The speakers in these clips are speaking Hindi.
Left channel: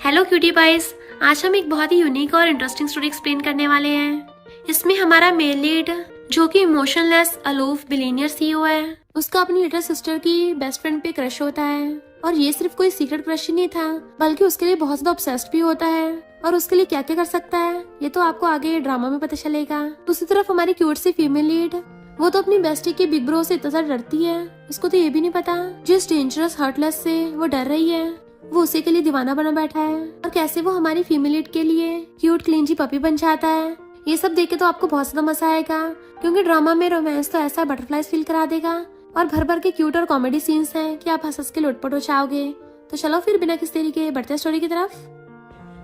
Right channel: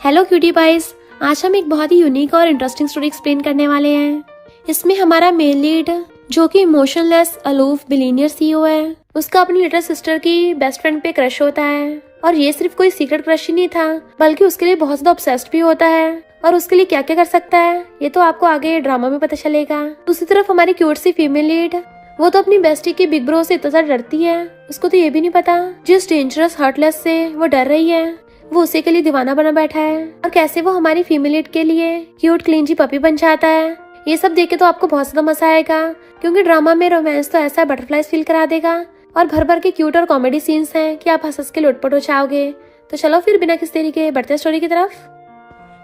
Hello cutie price. आज हम एक बहुत ही यूनिक और इंटरेस्टिंग स्टोरी एक्सप्लेन करने वाले हैं। इसमें हमारा मेल लीड जो कि इमोशनलेस अलूफ बिलीनियर सीईओ है, उसका अपनी लिटिल सिस्टर की बेस्ट फ्रेंड पे क्रश होता है। और ये सिर्फ कोई सीक्रेट क्रश ही नहीं था, बल्कि उसके लिए बहुत ज्यादा ऑब्सेस्ड भी होता है। और उसके लिए क्या क्या कर सकता है ये तो आपको आगे ड्रामा में पता चलेगा। दूसरी तरफ हमारी क्यूट सी फीमेल लीड, वो तो अपनी बेस्टी के बिग ब्रो से इतना ज्यादा डरती है, उसको तो ये भी नहीं पता जिस डेंजरस हर्टलेस से वो डर रही है वो उसी के लिए दीवाना बना बैठा है। और कैसे वो हमारी फीमेल लीड के लिए क्यूट क्लीन जी पपी बन जाता है। ये सब देख के तो आपको बहुत ज्यादा मजा आएगा, क्योंकि ड्रामा में रोमांस तो ऐसा बटरफ्लाइज फील करा देगा और भर भर के क्यूट और कॉमेडी सीन्स हैं कि आप हंस के लोटपोट हो जाओगे। तो चलो फिर बिना किसी देरी के बढ़ते हैं स्टोरी की तरफ।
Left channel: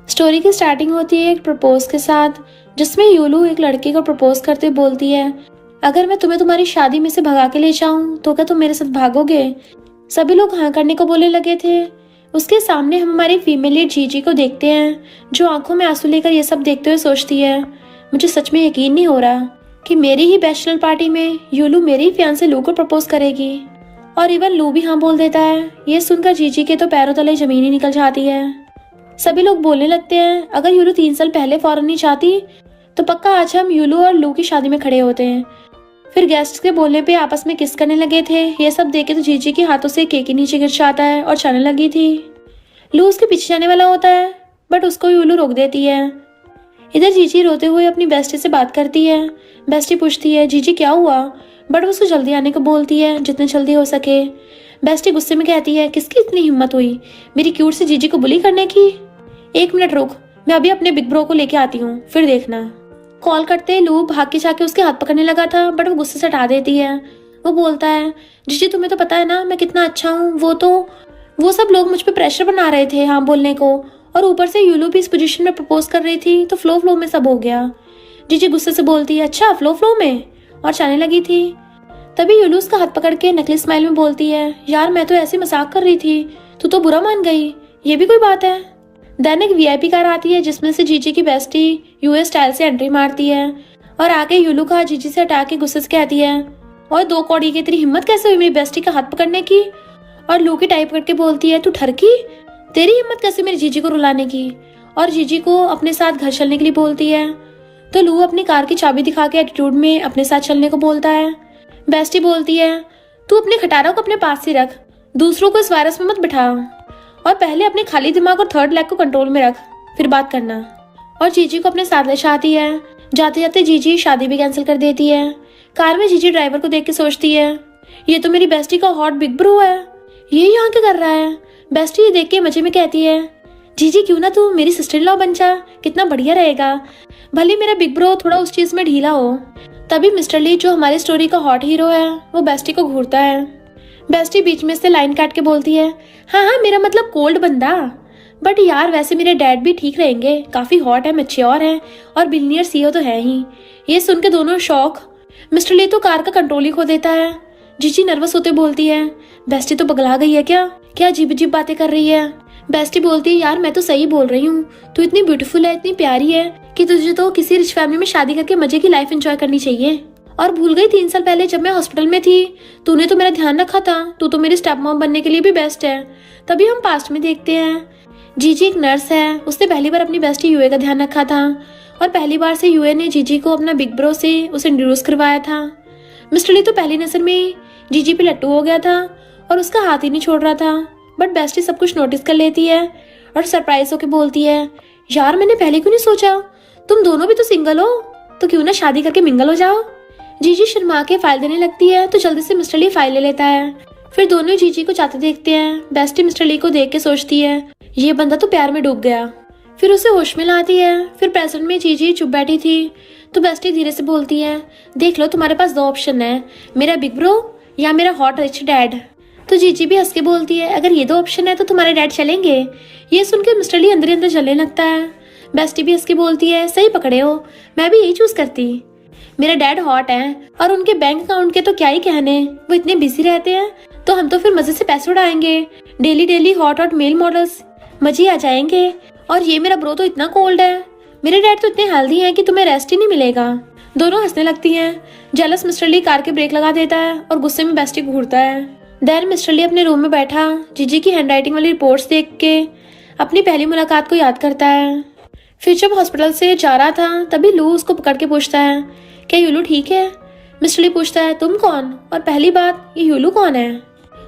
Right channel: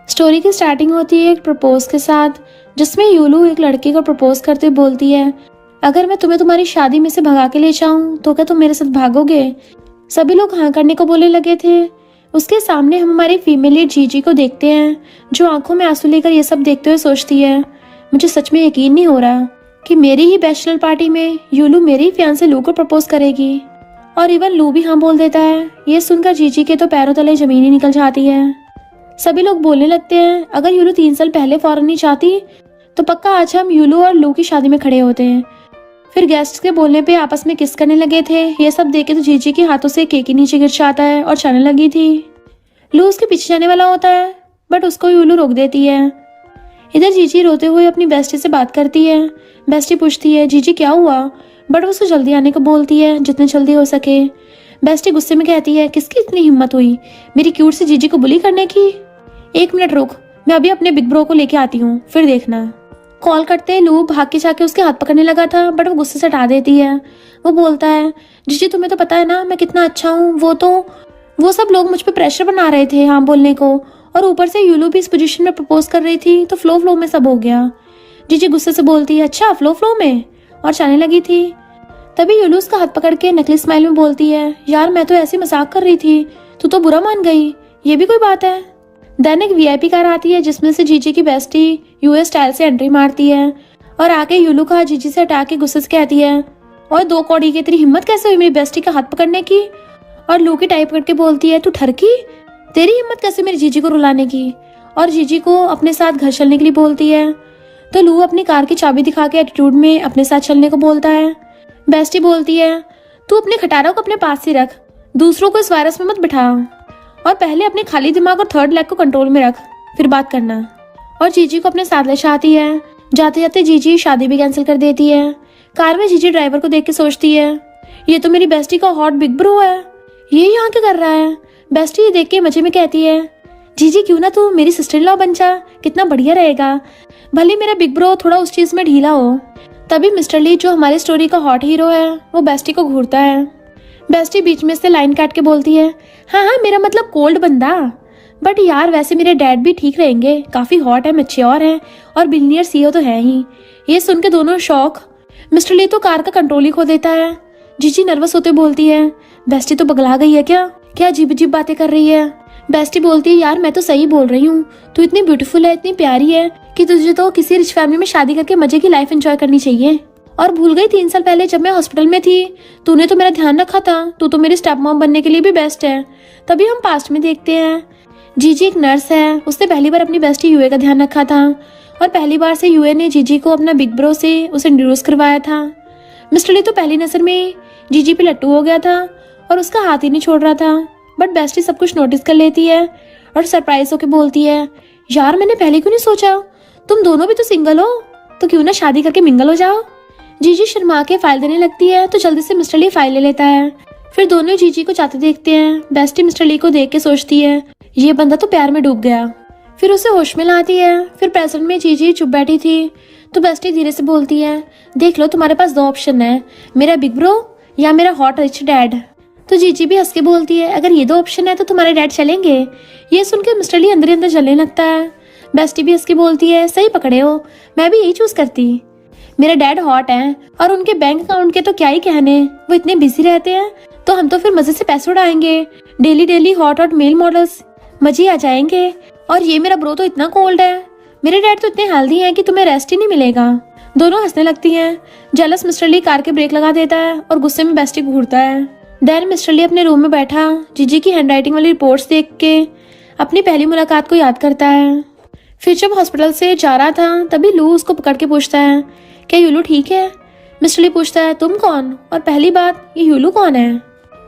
स्टोरी की स्टार्टिंग होती है एक प्रपोज के साथ, जिसमें यूलू एक लड़के को प्रपोज करते बोलती है, अगर मैं तुम्हें तुम्हारी शादी में से भगा के ले जाऊं तो क्या तुम मेरे साथ भागोगे। सभी लोग हाँ करने को बोलने लगे थे। उसके सामने हम हमारी फीमेल लीड जीजी को देखते हैं, जो आंखों में आंसू लेकर ये सब देखते हुए सोचती है, मुझे सच में यकीन नहीं हो रहा कि मेरी ही बैचलर पार्टी में यूलू मेरी फियांसे लू को प्रपोज करेगी। और इवन लू भी हाँ बोल देता है। ये सुनकर जीजी के तो पैरों तले जमीन ही निकल जाती है। सभी लोग बोलने लगते हैं, अगर यूलू 3 साल पहले फौरन नहीं चाहती तो पक्का आज हम यूलू और लू की शादी में खड़े होते हैं। फिर गेस्ट के बोलने पे आपस में किस करने लगे थे। ये सब देखे तो जीजी के हाथों से केक नीचे गिर जाता है और चलने लगी थी। लू उसके पीछे जाने वाला होता है, बट उसको यूलू रोक देती है। इधर जीजी रोते हुए अपनी बेस्टी से बात करती है। बेस्टी पूछती है, जीजी क्या हुआ, बट वो उसे जल्दी आने को बोलती है जितने जल्दी हो सके। बेस्टी गुस्से में कहती है, किसकी इतनी हिम्मत हुई मेरी क्यूट से जीजी को बुली करने की। 1 मिनट रुक, मैं अभी अपने बिग ब्रो को लेके आती हूँ, फिर देखना। कॉल करते लू भाग के जाके उसके हाथ पकड़ने लगा था, बट वो गुस्से से हटा देती है। वो बोलता है, जीजी तुम्हें तो पता है ना मैं कितना अच्छा हूँ। वो सब लोग मुझ पे प्रेशर बना रहे थे हाँ बोलने को, और ऊपर से यूलू भी इस पोजीशन में प्रपोज कर रही थी, तो फ्लो में सब हो गया। जीजी गुस्से से बोलती है, अच्छा फ्लो में, और चलने लगी थी। तभी यूलू उसका हाथ पकड़ के नकली स्माइल में बोलती है, यार मैं तो ऐसे मजाक कर रही थी, तू तो बुरा मान गई, ये भी कोई बात है। देन एक वीआईपी कार आती है जिसमें से जीजी की बेस्टी यूएस स्टाइल से एंट्री मारती है और आके यूलू का जीजी से हटा के गुस्से से कहती है, और 2 कौड़ी की तेरी हिम्मत कैसे हुई मेरी बेस्टी का हाथ पकड़ने की। और लू की टाइप करके बोलती है, तू ठरकी, तेरी हिम्मत कैसे मेरी जीजी को रुलाने की। और जीजी को अपने साथ घर चलने के लिए बोलती है। तो लू अपनी कार की चाबी दिखा के एटीट्यूड में अपने साथ चलने को बोलता है। बेस्टी बोलती है, तू अपने खटारा को अपने पास ही रख, दूसरों को इस वायरस में मत बिठा, और पहले अपने खाली दिमाग और थर्ड लेग को कंट्रोल में रख, फिर बात करना। और जीजी को अपने साथ ले जाती है। जाते जाते जीजी शादी भी कैंसिल कर देती है। कार में जीजी ड्राइवर को देख के सोचती है, ये तो मेरी बेस्टी का हॉट बिग ब्रो है, ये यहाँ क्या कर रहा है। बेस्टी ये देख के मजे में कहती है, जीजी क्यों ना तू मेरी सिस्टर इन लॉ बन जा, कितना बढ़िया रहेगा, भले मेरा बिग ब्रो थोड़ा उस चीज में ढीला हो। तभी मिस्टर ली जो हमारी स्टोरी का हॉट हीरो है वो बेस्टी को घूरता है। बेस्टी बीच में से लाइन काट के बोलती है, हाँ मेरा मतलब कोल्ड बंदा, बट यार वैसे मेरे डैड भी ठीक रहेंगे, काफी हॉट है, मैच्योर है और बिलियनियर सीईओ तो है ही। ये सुन के दोनों शॉक। मिस्टर ली तो कार का कंट्रोल ही खो देता है। जीजी नर्वस होते बोलती है, बेस्टी तो पगला गई है क्या अजीब अजीब बातें कर रही है। बेस्टी बोलती है, यार मैं तो सही बोल रही हूँ, तू इतनी ब्यूटीफुल है, इतनी प्यारी है कि तुझे तो किसी रिच फैमिली में शादी करके मजे की लाइफ एंजॉय करनी चाहिए। और भूल गई 3 साल पहले जब मैं हॉस्पिटल में थी, तूने तो मेरा ध्यान रखा था, तू तो मेरी स्टेप मॉम बनने के लिए भी बेस्ट है। तभी हम पास्ट में देखते हैं, जीजी एक नर्स है, उसने पहली बार अपनी बेस्टी यूए का ध्यान रखा था और पहली बार से यूए ने जीजी को अपना बिग ब्रो से उसे इंट्रोड्यूस करवाया था। मिस्टर ली तो पहली नजर में जीजी पे लट्टू हो गया था और उसका हाथ ही नहीं छोड़ रहा था, बट बेस्टी सब कुछ नोटिस कर लेती है और सरप्राइज होकर बोलती है, यार मैंने पहले क्यों नहीं सोचा, तुम दोनों भी तो सिंगल हो, तो क्यों ना शादी करके मिंगल हो जाओ। जीजी शर्मा के फाइल देने लगती है तो जल्दी से मिस्टर ली फाइल ले लेता है। फिर दोनों जीजी को जाते देखते हैं। बेस्टी मिस्टर ली को देख के सोचती है, ये बंदा तो प्यार में डूब गया। फिर उसे होश में लाती है। फिर प्रेजेंट में जीजी चुप बैठी थी तो बेस्टी धीरे से बोलती है, देख लो तुम्हारे पास 2 ऑप्शन है, मेरा बिग ब्रो या मेरा हॉट रिच डैड। तो जीजी भी हंस के बोलती है, अगर ये 2 ऑप्शन है तो तुम्हारे डैड चलेंगे। ये सुनकर मिस्टर ली अंदर अंदर जलने लगता है। बेस्टी भी हंस के बोलती है, सही पकड़े हो, मैं भी यही चूज करती, मेरे डैड हॉट हैं और उनके बैंक अकाउंट के तो क्या ही कहने, वो इतने बिजी रहते हैं, तो हम तो फिर मजे से पैसे उड़ाएंगे, डेली हॉट मेल मॉडल्स, मजे आ जाएंगे। और ये मेरा ब्रो तो इतना कोल्ड है, मेरे डैड तो इतने हेल्दी हैं कि तुम्हें रेस्ट ही नहीं मिलेगा। दोनों हंसने लगती हैं। जेलस मिस्टर ली कार के ब्रेक लगा देता है और गुस्से में बेस्टी घूरता है। देन मिस्टर ली अपने रूम में बैठा जीजी की हैंडराइटिंग वाली रिपोर्ट्स देख के अपनी पहली मुलाकात को याद करता है। फिर जब हॉस्पिटल से जा रहा था तभी लू उसको पकड़ के पूछता है, क्या यूलू ठीक है? मिस्टर ली पूछता है, तुम कौन? और पहली बात, ये यूलू कौन है?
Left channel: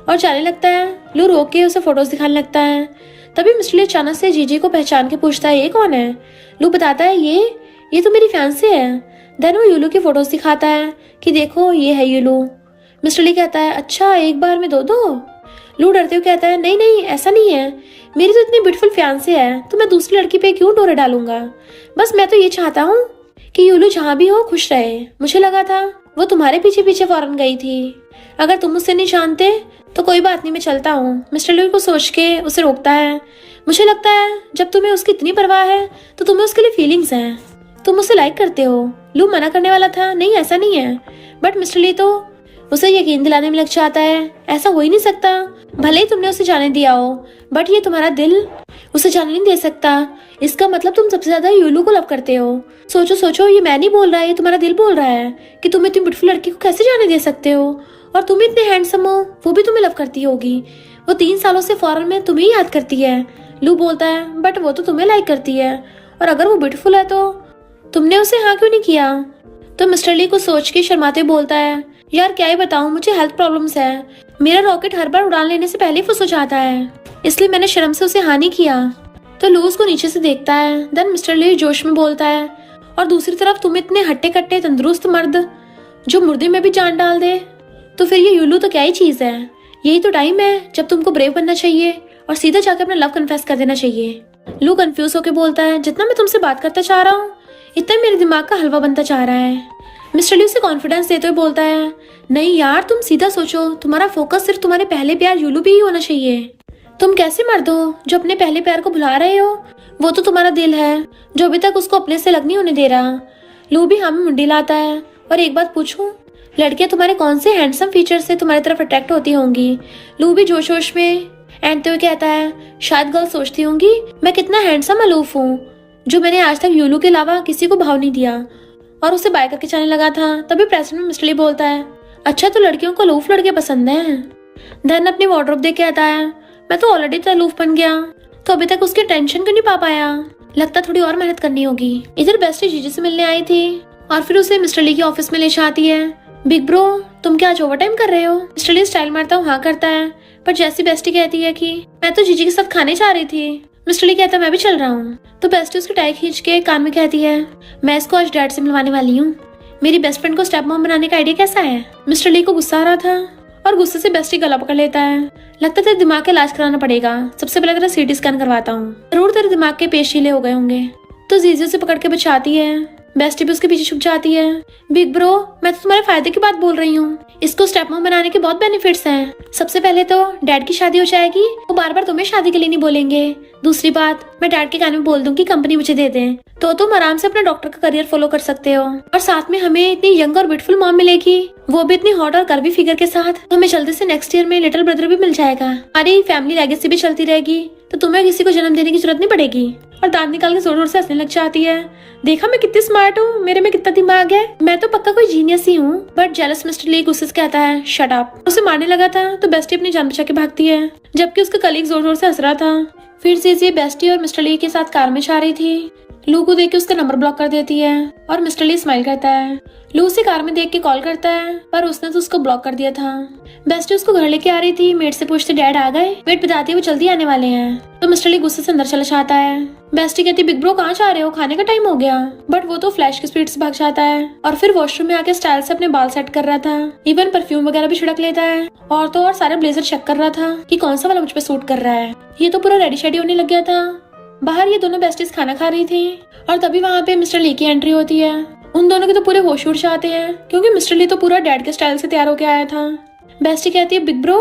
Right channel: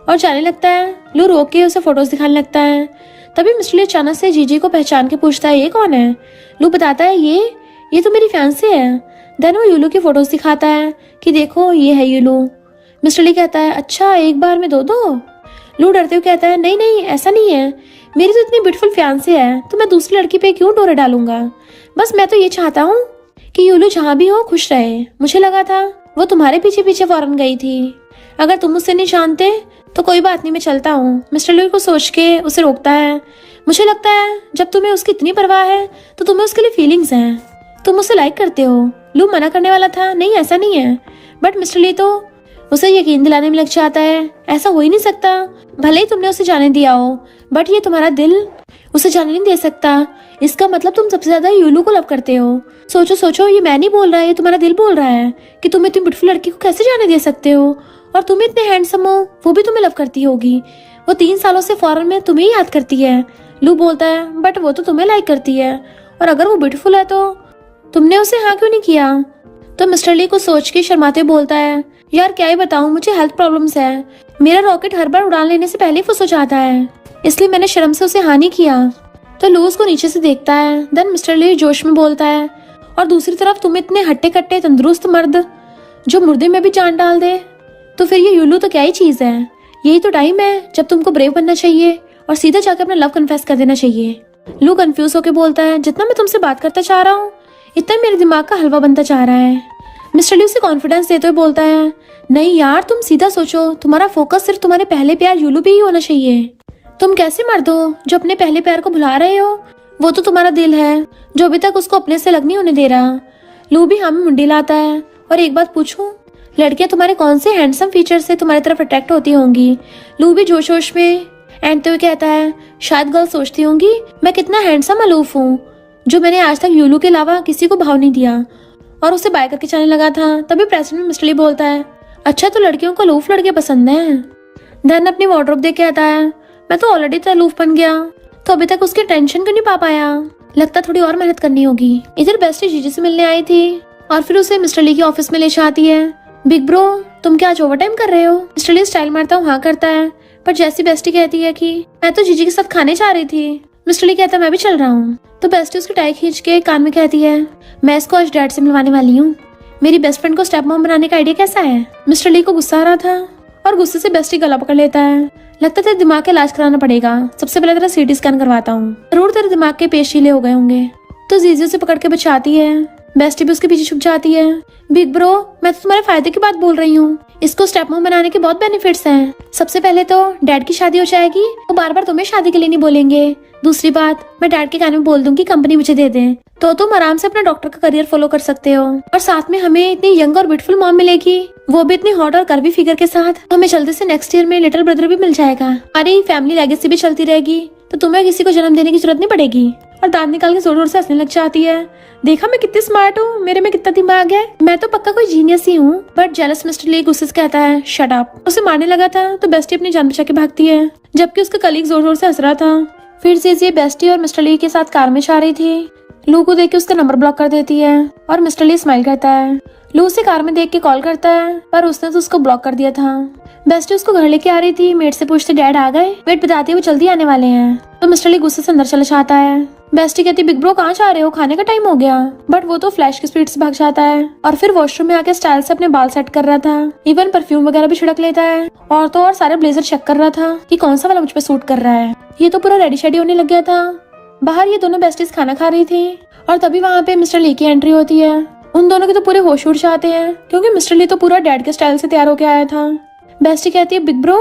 और जाने लगता है। लू रोक के उसे फोटोज दिखाने लगता है। तभी मिस्टर ली अचानक से जीजी को पहचान के पूछता है, ये कौन है? लू बताता है, ये तो मेरी फैंसी है। देन वो यूलू की फोटोज दिखाता है कि देखो ये है यूलू। मिस्टर ली कहता है, अच्छा एक बार में दो दो? लू डरते हुए कहता है, नहीं नहीं ऐसा नहीं है, मेरी तो इतनी ब्यूटीफुल फियांसी है तो मैं दूसरी लड़की पे क्यों डोरे डालूंगा। बस मैं तो ये चाहता हूँ कि यूलू जहाँ भी हो खुश रहे। मुझे लगा था वो तुम्हारे पीछे पीछे फौरन गई थी। अगर तुम उससे नहीं जानते तो कोई बात नहीं, मैं चलता हूँ। मिस्टर ली को सोच के उसे रोकता है। मुझे लगता है जब तुम्हें उसकी इतनी परवाह है तो तुम्हें उसके लिए फीलिंग्स हैं, तुम उसे लाइक करते हो। लू मना करने वाला था, नहीं ऐसा नहीं है, बट मिस्टर ली तो उसे यकीन दिलाने में लग जाता है, ऐसा हो ही नहीं सकता। भले ही तुमने उसे जाने दिया हो बट ये तुम्हारा दिल उसे जाने नहीं दे सकता। इसका मतलब तुम सबसे ज्यादा यूलू को लव करते हो। सोचो सोचो, ये मैं नहीं बोल रहा है, ये तुम्हारा दिल बोल रहा है कि तुम इतनी ब्यूटीफुल लड़की को कैसे जाने दे सकते हो। और तुम इतने हैंडसम हो, वो भी तुम्हें लव करती होगी। वो 3 सालों से फौरन में तुम्हें याद करती है। लू बोलता है, बट वो तो तुम्हें लाइक करती है, और अगर वो ब्यूटीफुल है तो तुमने उसे हाँ क्यों नहीं किया? तो मिस्टर ली को सोच के शर्माते बोलता है, यार क्या ही बताऊं, मुझे हेल्थ प्रॉब्लम्स है। मेरा रॉकेट हर बार उड़ान लेने से पहले ही फुस हो जाता है, इसलिए मैंने शर्म से उसे हाँ नहीं किया। तो लू उसको नीचे से देखता है। देन मिस्टर ली जोश में बोलता है, और दूसरी तरफ तुम इतने हट्टे कट्टे तंदुरुस्त मर्द जो मुर्दे में भी जान डाल दे, तो फिर ये यूलू तो क्या ही चीज है। यही तो टाइम है जब तुमको ब्रेव बनना चाहिए और सीधा जाकर अपना लव कन्फेस कर देना चाहिए। लू कंफ्यूज होकर बोलता है, जितना मैं तुमसे बात करता चाह रहा हूँ इतना मेरे दिमाग का हलवा बनता चाह रहा है। मिस्टर ली उसे कॉन्फिडेंस देते हुए बोलता है, नहीं यार तुम सीधा सोचो, तुम्हारा फोकस सिर्फ तुम्हारे पहले प्यार यूलू पे ही होना चाहिए। तुम कैसे मर्द हो जो अपने पहले प्यार को भुला रहे हो? वो तो तुम्हारा दिल है जो अभी तक उसको अपने से अलग नहीं होने दे रहा। लू भी हमें मुंडी लाता है, और एक बात पूछूं, लड़कियां तुम्हारे कौन से हैंडसम फीचर से तुम्हारी तरफ अट्रैक्ट होती होंगी? लू भी जोश जोश में एंड तो कहता है, शायद गर्ल सोचती होंगी मैं कितना हैंडसम अलूफ हूँ, जो मैंने आज तक यूलू के अलावा किसी को भाव नहीं दिया, और उसे बाय करके चलने लगा था। तभी प्रेजेंट में मिस्टर ली बोलता है, अच्छा तो लड़कियों को अलूफ लड़के पसंद है। धन अपनी वार्डरोब देख कहता है, मैं तो ऑलरेडी तो अलूफ बन गया, तो अभी तक उसकी टेंशन क्यों नहीं पा पाया? लगता थोड़ी और मेहनत करनी होगी। इधर बेस्टी जीजी से मिलने आई थी और फिर उसे मिस्टर ली के ऑफिस में ले जाती है। बिग ब्रो तुम क्या आज ओवर टाइम कर रहे हो? मिस्टर ली स्टाइल मारता हाँ करता है, पर जैसी बेस्टी कहती है कि मैं तो जीजी के साथ खाने जा रही थी, मिस्टर ली कहता है मैं भी चल रहा हूँ। तो बेस्टी उसकी टाई खींच के कान में कहती है, मैं इसको आज डैड से मिलवाने वाली हूँ। मेरी बेस्ट फ्रेंड को स्टेप मॉम बनाने का आइडिया कैसा है? मिस्टर ली को गुस्सा आ रहा था और गुस्से से बेस्टी गला पकड़ लेता है। लगता है दिमाग का इलाज कराना पड़ेगा, सबसे पहले तेरा सीटी स्कैन करवाता हूँ, जरूर तेरे दिमाग के पेश ढीले हो गए होंगे। तो जीजू से पकड़ के बचाती है। बेस्टी भी उसके पीछे छुप जाती है। बिग ब्रो मैं तो तुम्हारे फायदे की बात बोल रही हूँ, इसको स्टेप मॉम बनाने के बहुत बेनिफिट्स हैं। सबसे पहले तो डैड की शादी हो जाएगी, वो बार बार तुम्हें शादी के लिए नहीं बोलेंगे। दूसरी बात, मैं डैड के कान में बोल दूंगी कंपनी मुझे दे दे, तो तुम आराम से अपना डॉक्टर का करियर फॉलो कर सकते हो, और साथ में हमें इतनी यंग और ब्यूटीफुल मॉम मिलेगी, वो भी इतनी हॉट और कर्वी फिगर के साथ। हमें जल्दी से नेक्स्ट ईयर में लिटिल ब्रदर भी मिल जाएगा। अरे फैमिली लेगेसी भी चलती रहेगी, तो तुम्हें किसी को जन्म देने की जरूरत नहीं पड़ेगी। और दांत निकाल के जोर जोर से हंसने लग जाती है। देखा मैं कितनी स्मार्ट हूँ, मेरे में कितना दिमाग है, मैं तो पक्का कोई जीनियस ही हूँ। बट जेलस मिस्टर ली गुस्से से कहता है, शट अप। उसे मारने लगा था तो बेस्टी अपनी जान बचा के भागती है, जबकि उसका कलीग जोर जोर से हंस रहा था। फिर से बेस्टी और मिस्टर ली के साथ कार में जा रही थी। लू को देख के उसका नंबर ब्लॉक कर देती है और मिस्टर ली स्माइल करता है। लू उसे कार में देख के कॉल करता है, पर उसने तो उसको ब्लॉक कर दिया था। बेस्टी उसको घर लेके आ रही थी, मेट से पूछते डैड आ गए? मेट बताती है वो जल्दी आने वाले हैं। तो मिस्टर ली गुस्से से अंदर चला जाता है। बेस्टी कहती बिग ब्रो कहाँ जा रहे हो, खाने का टाइम हो गया। बट वो तो फ्लैश की स्पीड से भाग जाता है और फिर वॉशरूम में आके स्टाइल से अपने बाल सेट कर रहा था, इवन परफ्यूम वगैरह भी छिड़क लेता है, और तो और सारा ब्लेजर चेक कर रहा था कि कौन सा वाला मुझ पे सूट कर रहा है। ये तो पूरा रेडी शेडी होने लग गया था। बाहर ये दोनों बेस्टीज खाना खा रही थी और तभी वहाँ पे मिस्टर ली की एंट्री होती है। उन दोनों के तो पूरे होश उड़ जाते हैं, क्योंकि मिस्टर ली तो पूरा डैड के स्टाइल से तैयार होके आया था। बेस्टी कहती है बिग ब्रो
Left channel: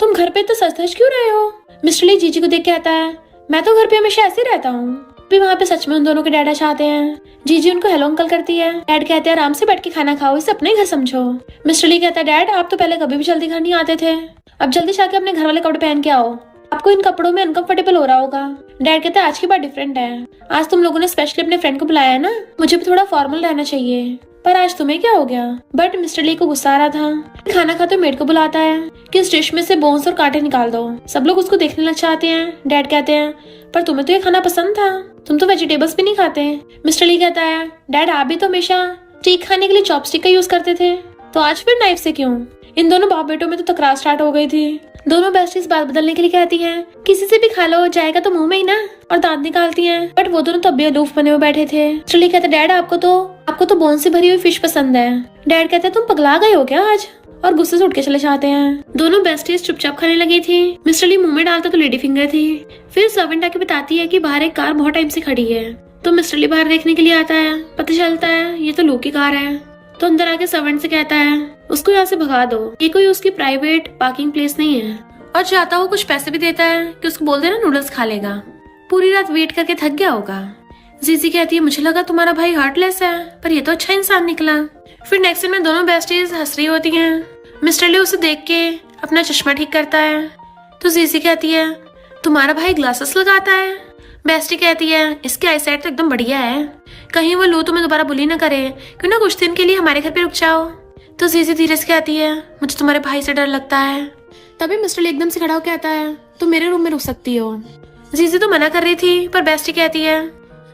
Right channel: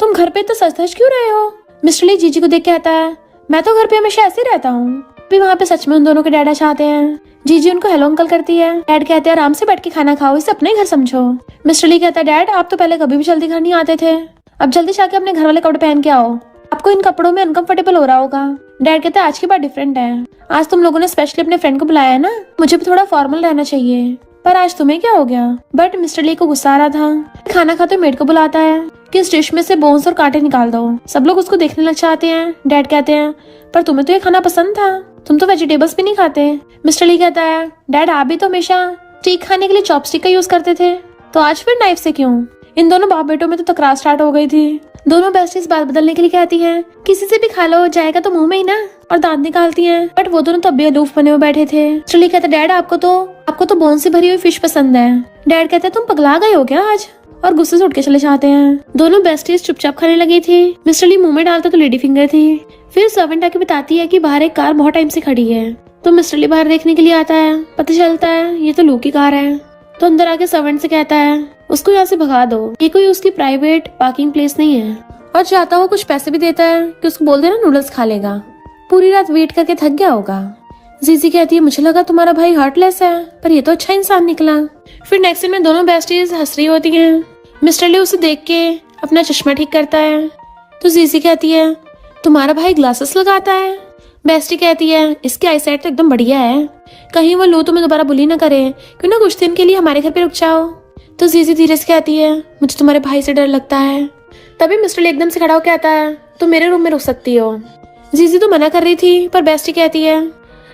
तुम घर पे इतना सच धज क्यों रहे हो? मिस्टर ली जीजी को देख कहता है, मैं तो घर पे हमेशा ऐसे रहता हूँ। फिर वहाँ पे सच में उन दोनों के डैड चाहते हैं। जीजी उनको हेलो अंकल करती है। डैड कहते हैं आराम से बैठ के खाना खाओ, इसे अपने घर समझो। मिस्टर ली कहता है डैड आप तो पहले कभी भी जल्दी घर नहीं आते थे, अब जल्दी जाके अपने घर वाले कपड़े पहन के आओ, आपको इन कपड़ों में अनकंफर्टेबल हो रहा होगा। डैड कहते हैं आज की बात डिफरेंट है, आज तुम लोगों ने स्पेशली अपने फ्रेंड को बुलाया है ना, मुझे भी थोड़ा फॉर्मल रहना चाहिए, पर आज तुम्हें क्या हो गया? बट मिस्टर ली को गुस्सा आ रहा था। खाना खाते मेड को बुलाता है कि इस डिश में से बोन्स और कांटे निकाल दो। सब लोग उसको देखने लग जाते हैं। डैड कहते हैं पर तुम्हें तो ये खाना पसंद था, तुम तो वेजिटेबल्स भी नहीं खाते। मिस्टर ली कहता है डैड आप भी तो हमेशा स्टीक खाने के लिए चॉपस्टिक का यूज करते थे, तो आज फिर नाइफ से क्यों? इन दोनों बाप बेटों में तो तकरार स्टार्ट हो गई थी। दोनों बेस्टीज बात बदलने के लिए कहती है किसी से भी खा लो, जाएगा तो मुंह में ही ना, और दांत निकालती है। बट वो दोनों तब भी अलूफ बने हुए बैठे थे। मिस्टर ली कहते डैड आपको तो बोन से भरी हुई फिश पसंद है। डैड कहते तुम पगला गए हो क्या आज, और गुस्से से उठ के चले जाते हैं। दोनों बेस्टीज चुपचाप खाने लगी थी। मिस्टर ली मुंह में डालता तो लेडी फिंगर थी। फिर सर्वेंट आके बताती है कि बाहर एक कार बहुत टाइम से खड़ी है। तो मिस्टर ली बाहर देखने के लिए आता है। पता चलता है ये तो लू की कार है। तो अंदर आके सर्वेंट से कहता है उसको यहाँ से भगा दो, ये कोई उसकी प्राइवेट पार्किंग प्लेस नहीं है। और चाहता हुआ कुछ पैसे भी देता है कि उसको बोल देना नूडल्स खा लेगा, पूरी रात वेट करके थक गया होगा। जीजी कहती है मुझे लगा तुम्हारा भाई हार्टलेस है, पर ये तो अच्छा इंसान निकला। फिर नेक्स्ट दिन में दोनों बेस्टीज हंस रही होती हैं। मिस्टर ली उसे देख के अपना चश्मा ठीक करता है। तो जीजी कहती है तुम्हारा भाई ग्लासेस लगाता है। बेस्टी कहती है इसकी आईसाइट तो एकदम बढ़िया है, कहीं वो लो तुम्हें दोबारा बुली ना करे, क्यों ना कुछ दिन के लिए हमारे घर पे रुक जाओ। तो जीजी धीरे से कहती है मुझे तुम्हारे भाई से डर लगता है। तभी मिस्टर ली एकदम से खड़ा होकर आता है तुम मेरे रूम में रुक सकती हो। जीजी तो मना कर रही थी, पर बेस्टी कहती है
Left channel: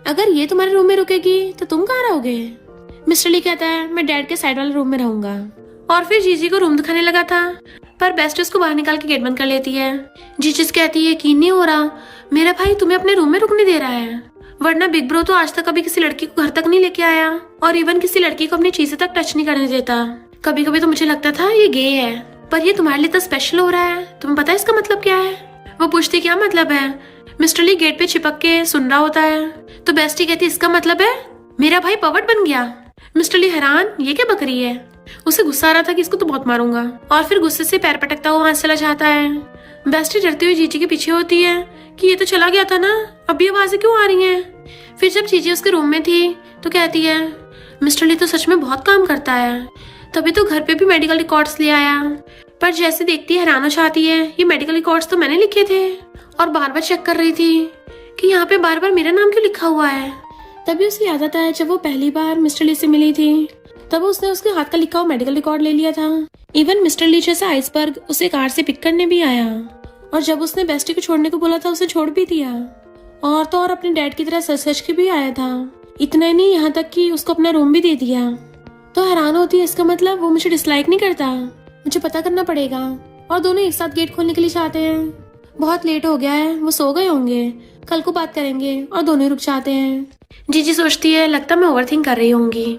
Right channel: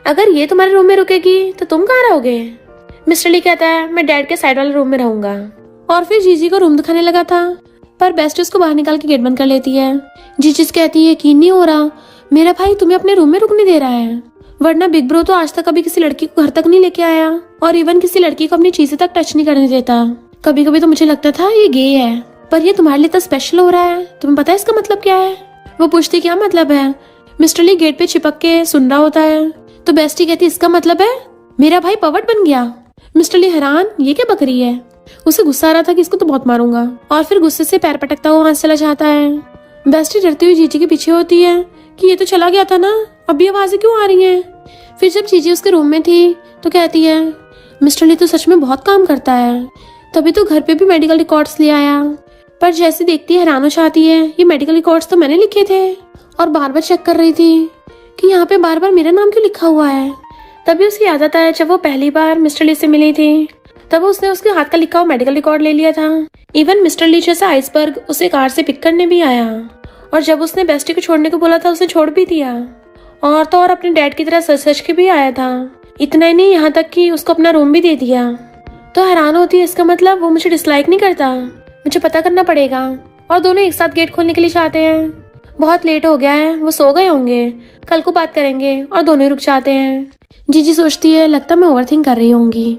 अगर ये तुम्हारे रूम में रुकेगी तो तुम कहाँ रहोगे? मिस्टर ली कहता है मैं डैड के साइड वाले रूम में रहूंगा। और फिर जीजी को रूम दिखाने लगा था, पर बेस्टी उसको बाहर निकाल के गेट बंद कर लेती है। जीजी कहती है यकीन नहीं हो रहा मेरा भाई तुम्हें अपने रूम में रुकने दे रहा है, वरना बिग ब्रो तो आज तक कभी किसी लड़की को घर तक नहीं लेके आया, और इवन किसी लड़की को अपनी चीजें तक टच नहीं करने देता। कभी कभी तो मुझे लगता था ये गे है, पर ये तुम्हारे लिए तो स्पेशल हो रहा है। तुम्हें पता है इसका मतलब क्या है? वो पूछती क्या मतलब है? मिस्टर ली गेट पे चिपक के सुन रहा होता है। तो बेस्टी कहती इसका मतलब है मेरा भाई पवट बन गया। मिस्टर ली हैरान ये क्या बकरी है। उसे गुस्सा आ रहा था कि इसको तो बहुत मारूंगा, और फिर गुस्से से पैर पटकता हुआ वहां चला जाता है। बेस्टी डरती हुई जीजी के पीछे होती है कि ये तो चला गया था ना, अभी आवाजें क्यों आ रही हैं? फिर जब जीजी उसके रूम में थी तो कहती है मिस्टर ली तो सच में बहुत काम करता है, तभी तो घर पे भी मेडिकल रिकॉर्ड्स ले आया। पर जैसे देखती है हैरान हो जाती है ये मेडिकल रिकॉर्ड्स तो मैंने लिखे थे, और बार बार चेक कर रही थी कि यहाँ पे बार बार मेरा नाम क्यों लिखा हुआ है। तभी उसकी याद आता है जब वो पहली बार मिस्टर ली से मिली थी, तब उसने उसके हाथ का लिखा हुआ मेडिकल रिकॉर्ड ले लिया था। इवन मिस्टर ली जैसा आइसबर्ग उसे कार से पिक करने भी आया, और जब उसने बेस्टी को छोड़ने को बोला था उसे छोड़ भी दिया, और तो और अपने डैड की तरह सच के भी आया था। इतना ही नहीं, यहाँ तक कि उसको अपना रूम भी दे दिया। तो हैरान होती है इसका मतलब वो मुझे डिसलाइक नहीं करता, मुझे पता करना पड़ेगा। और दोनों एक साथ गेट खोलने के लिए चाहते हैं। बहुत लेट हो गया है, वो सो गए होंगे, कल को बात करेंगे, और दोनों ही रुक जाते हैं। जीजी सोचती है लगता मैं ओवरथिंक कर रही होंगी।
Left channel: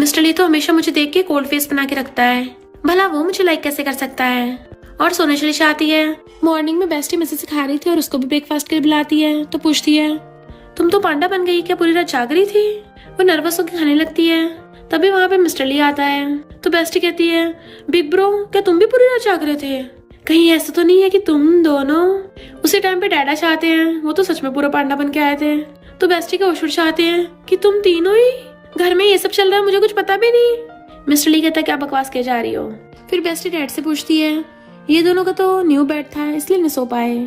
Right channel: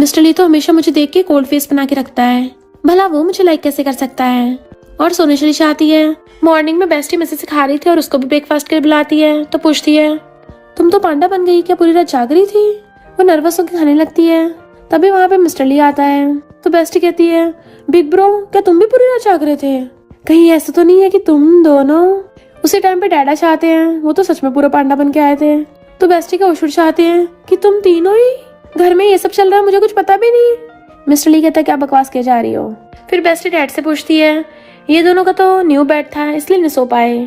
मिस्टर ली तो हमेशा मुझे देख के कोल्ड फेस बना के रखता है, भला वो मुझे लाइक कैसे कर सकता है। और सोने चली जाती है। मॉर्निंग में बेस्टी मैसेज सिखा रही थी और उसको भी ब्रेकफास्ट के लिए बुलाती है। तो पूछती है तुम तो पांडा बन गई क्या, पूरी रात जाग रही थी? वो नर्वस होकर खाने लगती है। तभी वहाँ पे मिस्टर ली आता है। तो बेस्टी कहती है बिग ब्रो क्या तुम भी पूरी रात जाग रहे थे? कहीं ऐसा तो नहीं है कि तुम दोनों उसी टाइम पे डैडा चाहते हैं? वो तो सच में पूरा पांडा बन के आए थे। तो बेस्टी का उछुड़ चाहते हैं कि तुम तीनों ही घर में ये सब चल रहा है, मुझे कुछ पता भी नहीं। मिस्टर ली कहता है क्या बकवास किए जा रही हो। फिर बेस्टी डैड से पूछती है ये दोनों का तो न्यू बेड था इसलिए नहीं सो पाए,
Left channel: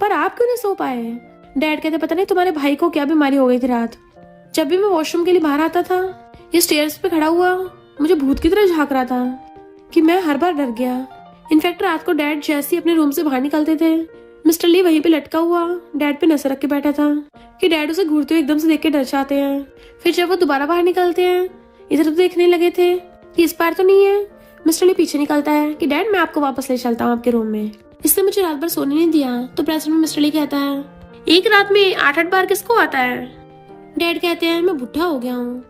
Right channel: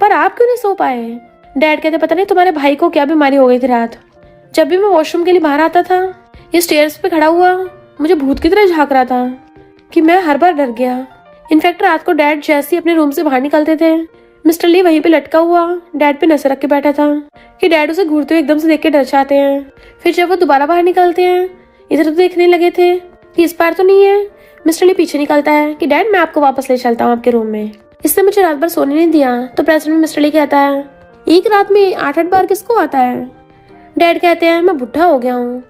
पर आप क्यों नहीं सो पाए? डैड कहते पता नहीं तुम्हारे भाई को क्या बीमारी हो गई थी रात, जब भी मैं वॉशरूम के लिए बाहर आता था ये स्टेयर्स पे खड़ा हुआ मुझे भूत की तरह झांक रहा था कि मैं हर बार डर गया। इनफैक्ट रात को डैड जैसे ही अपने रूम से बाहर निकलते थे मिस्टर ली वहीं पे लटका हुआ डैड पे नजर रख के बैठा था कि डैड उसे घूरते हुए एकदम से देख के डर जाते हैं। फिर जब वो दोबारा बाहर निकलते हैं इधर तो देखने लगे थे कि इस बार तो नहीं है। मिस्टर ली पीछे निकलता है कि डैड मैं आपको वापस ले चलता हूँ आपके रूम में, इसने मुझे रात भर सोने नहीं दिया। तो प्रेजेंट में मिस्टर ली कहता है एक रात में 8-8 बार किसको आता है? डैड कहते हैं मैं बुढ़ा हो गया हूँ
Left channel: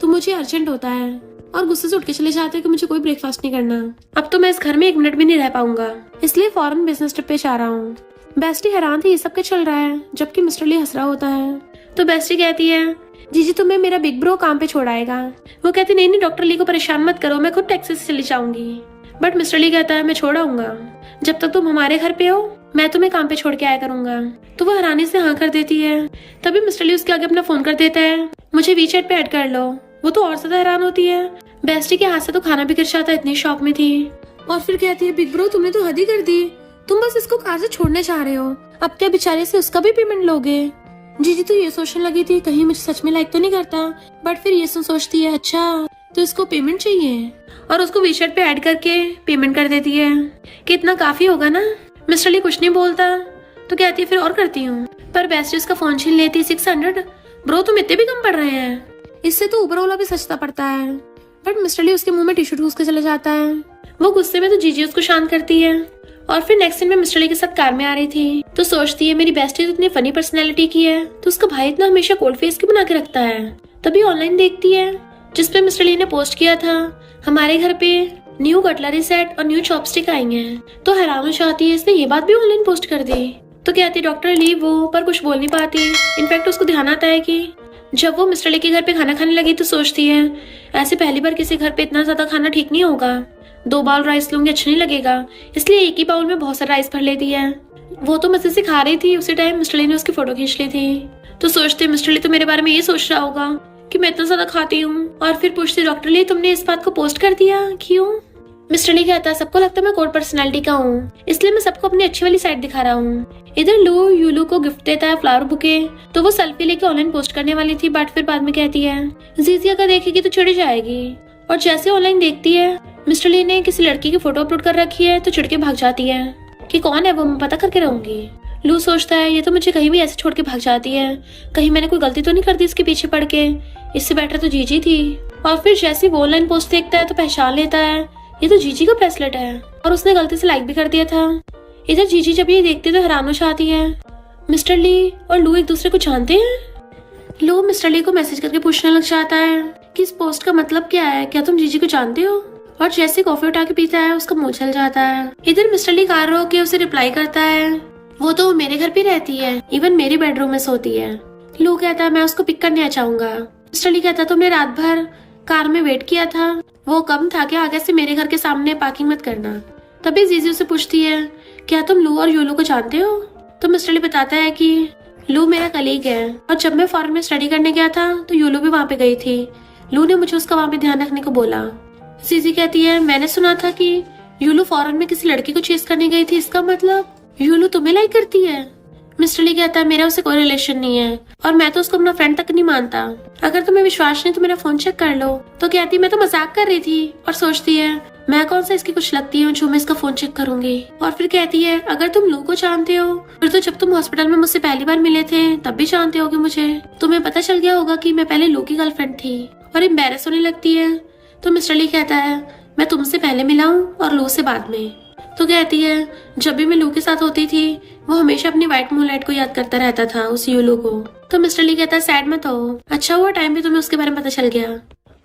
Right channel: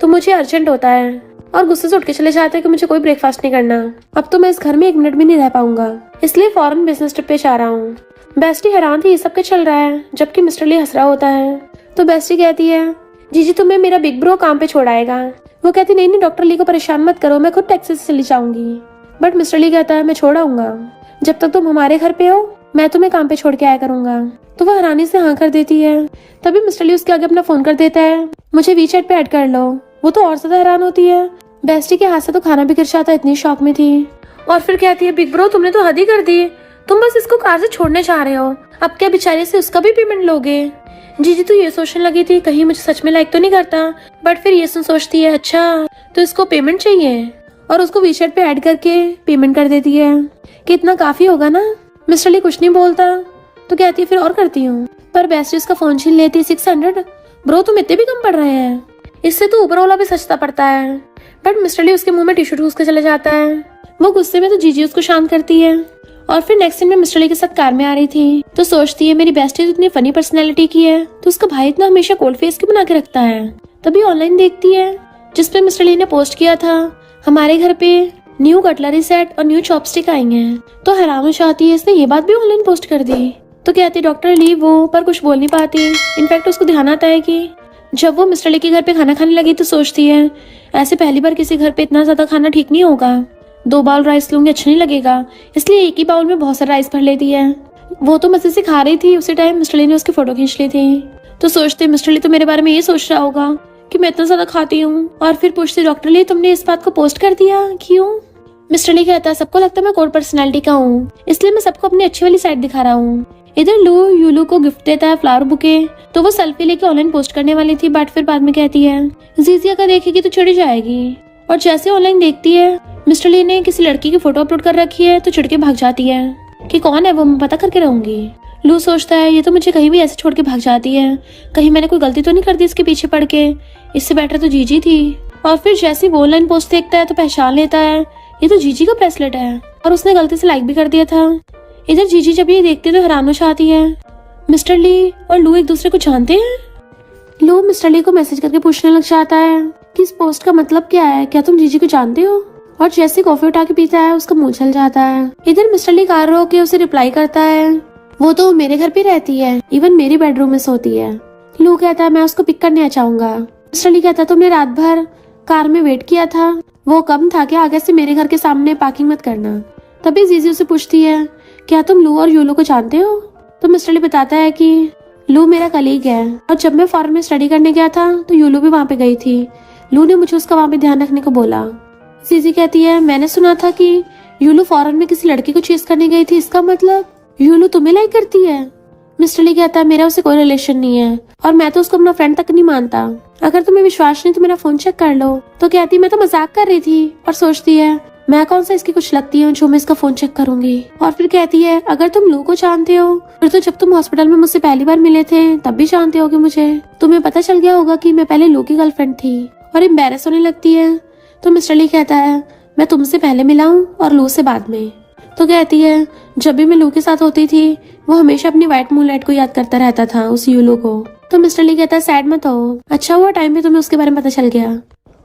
तो मुझे अर्जेंट होता है, और गुस्से से उठ के चले जाते हैं कि मुझे कोई ब्रेकफास्ट नहीं करना, अब तो मैं इस घर में 1 मिनट भी नहीं रह पाऊंगा, इसलिए फॉरेन बिजनेस ट्रिप पे जा रहा हूँ। बेस्टी हैरान थी ये सब क्या चल रहा है, जबकि मिस्टर ली हंस रहा होता है। तो बेस्टी कहती है जीजी तुम्हें मेरा बिग ब्रो काम पे छोड़ाएगा। वो कहती नहीं डॉक्टर ली को परेशान मत करो, मैं खुद टैक्सी से चली जाऊंगी। बट मिस्टर ली कहता है मैं छोड़ाऊंगा, जब तक तुम हमारे घर पे हो मैं तुम्हें काम पे छोड़ के आया करूंगा। तो वो हैरानी से हाँ कर देती है। तभी मिस्टर ली उसके आगे अपना फोन कर देता है मुझे वीचैट पे ऐड कर लो। वो तो और ज्यादा हैरान होती है, बेस्टी के हाथ से तो खाना भी गिर जाता, इतनी शॉक में थी। और फिर कहती है बिग ब्रो तुमने तो हद ही कर दी, तुम बस इसको कार से छोड़ने चाह रहे हो, अब क्या बेचारे से उसका भी पेमेंट लोगे? जीजी तो ये सोचने लगी थी कहीं मुझे सच में लाइक तो नहीं करता, बट फिर ये सोचती है अच्छा तो इसको पेमेंट चाहिए। और उसको वी शर्ट पे ऐड करके पेमेंट कर देती है कि इतना काफी होगा ना। मिस्टर ली कुछ नहीं बोलता तो कहती है फिर और करती हूँ, पर बेस्टी उसका फोन छीन लेती है। 600 ब्रो तुम इतने भी कम पड़ रहे हैं, इससे तो ऊपर वाला भी सस्ता पड़ता है। बट मिस्टर ली उसके मुंह में टिश्यू ठूस के चले जाता है। वो गुस्से में तो जीजी उसको शांत करती है। और फिर नेक्स्ट दिन में मिस्टर ली के साथ कार में आ रही थी तो सोचती है मेरी बेस्टी तो इतनी फनी पर्सनैलिटी की है तो उसका भाई इतना हमेशा कोल्ड फेस क्यों बना के रखता है। तभी ऑनलाइन देखती है जिसपे मिस्टर ली ने पोस्ट किया था हमारे घर पे न्यू कटलरी सेट और न्यू चॉपस्टिक आएंगे हैं, तो हैरान हो जाती है इसने ये बात भी ऑनलाइन पोस्ट कर दी। तो कहती है डॉक्टर ली वो, पर कुछ बोल नहीं पाती। इनफैक्ट उसको ध्यान आता है कि जब वो मिस्टर ली के घर पे खाना खाने लगी तो सोचती है ऐसे पहली बार किसी घर पे इतना ज्यादा खाना ठीक नहीं होगा, 2 बाउल राइस लूंगी अच्छा नहीं लगेगा, इसलिए एक ही बाउल में बहुत सारा राइस भर लेती है। वो तो मजे से खा रही थी, उसी टाइम मिस्टर ली ने उसकी फोटो खींच ली थी। तो सोचते मिस्टर ली तो मेरे बारे में ये सोच रहा होगा कि मैं इतना ज्यादा खाती हूँ। और फिर पूछती डॉक्टर ली तुमने इस बात को पोस्ट कर दिया क्यों। मिस्टर ली कहता है सबको लगता है मैं कोल्ड पर्सनैलिटी का हूँ, इसलिए मैं सबको अपनी अच्छी वाली साइड दिखा रहा हूँ। इधर लो यूलू को गिफ्ट देता है फ्लावर बुके, तो वो सेल्फी लेके ऑनलाइन पोस्ट करने वाली थी, बट फिर बाद में कहती है जीजी अगर देखेगी तो चिढ़ जाएगी। और जैसे ऑनलाइन देखती है मिस्टर ली ने किसी लड़की की फोटो अपलोड कर रखी है तो चिढ़ के भाग जाती है कि कौन है वो, मैं पता करके रहूंगी। लू सोचता है ये तो मुझे कहीं भी ऐसे छोड़ के भाग जाती है, कहीं मैंने कोई गलती तो नहीं कर दी इसके पीछे पड़ के, इससे बेटर तो जीजी थी। और फिर जैसे वो ऑनलाइन पोस्ट देखता है तो पहचान लेता है ये तो जीजी का ब्रेसलेट है और उसने गलती से लाइक भी कर दिया था। इधर जीजी जब ये देखती है तो हैरान हो जाती है। मिस्टर ली और लू एक दूसरे को जानते हैं। लू मिस्टर ली को मैसेज करके पूछने लग जाता है कि इस पोस्ट का मतलब क्या है, क्या तुम जीजी को जानते हो। और जैसे कॉफी उठा के पीता है उसका मुंह जल जाता है। इधर मिस्टर ली कार रोक के उसे रिप्लाई करता है वो तो मेरे घर पे रहती है, इवन मेरी बेडरूम में सोती है। लू कहता है मैं उसको पिक करने चाहूंगा। मिस्टर ली कहता तुमने रात भर कार में वेट किया था, वो कम था क्या, आगे से मेरे घर के सामने पार्किंग मत करना। तभी जीजी उसे पूछती है क्या तुम लू और यूलू को जानते हो। तो मिस्टर ली बताता है कि लू मेरा कलीग है और जब मैं फॉरेन में स्टडी करने गया था तो यूलू भी वहाँ पे गई थी, लू ने मुझे उसका वहाँ पे ध्यान रखने को बोला। जीजी कहती है मैंने सुना था कि यूलू फॉरेन में किसी लड़की को चेस करने गई थी, इसका मतलब यूलू तुम्हें लाइक करती है। मिस्टर ली कहता है मेरा उससे कोई रिलेशन नहीं है और मैं तो उसको अपना फ्रेंड तक नहीं मानता, अगर तुम्हें विश्वास नहीं तो मेरा फोन चेक कर लो। तो कहती मैं तो मजाक कर रही थी और सोचती है मैं कौन सा इसकी कुछ लगती हूँ जो मैं इसका फोन चेक करूंगी। और फिर कहती है अगर तुम लू को जानते हो फिर तो जब तुम हॉस्पिटल में मुझसे पहली बार मिले थे तब भी जानते होगे मुझे, तुम्हें पता चल गया होगा कि मैं पहले लू की गर्लफ्रेंड थी। और एम्बैरेस होने लगती है। तो मिस्टर ली कहता है मैं तुमसे पहले मिला हूँ और लू से बाद में। तो कहती है जब भी मैं लू के साथ होती थी वो हमेशा अपनी व्हाइट मूनलाइट को याद करता रहता था, उस यूलू को। तो मिस्टर ली कहता है सैड मत हो, अच्छा हुआ टाइम पे तुम्हें उसके बारे में पता चल गया।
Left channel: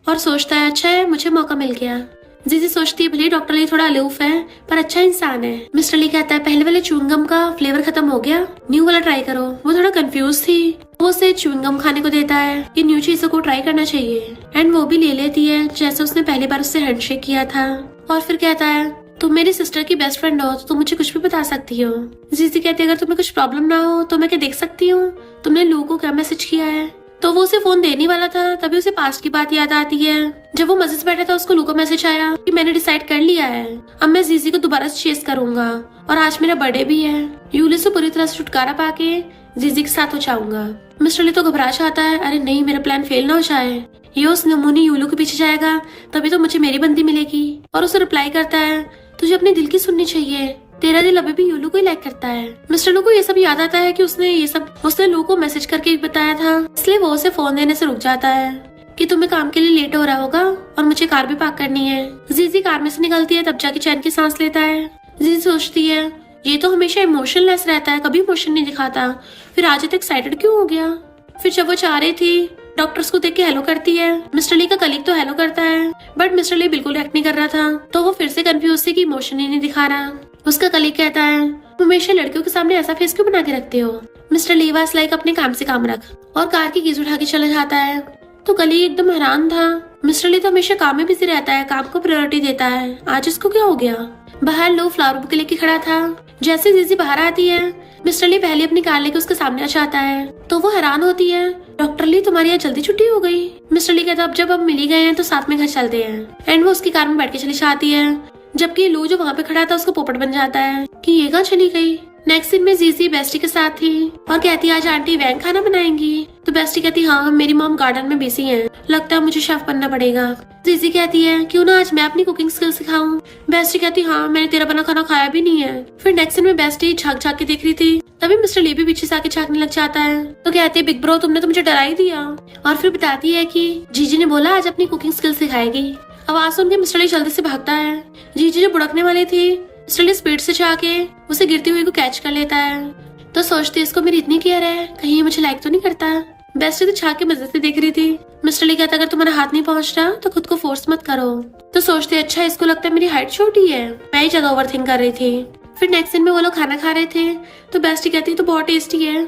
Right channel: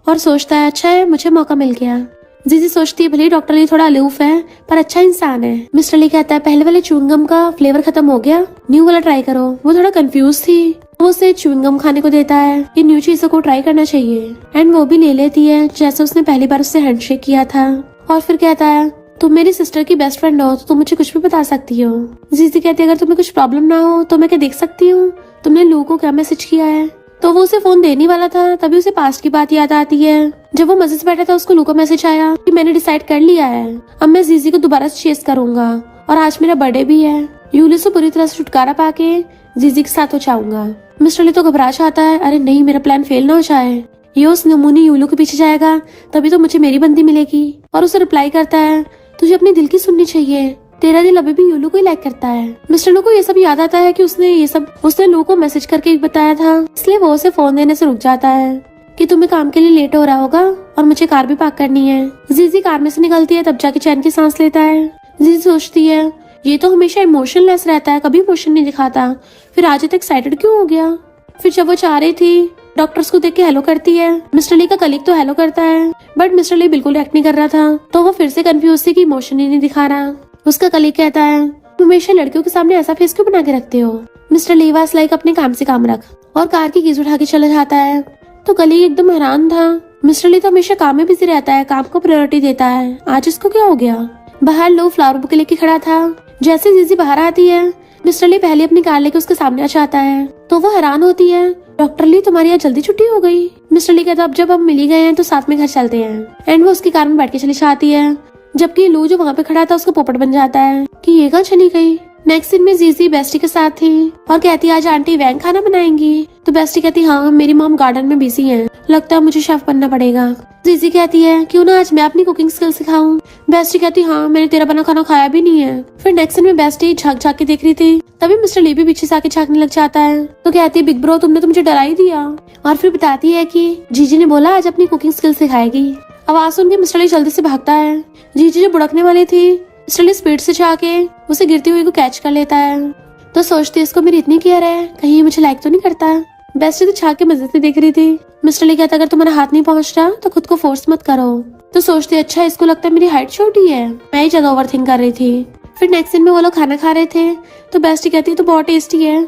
और सोचता है अच्छा है मुझे मौका मिल गया। जीजी सोचती है भले डॉक्टर ली थोड़ा अलूफ है पर अच्छा इंसान है। मिस्टर ली कहता है पहले वाले च्युइंगम का फ्लेवर खत्म हो गया, न्यू वाला ट्राई करो। वो थोड़ा कंफ्यूज थी, वो उसे च्युइंगम खाने को देता है कि न्यू चीजों को ट्राई करना चाहिए एंड वो भी ले लेती है जैसे उसने पहली बार उससे हैंडशेक किया था। और फिर कहता है तुम मेरी सिस्टर की बेस्ट फ्रेंड हो तो तुम मुझे कुछ भी बता सकती हो। जीजी कहती है अगर तुम्हें कुछ प्रॉब्लम ना हो तो मैं क्या देख सकती हूँ तुमने लू को क्या मैसेज किया है। तो वो उसे फोन देने वाला था तभी उसे पास्ट की बात याद आती है। जब वो मजे से बैठा था उसको लू का मैसेज आया कि मैंने डिसाइड कर लिया है अब मैं जीजी को दोबारा से चेस करूंगा और आज मेरा बर्थडे भी है, यूली से पूरी तरह से छुटकारा पाके जीजी के साथ हो जाऊंगा। मिस्टर ली तो घबरा जाता है, अरे नहीं मेरा प्लान फेल ना हो जाए, ये उस नमूनी यूलू के पीछे जाएगा तभी तो मुझे मेरी बंदी मिलेगी। और उसे रिप्लाई करता है तुझे अपने दिल की सुननी चाहिए, तेरा दिल अभी भी यूलू को ही लाइक करता है। मिस्टर लू को ये सब याद आता है कि उसने लू को मैसेज करके बताया था, इसलिए वो उसे फोन देने से रुक जाता है कि तुम्हें काम के लिए लेट हो रहा होगा और मुझे कार भी पार्क करनी है। जीजी कार में से निकलती है तब जाके चैन की सांस लेता है। जीजी सोचती है ये तो हमेशा इमोशनलेस रहता है, कभी इमोशन नहीं दिखाता, फिर आज तक एक्साइटेड क्यों हो गया। फिर जब वो चाह रही थी डॉक्टर्स को देख के हेलो करती है। मिस्टर ली का कलीग तो हेलो करता है बट मिस्टर ली बिल्कुल एक्ट नहीं कर रहा था, तो वो फिर से कंफ्यूज थी कि इमोशन ही नहीं दिखा रहा। उसका कलीग कहता है तुम हमेशा लड़कियों के सामने ऐसा फेस क्यों बना के रखते हो। मिस्टर ली वाज लाइक अपने काम से काम रख, और कार की कीज उठा के चला जाता है। तो कलीग एकदम हैरान था, मिस्टर ली तो हमेशा काम में बिजी रहता है, काम को प्रायोरिटी देता है, आज इसको क्या हो गया। बाहर लो फ्लावर बुके लेके खड़ा था। जैसे जीजी बाहर आती है मिस्टर ली पहले अपनी कार लेके उसके सामने आ जाता है, तो वो हैरान होती है डॉक्टर ली तुम्हारी आज जल्दी छुट्टी हो गई। मिस्टर ली कहता अब जब हम मिल ही गए हैं तो साथ में घर चलते हैं एंड वो उसकी कार में बैठ के चली जाती है, जबकि लू जो वहाँ पे खड़ा था उसको पोपट बन जाता है कि ये कहाँ चली गई। नेक्स्ट दिन में जीजी बेस्टी के साथ थी और कहती आज आंटी वैंग खाना बनाएंगी। तो बेस्टी कहती हाँ मेरी मॉम गार्डन में बिजी है, लगता है मुझे शेफ बनना पड़ेगा। जीजी कहती है क्यों ना आज मैं अपनी कुकिंग स्किल सिखाऊं। बेस्टी कहती हाँ मैंने तेरा बना खाना खाया भी नहीं है। फिर नेक्स्ट सीन में बेस्टी झांक झांक के देख रही थी, तभी मिस्टर ली भी पीछे से आके झांकने लग जाता है। तो कहती है बिग ब्रो तुमने तो मुझे डरा ही दिया। और फिर बताती है कि जीजी ने बोला आज अपनी कुकिंग स्किल सिखाएगी। आवाज सुन के मिस्टर ली जल्दी से भागता है। जीजी जो बुड़कने वाली थी, मिस्टर ली स्पीड से जाके उसे गिरती हुई को कैच कर लेता है। तो सोचती इसको मेरी इतनी केयर है, कहीं ये मुझे लाइक तो नहीं करता। बेस्टी तो छा के मजे से देख रही थी। मिस्टर ली कहता अगर तुम्हारा हाथ नहीं पहुंच रहा तो खुद को फोर्स मत करो। तो सोचती अच्छा इसको लगता है मेरी हाइट छोटी है, मैं ही ज्यादा ओवरथिंक कर रही थी। फिर नेक्स्ट सीन में वो लोग खाना खा रहे थे, तो बेस्टी कहती है तो बहुत टेस्टी है।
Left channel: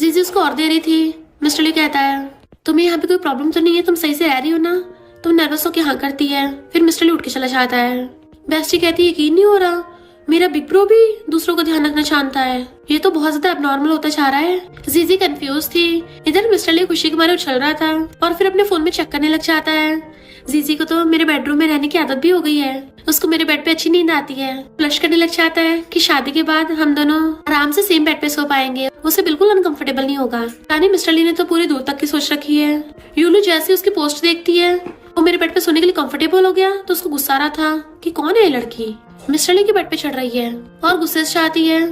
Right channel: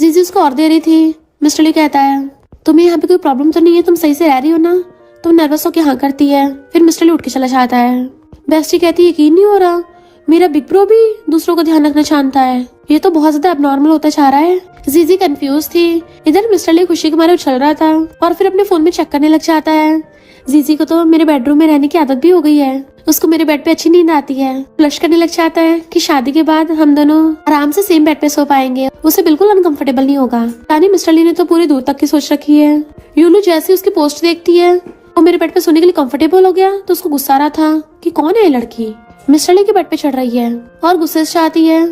जीजी उसको और दे रही थी। मिस्टर ली कहता है तुम्हें यहाँ पे कोई प्रॉब्लम तो नहीं है, तुम सही से रह रही हो ना। तुम नर्वस होके हाँ करती है। फिर मिस्टर ली उठ के चला जाता है। बेस्टी कहती है यकीन नहीं हो रहा, मेरा बिग ब्रो भी दूसरों का ध्यान रखना जानता है, ये तो बहुत ज्यादा एबनॉर्मल होता जा रहा है। जीजी कंफ्यूज थी। इधर मिस्टर ली खुशी के मारे उछल रहा था और फिर अपने फोन में चेक करने लग जाता है। जीजी को तो मेरे बेडरूम में रहने की आदत भी हो गई है, उसको मेरे बेड पे अच्छी नींद आती है। फ्लश करने लग जाता है कि शादी के बाद हम दोनों आराम से सेम बेड पे सो पाएंगे, उसे बिल्कुल अनकंफर्टेबल नहीं होगा। यानी मिस्टर ली ने तो पूरी दूर तक की सोच रखी है। यूलू जैसे उसकी पोस्ट देखती है वो मेरे बेड पे सोने के लिए कंफर्टेबल हो गया, तो उसको गुस्सा आ रहा था कि कौन है ये लड़की मिस्टर ली के बेड पे चढ़ रही है और गुस्से से आती है।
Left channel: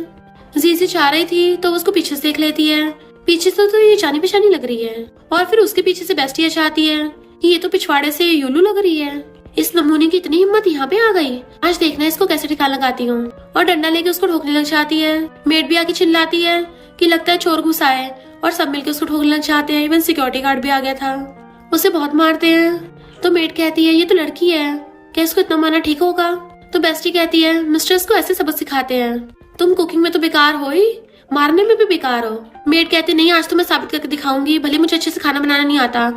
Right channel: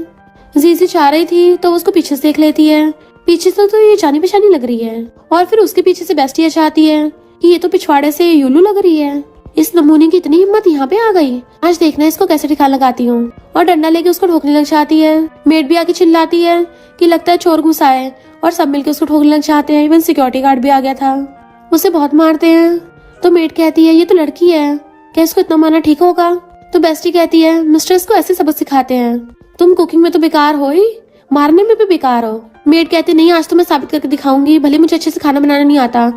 जीजी चाह रही थी तो उसको पीछे से देख लेती है, पीछे से तो ये जानी पहचानी लग रही है। और फिर उसके पीछे से बेस्टी चाहती है कि ये तो पिछवाड़े से यूलू लग रही है, इस नमूने की इतनी हिम्मत यहाँ पे आ गई, आज देखना इसको कैसे ठिकाना लगाती हूँ। और डंडा लेके उसको ठोकने लग जाती है। मेड भी आके चिल्लाती है कि लगता है चोर घुसा है, और सब मिलकर उसको ठोकने लग जाते हैं। इवन सिक्योरिटी गार्ड भी आ गया था, उसे बहुत मारते हैं। तो मेड कहती है ये तो लड़की है, क्या इसको इतना मारना ठीक होगा। तो बेस्टी कहती है मिस्टर इसको ऐसे सबक सिखाते हैं, तुम कुकिंग में तो बेकार हो ही, मारने में भी बेकार हो। मेड कहती नहीं आज तो मैं साबित करके दिखाऊंगी, भले मुझे अच्छे से खाना बनाना नहीं आता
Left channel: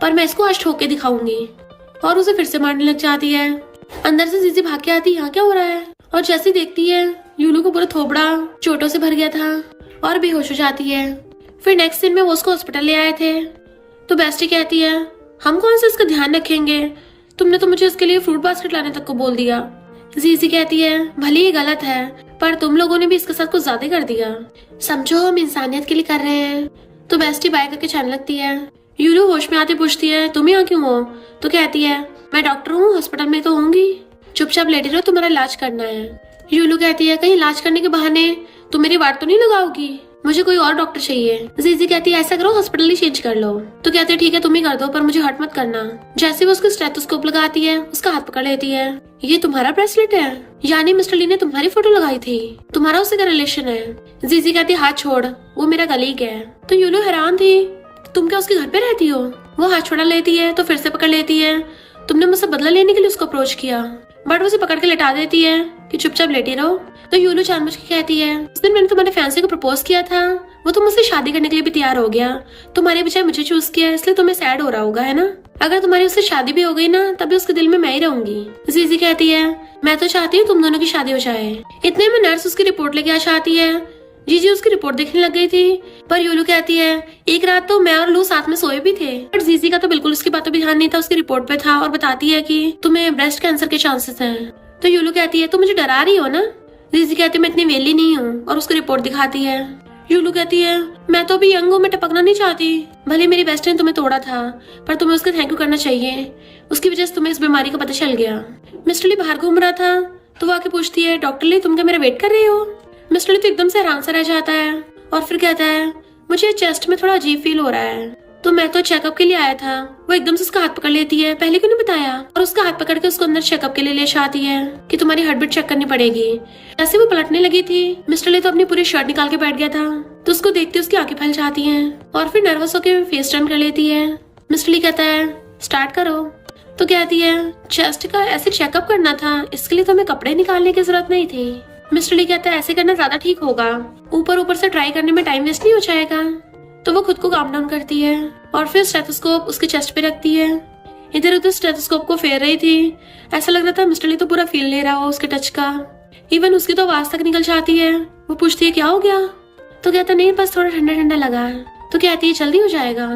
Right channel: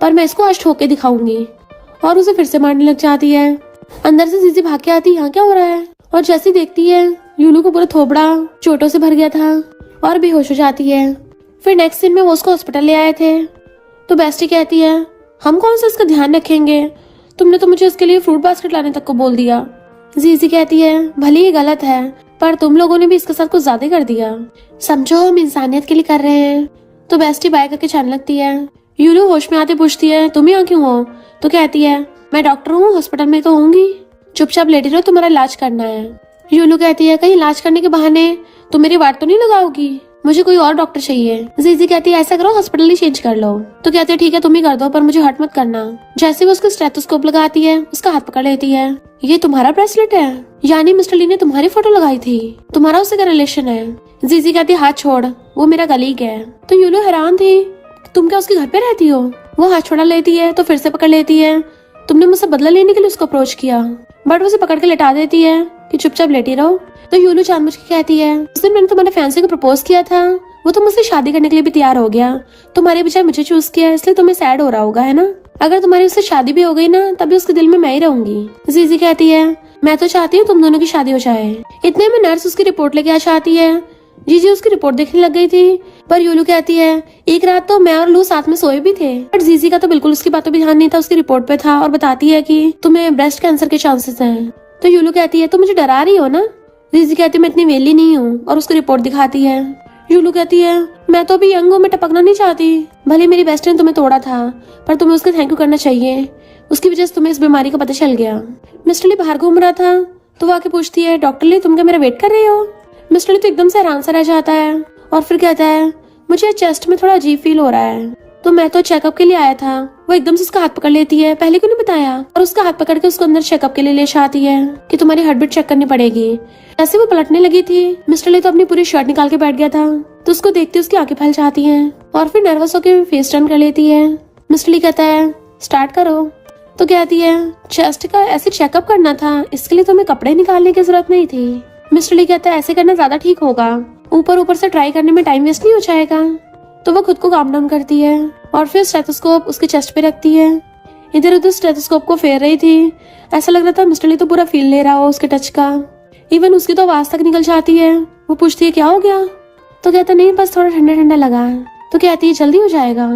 पर मैं इसको आज ठोक के दिखाऊंगी। और उसे फिर से मारने लग जाती है। अंदर से जीजी भाग के आती यहाँ क्या हो रहा है, और जैसे देखती है यूलू को पूरा थोबड़ा चोटों से भर गया था और बेहोश हो जाती है। फिर नेक्स्ट दिन में वो उसको हॉस्पिटल ले आए थे। तो बेस्टी कहती है हम कौन सा इसका ध्यान रखेंगे, तुमने तो मुझे उसके लिए फ्रूट बास्केट लाने तक को बोल दिया। जीजी कहती है भले ही गलत है पर तुम लोगों ने भी इसके साथ कुछ ज्यादा कर दिया, समझो हम इंसानियत के लिए कर रहे हैं। तो बेस्टी बाय करके जाने लगती है। यूलू होश में आते पूछती है तुम यहाँ क्यों हो। तो कहती है मैं डॉक्टर हूँ, हॉस्पिटल में तो होंगी, चुपचाप लेटी रहो, तुम्हारा इलाज करना है। यूलू कहती है कहीं इलाज करने के बहाने तुम मेरी वाट तो नहीं लगाओगी, मुझे कोई और डॉक्टर चाहिए। जीजी कहती है ऐसा करो हॉस्पिटल ही चेंज कर लो। तो कहती है ठीक है तुम ही कर दो पर मुझे हर्ट मत करना। जैसे वो उसको स्टेथोस्कोप लगाती है उसका हाथ पकड़ लेती है। ये तुम्हारा ब्रेसलेट है, यानी मिस्टर ली ने तुम्हारी फोटो लगाई थी, तुम्हारा उससे क्या रिलेशन है। जीजी कहती है हाथ छोड़, वो मेरा कलीग है। तो यूलू हैरान थी तुम क्या उसके घर पे रहती हो। वो हाथ छोड़ा लेती है तो फिर से पकड़ लेती है, तुमने मुझसे बदला लेने के लिए उसको अप्रोच किया, बट उसे पकड़ के लेटा देती है कि चुपचाप लेटी रहो। तो यूलू जानबूझ के कहती है उस दिन मैंने तुम्हारे फैंसी को प्रपोज किया था, वो तो मुझसे शादी करने के लिए भी तैयार हो गया, तुम्हारे बजाय मुझे चूज किया इसलिए तुम्हें सैड हो रहा होगा है ना। अगर तुम्हारी उससे शादी भी हो गई ना तभी उसके दिल में मैं ही रहूंगी। जीजी कहती है मैं तो चाहती हूँ तुम दोनों की शादी हो जाए। इतने में नर्स उसकी रिपोर्ट लेके आ जाती है। जीजी उसकी रिपोर्ट देखने लग गई थी, पर यूलू कहती है एक रात तो मैं और लू साथ में सोए भी थे। पर जीजी का तो बिल्कुल उसकी बातों पे ध्यान नहीं था, उसकी रिपोर्ट पे था और बताती है कि तुम्हें ब्रेस्ट कैंसर के चांसेस हैं। तो यूलू कहती है तुम मुझे डरा रही हो ना। जीजी कहती है मैं इतनी वेली नहीं हूँ और उसकी रिपोर्ट दिखाती है। यूलू कहती है मैं तो अभी यंग हूँ, मैं टपकना नहीं चाहती, भले मेरी बेस्ट फ्रेंड तुम्हें तोड़ा था पर तुम्हें उसका थैंक यू करना चाहिए, उसकी वजह से तुम्हें इस बीमारी का पता चल गया। मिस्टर ली बाहर घूम रहा था तो वो आके पूछती है डॉक्टर ली तुम क्या मेरा वेट कर रही हो। मिस्टर ली तो एकदम से हैरान सा रह जाता है और फिर कहता है मुझे चेस्ट में थोड़ा अजीब फील हो रहा है, तो मैं तो चेकअप के लिए आया था। वो एकदम से उसका हाथ पकड़ लेती है, पहले क्यों नहीं बताया, और उसका हाथ पकड़ के उसको अंदर चेकअप के लिए ले जाती है कि तुम्हारी हार्ट बीट चेक करनी पड़ेगी। ऐसे वो पलटने लगी थी, मिस्टर ली तो अपनी पूरी शर्ट निकाल के बैठ गया था, तो उसको देखते उसकी आंखें फैल जाती हैं और फिर नर्वस होकर फेस टर्न कर लेती है। मिस्टर ली कहता है स्टार्ट करो। तो कहती है चेस्ट का ऐसे चेकअप करना था, इसके लिए तो हमें कपड़े निकालने की जरूरत नहीं थी। मिस्टर ली कहता है ऐसे करना ज्यादा ठीक होगा, ऊपर से ट्राई करने में टाइम वेस्ट नहीं हो जाएगा। तो वो खुद को काम डाउन करती है और फिर स्टेथोस्कोप उसके चेस्ट पे रखती है। इधर उधर स्टेथोस्कोप को फेर रही थी, ऐसा लग रहा था मिस्टर ली तो पूरा फील ले रहा हो उसके टच का। इवन उसकी तो आवाज तक निकल जाती है। वो पूछती है क्या हो गया। तो कहता नहीं बस थोड़ा ठंडा ठंडा लगा है। तो कहती है जल्दी हो जाएगा।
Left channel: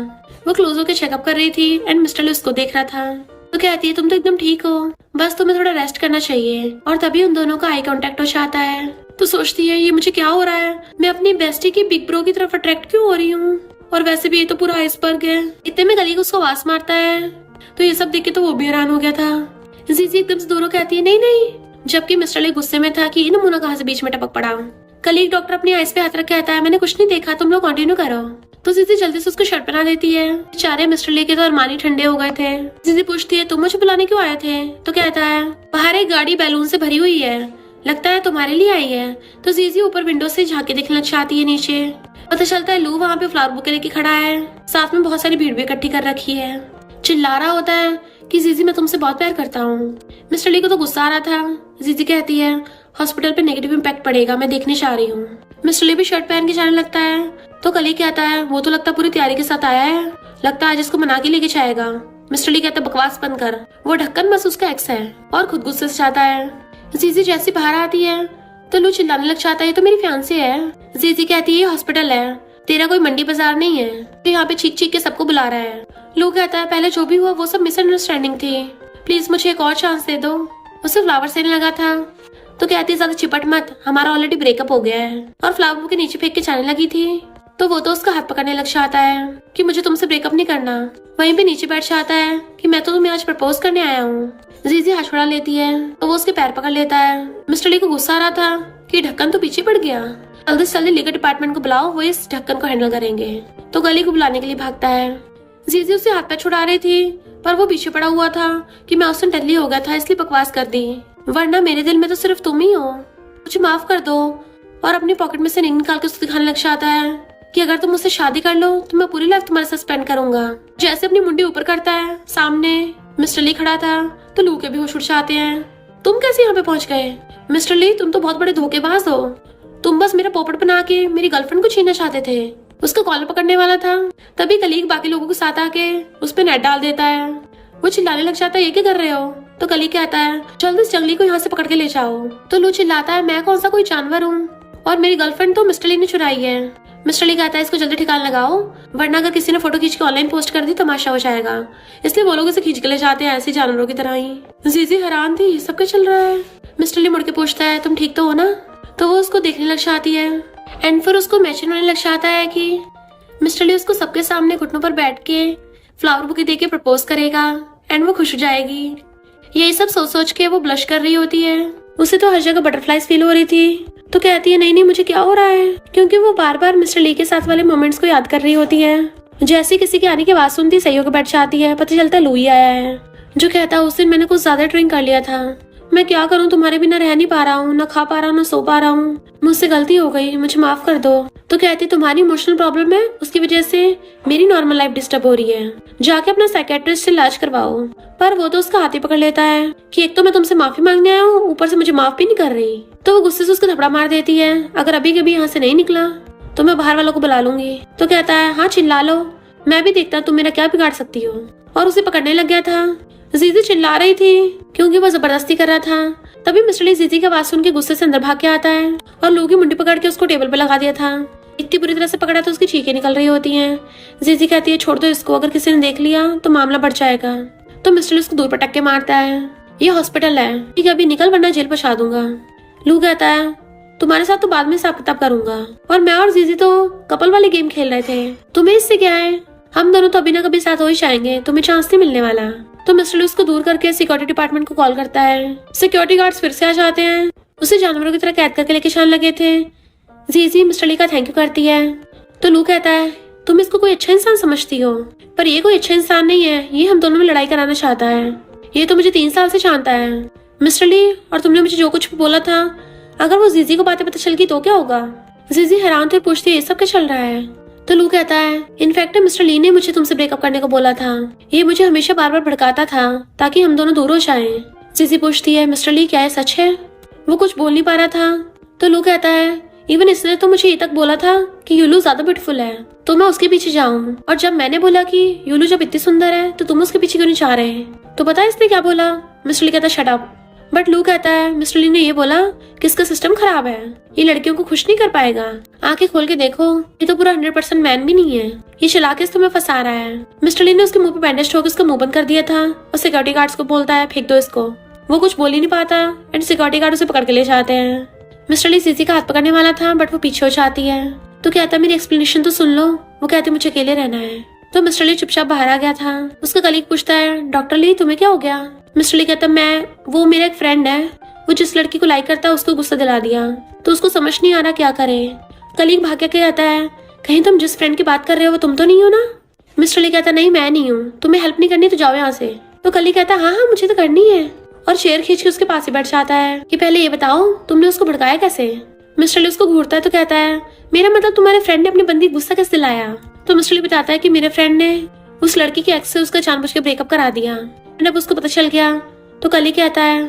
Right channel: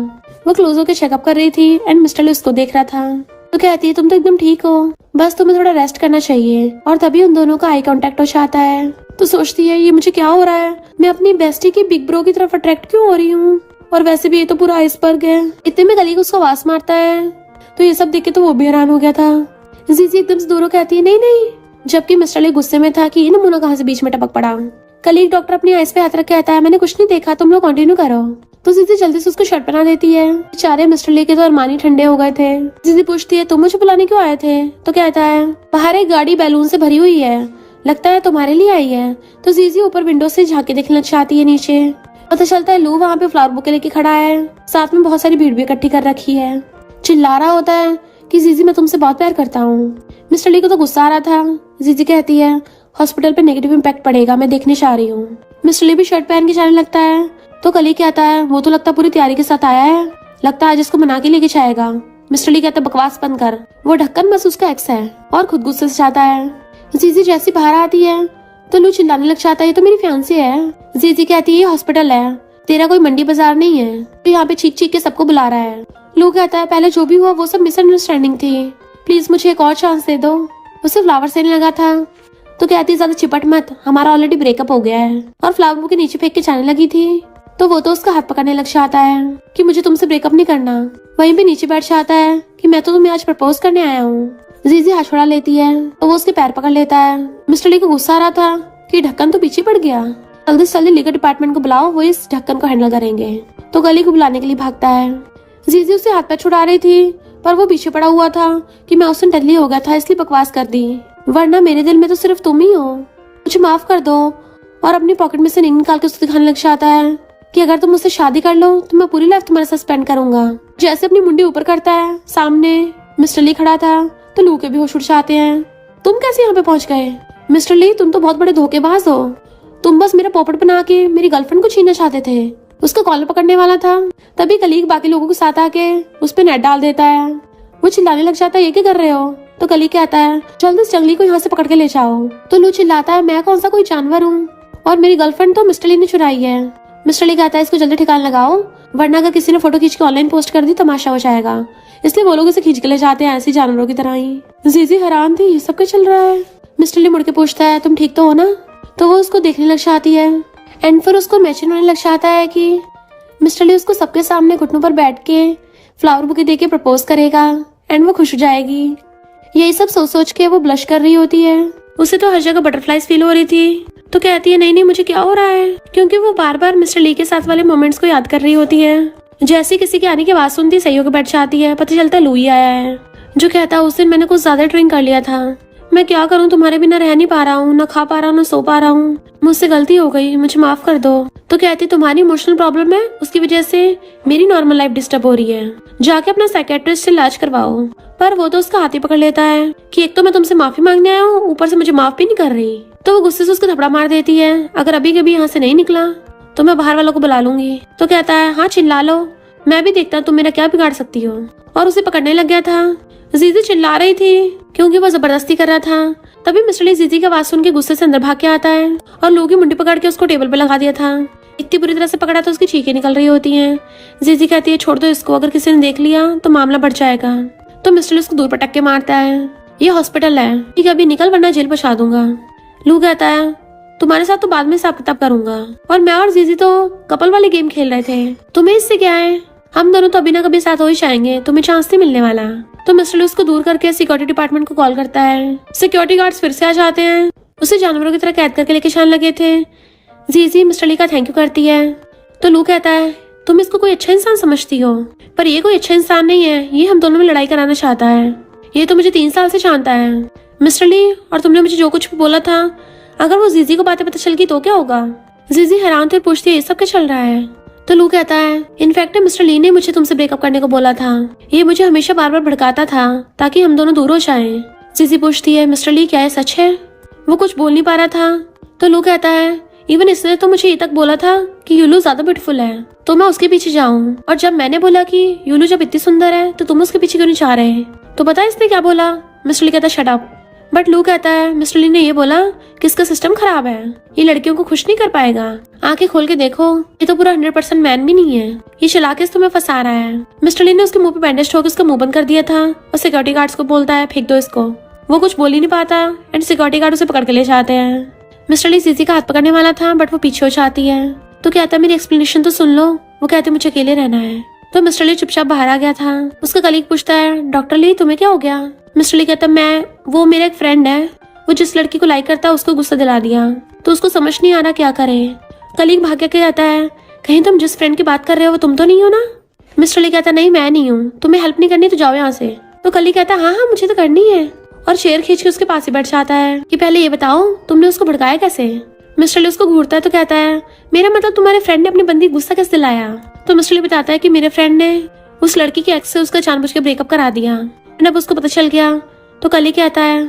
वो क्लोज होकर चेकअप कर रही थी एंड मिस्टर ली उसको देख रहा था। तो कहती है तुम तो एकदम ठीक हो, बस तुम्हें थोड़ा रेस्ट करना चाहिए। और तभी उन दोनों का आई कांटेक्ट हो जाता है। तो सोचती है ये मुझे क्या हो रहा है, मैं अपनी बेस्टी की बिग ब्रो की तरफ अट्रैक्ट क्यों हो रही हूँ, और वैसे भी ये तो पूरा आइसबर्ग है। इतने में गली को उसको आवाज मारता है तो ये सब देख के तो वो भी हैरान हो गया था। जीजी एकदम से दूर होकर कहती है नहीं नहीं, जबकि मिस्टर ली गुस्से में था कि ये नमूना कहाँ से बीच में टपक पड़ा। कलीग डॉक्टर अपनी आइस पे हाथ रख के आता है, मैंने कुछ नहीं देखा, तुम लोग कंटिन्यू करो। तो जीजी जल्दी से उसको शर्ट पहना देती है। बेचारे मिस्टर ली के तो अरमानी ठंडे हो गए थे। जीजी पूछती है तुम मुझे बुलाने क्यों आए थे? तो कहता है बाहर एक गाड़ी बैलून से भरी हुई है, लगता है तुम्हारे लिए आई है। तो जीजी ऊपर विंडो से झांके देखने लग जाती है नीचे। पता चलता है लू वहाँ पे फ्लावर बुके लेके खड़ा है, साथ में बहुत सारी भीड़ भी इकट्ठी कर रखी है। चिल्ला रहा होता है कि जीजी मैं तुमसे बहुत प्यार करता हूँ। मिस्टर ली को तो गुस्सा आ रहा था। जीजी कहती है हॉस्पिटल पे नेगेटिव इम्पैक्ट पड़ेगा, मैं देखने चाह रही हूँ। मिस्टर ली भी शर्ट पहन के जाने लगता है। तो कली कहता है वो तो लगता पूरी तैयारी के साथ आया है, लगता है आज इसको मना के लेके जाएगा। मिस्टर ली कहता है बकवास बंद कर, वो ढक्कन बस उसका एक्स है, और खुद गुस्से से जाता है। जीजी जैसी बाहर आती है तो लू चिल्लाने लग जाता है ये तो मेरी फियांसी है। जीजी कहती है ये हॉस्पिटल है, तेरा कोई मंडी बाजार नहीं है, तो यहाँ पे चीख चीख के सबको बुला रहा है। लू कहता है पहले जो भी हुआ वो सब मिसअंडरस्टैंडिंग थी, प्लीज मुझे एक और चांस दे दो। उसे फ्लावर देने लगा था तो कहती है ज्यादा चिपट मत, हमारा ऑलरेडी ब्रेकअप हो गया है, और फ्लावर के नीचे फेंक के जाने लगी थी। तो वो तो उसका हाथ पकड़ने लग जाता है कि मुझे तुमसे ब्रेकअप नहीं करना। वहीं पे नीचे बैठ जाता है कि मैं तो तुम्हें आज प्रपोज करने आया हूँ। जीजी हाथ छुड़ा लेती है तो वो उसके पैर पकड़ लेता है। मिस्टर ली को गुस्सा आ रहा था कि ढक्कन तो पीछे पड़ गया, जल्दी से जल्दी लीगल डिपार्टमेंट को बुलाओ, वो इस ढक्कन को हैंडल करेंगे। तो गली को बुलाने के लिए भागता है। जीजी उसे हाथ पैर छुड़ा रही थी पर वो पीछे पड़ा हुआ था कि मैं उससे डरली हो गया था इसलिए बकवास कर दी, वरना मेरे दिल में तो सिर्फ तुम ही हो, मुझे माफ कर दो। और अपनी पॉकेट में से रिंग निकाल के उसे दिखाने लग जाता है कि अगर तुम मुझसे शादी कर लो तो मैं पूरी लाइफ तुम्हारे साथ स्पेंड करूंगा। जैसे अपनी मुंडी ऊपर करता है, सामने मिस्टर ली खड़ा था तो लू के भी होश उड़ जाते हैं। तुम कैसे यहाँ पे पहुंच गए? मिस्टर ली तुम तो बहुत बड़े धोखेबाज हो, तुम बस मेरा पोपट बना के मेरी गर्लफ्रेंड को छीनना चाहते थे। उसका कॉलर पकड़ने वाला था तभी कलीग बाकी लोगों के साथ आके उस पे नेट डाल देता है। वो चिल्लाने लग जाता है ये क्या कर रहे हो? तो कलीग कहता है जल्दी से जंगली को यहाँ से पकड़ के ले जाओ। तो लू चिल्लाता है मैं कौन सा कोई जानवर हूँ, और मेरी गर्लफ्रेंड तो मिस्टर ली ने चुराई है। मिस्टर ली कहता है इसको जल्दी ठिकाना लगाओ, वरना अगर किसी ने फोटो खींच के ऑनलाइन पोस्ट कर दी तमाशा हो जाएगा, इसलिए वो लोग इसे खींच के ले जाते हैं ऐसे जानवरों की तरह ही। जीजी हैरान थी ये सब क्या चल रहा है। मिस्टर ली मुड़ के पूछता है तुम ठीक तो हो ना? तो वो उसको देखने लग जाती है एंड फिर उसको इमेजिन होने लग जाता है कि मिस्टर ली उसको सबके सामने घुटनों पर बैठ के फ्लावर बुके देके प्रपोज करेगा एंड वो खुश हो जाएगी। यही सब सोच सोच के वो ब्लश कर रही होती है। उसे तो हर जगह बटरफ्लाइज फील हो रही थी। तो कहती है नहीं नहीं मुझे क्या हो रहा है, क्योंकि वो बार बार मिस्टर ली के साथ वाले मोमेंट्स को याद कर रही होती है। जैसे किसी के आने की आवाज सुनती सही होकर बैठ जाती है। पता चलता है लू ही आया है, जो कहता है उस दिन मैंने कुछ ज्यादा ड्रिंक कर लिया था, मैं क्या करूँ तुम्हारे बिना रह नहीं पा रहा हूँ, न खा पा रहा हूँ न सो पा रहा हूँ, मुझसे गलती हो गई, मुझे माफ कर दो। तो कहती तुम्हारी इमोशनल प्रॉब्लम है, उसकी वजह से मेरी नॉर्मल लाइफ डिस्टर्ब हो रही है, जाके अपना साइकियाट्रिस्ट से इलाज करवाओ। पर वो तो उसका हाथ ही पकड़ लेता है कि एक तो मैं तुमसे माफी मांगने आया हूँ, ऊपर से मुझे माफ भी नहीं कर रही। तो वो गुस्से से उसको थपड़ा मार देती है, अगर अभी कभी यहाँ से नहीं निकला तो मैं बाहर वालों को बुला लूंगी। तो कहता है हाँ चिल्ला लो, मैं भी देखता तुम मेरा क्या बिगाड़ सकती हो। और उसे पकड़ने लग गया था। जीजी चिल्ला रही थी क्योंकि वो जबरदस्ती कर रहा था। तभी मिस्टर ली जीजी की आवाज सुन के गुस्से से अंदर भाग के आता है और लोगों की मुंडी पकड़ के उसको टेबल पे लगा दिया था। इतनी बुरी तरह से पकड़ा था उसकी चीखें निकल रही होती हैं। जीजी कहती है छोड़ दो इसको, अगर किसी ने देख लिया तो मामला बढ़ जाएगा। तो मिस्टर ली उसको दूर पटक के मारता है, ये हॉस्पिटल है, ठीक है अभी निकल वरना जेल पहुंचा दूंगा। लू कहता है तुम्हारे साथ तो बाद में हिसाब किताब करूंगा, और मैं और जीजी तो कपल वाले गेम खेल रहे थे, तुम्हें इससे क्या है, हम दोनों तो अभी ना कभी साथ हो ही जाएंगे, तुम्हें चांस नहीं मिलने वाला। तो मिस्टर ली उसको दूर करके सिक्योरिटी डिपार्टमेंट को कॉल करता है। सिक्योरिटी गार्ड्स फिर से आ जाते हैं, उसे जानवरों की तरह कैद करके लेके जाने लगे थे। जीजी मिस्टर ली का थैंक यू करती है। तो लू कहता है तुम इसको कोई अच्छा इंसान समझती हो, पर ये कोई अच्छा इंसान नहीं है, ये हम दोनों में लड़ाई कराना चाहता है, ये तो मुझे 3 साल से जानता है। मिस्टर ली और तुमने मुझे जो कुछ भी बोला था, अगर वो जीजी को बातें पता चल गई तो क्या होगा? जीजी हैरान थी, पूछती है ये सब क्या चल रहा है? तो लू कहता है इनफैक्ट मिस्टर ली ने मुझे तुमसे ब्रेकअप करने को बोला था, ये मुझे हमेशा बार बार भड़काता था ताकि हम दोनों दूर हो जाएं। जीजी पूछती है मिस्टर ली क्या है सच है? वो कुछ बोल नहीं पा रहा था। तो लू कहता है इवन इसने तो मुझे ये तक बोला था कि यूलू ज्यादा ब्यूटीफुल है तो मैं उसके पीछे जाऊं, और जब मैंने बोला कि यूलू जब इतनी सुंदर है तो तुम उसके पीछे क्यों नहीं जा रहे? तो पता है इसने क्या बोला? मिस्टर ली कहता है शट अप। बट लू कहता है मिस्टर ली ने ये बोला कि इसका सिस्टम खराब है, ये लड़कियों को खुश नहीं कर पाएगा, आंखें खोल के देखो ये तो पूरा 100% मैन भी नहीं है, ये चला के तुम्हें फंसा रहा है। मिस्टर ली ने उसके मुंह पे बैंडेज ठोक उसका मुंह बंद कर दिया था और सिक्योरिटी गार्ड्स को बोलता है फेंक दो इसको। वो कुछ बोल ही नहीं पाता एंड सिक्योरिटी गार्ड उसे पकड़ के ले जाते हैं। मिस्टर ली जीजी का हाथ पकड़ने वाला था बट वो पीछे हो जाती है। तो कहता मेरी एक्सप्लेनेशन तो सुन लो। वो कहती मुझे अकेले रहना है। तो मिस्टर ली चुपचाप बाहर आ गया था। उसका कलीग पूछता है, डॉक्टर ली तुम्हें क्या हो गया? मिस्टर ली कहता, वो मेरा एक फ्रेंड है, वो जिस लड़की को लाइक करता है उसको गुस्सा दिला दिया, तो उसको समझ नहीं आ रहा क्या करे। कलीग भाग के कहता है, कहीं तुम जिस फ्रेंड की बात कर रहे हो वो तुम तो नहीं हो ना? मिस्टर ली कहता, नहीं मैं नहीं हूँ, तुम्हें हेल्प नहीं करनी तो जाओ यहाँ से। तो कलीग कहता, हाँ हाँ मुझे तो करनी है, और चेयर खींच के उसके पास ही बैठ जाता है कि पहले ये बताओ तुमने उसको भड़काया कैसे? मिस्टर ली उसको घूरता है तो कहता है, मेरा मतलब तुम्हारे फ्रेंड ने अपनी बंदी गुस्सा कैसे दिलाया? तो मिस्टर ली बताता है कि मेरे फ्रेंड ने उस लड़की के एक्स से उसका जानबूझ के ब्रेकअप करा दिया, जब उसको पता चल गया। तो कलीग कहता है,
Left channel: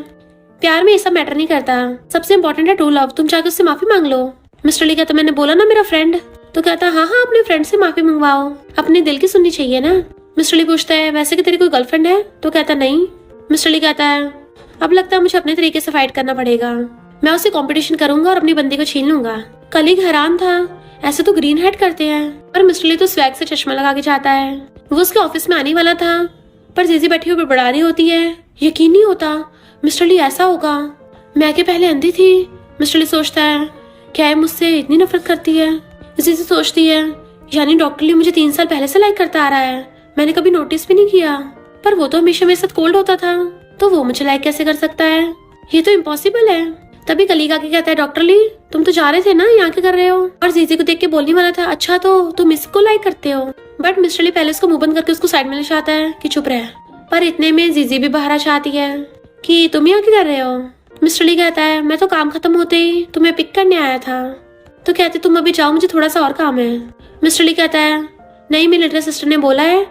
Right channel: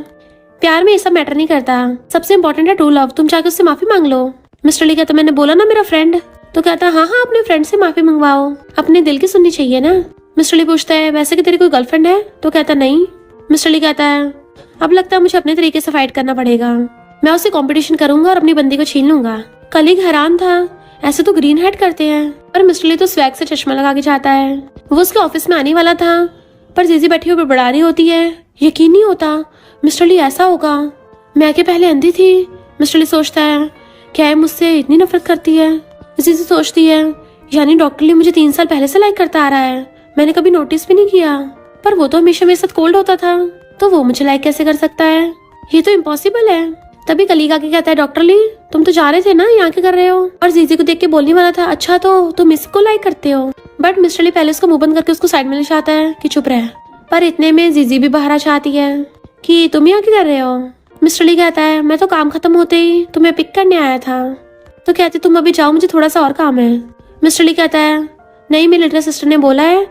प्यार में ये सब मैटर नहीं करता, सबसे इम्पोर्टेंट है ट्रू लव, तुम जाकर उससे माफी मांग लो। मिस्टर ली कहता, मैंने बोला ना मेरा फ्रेंड। तो कहता, हाँ हाँ अपने फ्रेंड से माफी मंगवाओ, अपने दिल की सुननी चाहिए ना। मिस्टर ली पूछता है, वैसे कि तेरी कोई गर्लफ्रेंड है? तो कहता, नहीं। मिस्टर ली कहता है, अब लगता है मुझे अपने तरीके से फाइट करना पड़ेगा, मैं उससे कंपटीशन करूंगा और अपनी बंदी को छीन लूंगा। कलीग हैरान था, ऐसे तो ग्रीन हेड करते हैं, पर मिस्टर ली तो स्वैग से चश्मा लगा के जाता है। वो उसके ऑफिस में आने वाला था, पर जीजी बैठी हुई बड़बड़ा रही होती है, यकीन नहीं होता मिस्टर ली ऐसा होगा, मैं के पहले अंधी थी। मिस्टर ली सोचता है, क्या है मुझसे इतनी नफरत करती है? जीजी सोचती है, यानी डॉक्टर ली मुझे 3 साल पहले से लाइक करता आ रहा है, मैंने कभी नोटिस भी नहीं किया, पर वो तो हमेशा मेरे साथ कोल्ड होता था, तो वो मुझे लाइक कैसे कर सकता है? ये तो इम्पॉसिबल है। तभी कलीग आके कहता है, डॉक्टर ली तुम तो जा रहे थे ना, यहाँ क्या कर रहे हो? और जीजी को देख के बोलने वाला था, अच्छा तो तुम इसको लाइक करते हो? बट मिस्टर ली पहले उसको मुंह बंद करके उसको साइड में ले जाता है कि चुप रहे, पर इतने में जीजी भी बाहर आ जाती है कि तुम यहाँ क्या कर रहे हो? मिस्टर ली कहता है, मैं तो काम खत्म होते ही तुम्हें पिक करने आया था। तो कहती, तुम अभी जाओ, मुझे थोड़ा सा और काम है। मिस्टर ली कहता है, नहीं मेरी लिटिल सिस्टर ने बोला है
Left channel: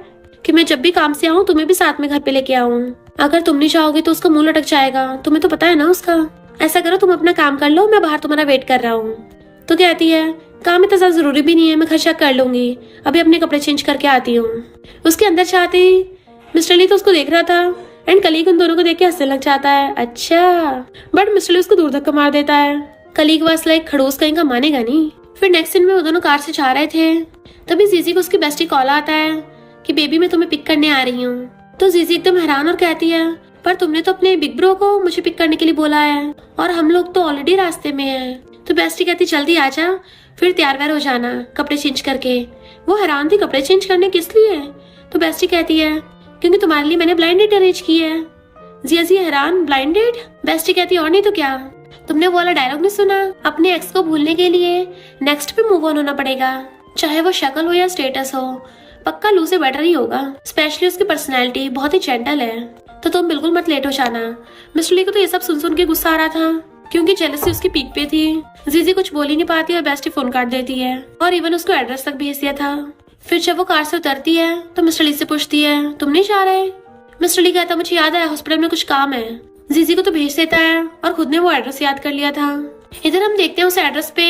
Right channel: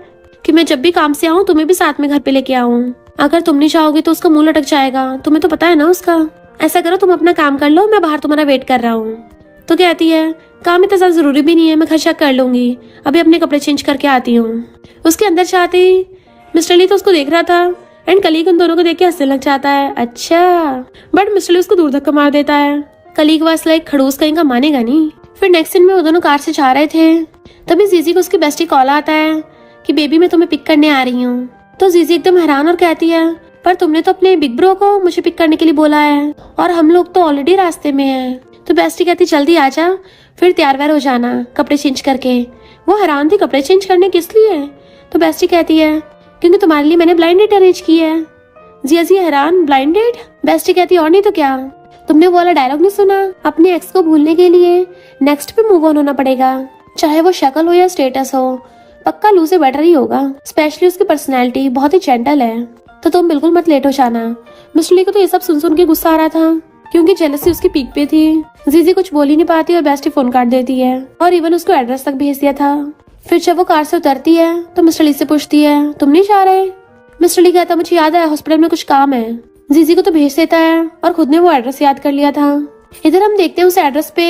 कि मैं जब भी काम से आऊँ तुम्हें भी साथ में घर पे लेके आऊँ, अगर तुम नहीं चाहोगे तो उसका मुंह लटक जाएगा, तुम्हें तो पता है ना उसका। ऐसा करो तुम अपना काम कर लो, मैं बाहर तुम्हारा वेट कर रहा हूँ। तो कहती है, काम इतना ज्यादा जरूरी भी नहीं है, मैं घर चेक कर लूंगी, अभी अपने कपड़े चेंज करके आती हूँ। उसके अंदर जाते ही मिस्टर ली तो उसको देख रहा था, एंड कलीग उन दोनों को देख के हंसने लग जाता है, अच्छा। बट मिस्टर ली उसको दूर धक्का मार देता है। कलीग बस लाइक खड़ूस कहीं का मानेगा नहीं। फिर नेक्स्ट सीन में वो दोनों कार से जा रहे थे, तभी जीजी को उसकी बेस्टी कॉल आता है कि बेबी मैं तुम्हें पिक करने आ रही हूँ। तो जीजी एकदम हैरान और कहती है, पर तुमने तो अपने बिग ब्रो को मुझे पिक करने के लिए बोला है, और हम लोग तो ऑलरेडी रास्ते में हैं। तो बेस्टी कहती, जल्दी आ जा, फिर तैयार व्यार हो जाना कपड़े चेंज करके। वो हैरान थी, कपड़े चेंज करने किस लिए? तो बेस्टी कहती है, क्योंकि तुम्हारे लिए मैंने ब्लाइंड डेट अरेंज की है। जी हैरान, ब्लाइंड डेट? बेस्टी कहती, और नहीं तो क्या, तुमने वो वाला डायलॉग नहीं सुना, अपने एक्स को भूलने के लिए नेक्स्ट पे मूव ऑन होना पड़ेगा, चाहे वो शक्ल हो या स्टेटस हो, पक्का लू से बेटर ही होगा, स्पेशली उसकी पर्सनैलिटी बहुत ही जेंटल है, तो तुम बिल्कुल मत लेट हो जाना। मिस्टर ली को तो ये सब सुन के गुस्सा आ रहा था, क्योंकि जेलसी उसकी पीक पे थी। जीजी कुछ बोल ही नहीं पाती और बेस्टी फोन काट देती है, और इवन उसको एड्रेस तक भेज दिया था। फिर जब वो कार से उतरती है तो मिस्टर ली से पूछती है, तुम नहीं जा रहे? मिस्टर ली कहता, मुझे याद आया, हॉस्पिटल में कुछ काम है। जीजी को तो भेज देता है और खुद ने वो एड्रेस याद कर लिया था। इधर हम देखते हैं उस एड्रेस पे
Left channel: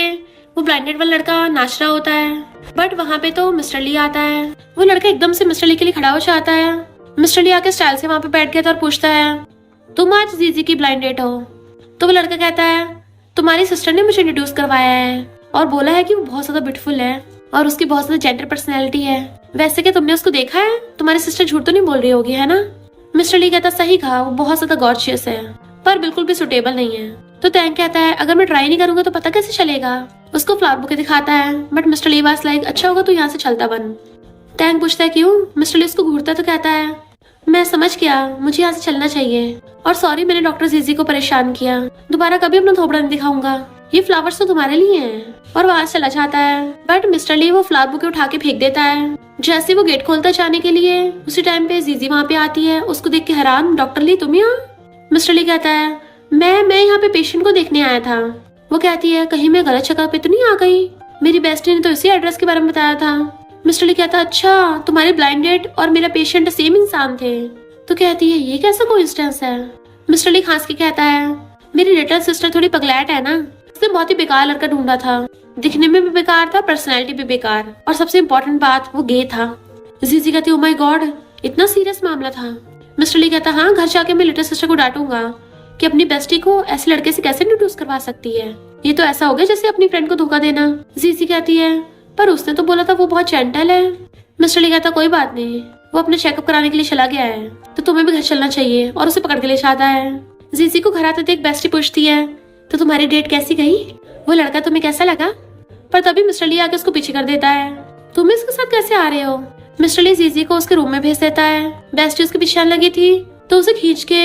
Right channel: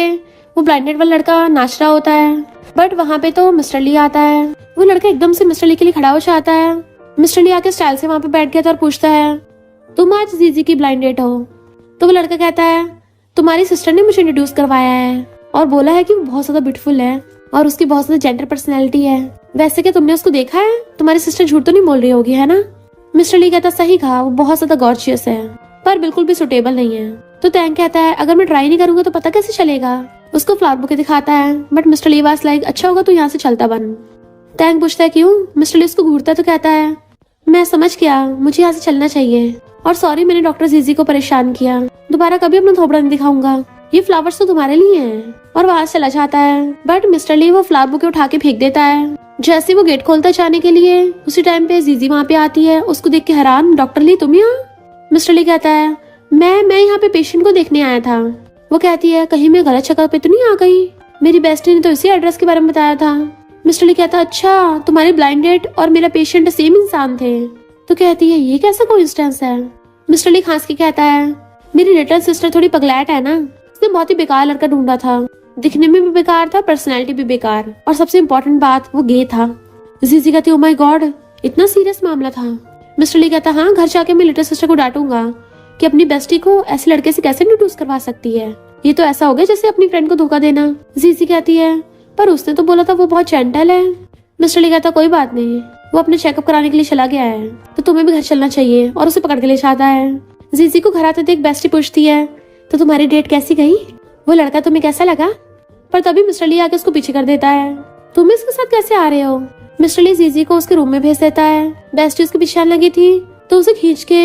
वो ब्लाइंडेड वाला लड़का नाच रहा होता है, बट वहाँ पे तो मिस्टर ली आता है। वो लड़का एकदम से मिस्टर ली के लिए खड़ा हो जाता है। मिस्टर ली आके स्टाइल से वहाँ पे बैठ गया था और पूछता है, तुम आज जीजी की ब्लाइंड डेट हो? तो वो लड़का कहता है, तुम्हारी सिस्टर ने मुझे इंट्रोड्यूस करवाया है और बोला है कि वो बहुत ज्यादा ब्यूटीफुल है और उसकी बहुत ज्यादा जेंडर पर्सनैलिटी है। वैसे क्या तुमने उसको देखा है? तुम्हारी सिस्टर झूठ तो नहीं बोल रही होगी, है ना? मिस्टर ली कहता, सही कहा, वो बहुत ज्यादा गॉर्जियस है, पर बिल्कुल भी सुटेबल नहीं है। तो टैंक कहता है, अगर मैं ट्राई नहीं करूंगा तो पता कैसे चलेगा? उसको फ्लावर बुके दिखाता है, but mister Lee was like, अच्छा होगा तो यहाँ से चलता बन। टैंक पूछता है, क्यों? मिस्टर ली उसको घूरता है तो कहता है, मैं समझ गया, मुझे यहाँ से चलना चाहिए, और सॉरी मैंने डॉक्टर जीजी को परेशान किया, दोबारा कभी अपना थोबड़ा नहीं दिखाऊंगा, ये फ्लावर्स तो तुम्हारे लिए हैं। और वहां चला जाता है, बट मिस्टर ली वो फ्लावर बुके उठा के फेंक देता है। जैसे वो गेट खोलता जाने के लिए, उसी टाइम पे जीजी वहाँ पे आती है। उसको देख के हैरान, डॉक्टर ली तुम यहाँ? मिस्टर ली कहता है, मैं यहाँ पे पेशेंट को देखने आया था। वो कहती है, कहीं मैं गलत जगह पे तो नहीं आ गई? मेरी बेस्टी ने तो इसी एड्रेस के बारे में बताया था। मिस्टर ली कहता है, अच्छा तुम्हारी ब्लाइंड डेट और मेरा पेशेंट सेम इंसान थे। तो कहती है, ये कैसा कोइंसिडेंस है? मिस्टर ली खांस के कहता है, मेरी लिटिल सिस्टर थोड़ी पगलैट है ना, उसने बहुत ही बेकार लड़का ढूंढा था, दिखने में भी बेकार था, पर्सनैलिटी भी बेकार, और सबसे इम्पोर्टेंट बात वो गे था। जीजी कहती, ओ माय गॉड, इतना सीरियस मामला था? मिस्टर ली कहता, हाँ, घर जाके मैं लिटिल सिस्टर को डांटूंगा कि अपनी बेस्टी को ऐसे लड़के से कैसे इंट्रोड्यूस करवा सकती है, ये तो ऐसा हो गया जैसे अपनी फ्रेंड को धोखा देना। जीजी कहती है, पर उसने तो बोला था वो बहुत जेंटल है। मिस्टर ली कहता, कोई बात नहीं, वो अपने चेकअप कराने के लिए चला गया है, तो तुम्हें भी घर चलना चाहिए, और उसे पकड़ के ले जाता है। जीजी को घर आते देख बेस्टी पूछती है, तो तुम्हारी डेट कैसी गई? वो लड़का तुम्हें कैसा लगा? पर तभी मिस्टर ली आके उसको पीछे कर देता है, तुम इसके साथ कैसे आ रहे हो? मिस्टर ली जीजी को उसके रूम में भेज देता है। बेस्टी उसके पीछे आने लगी थी तो उसे खींच के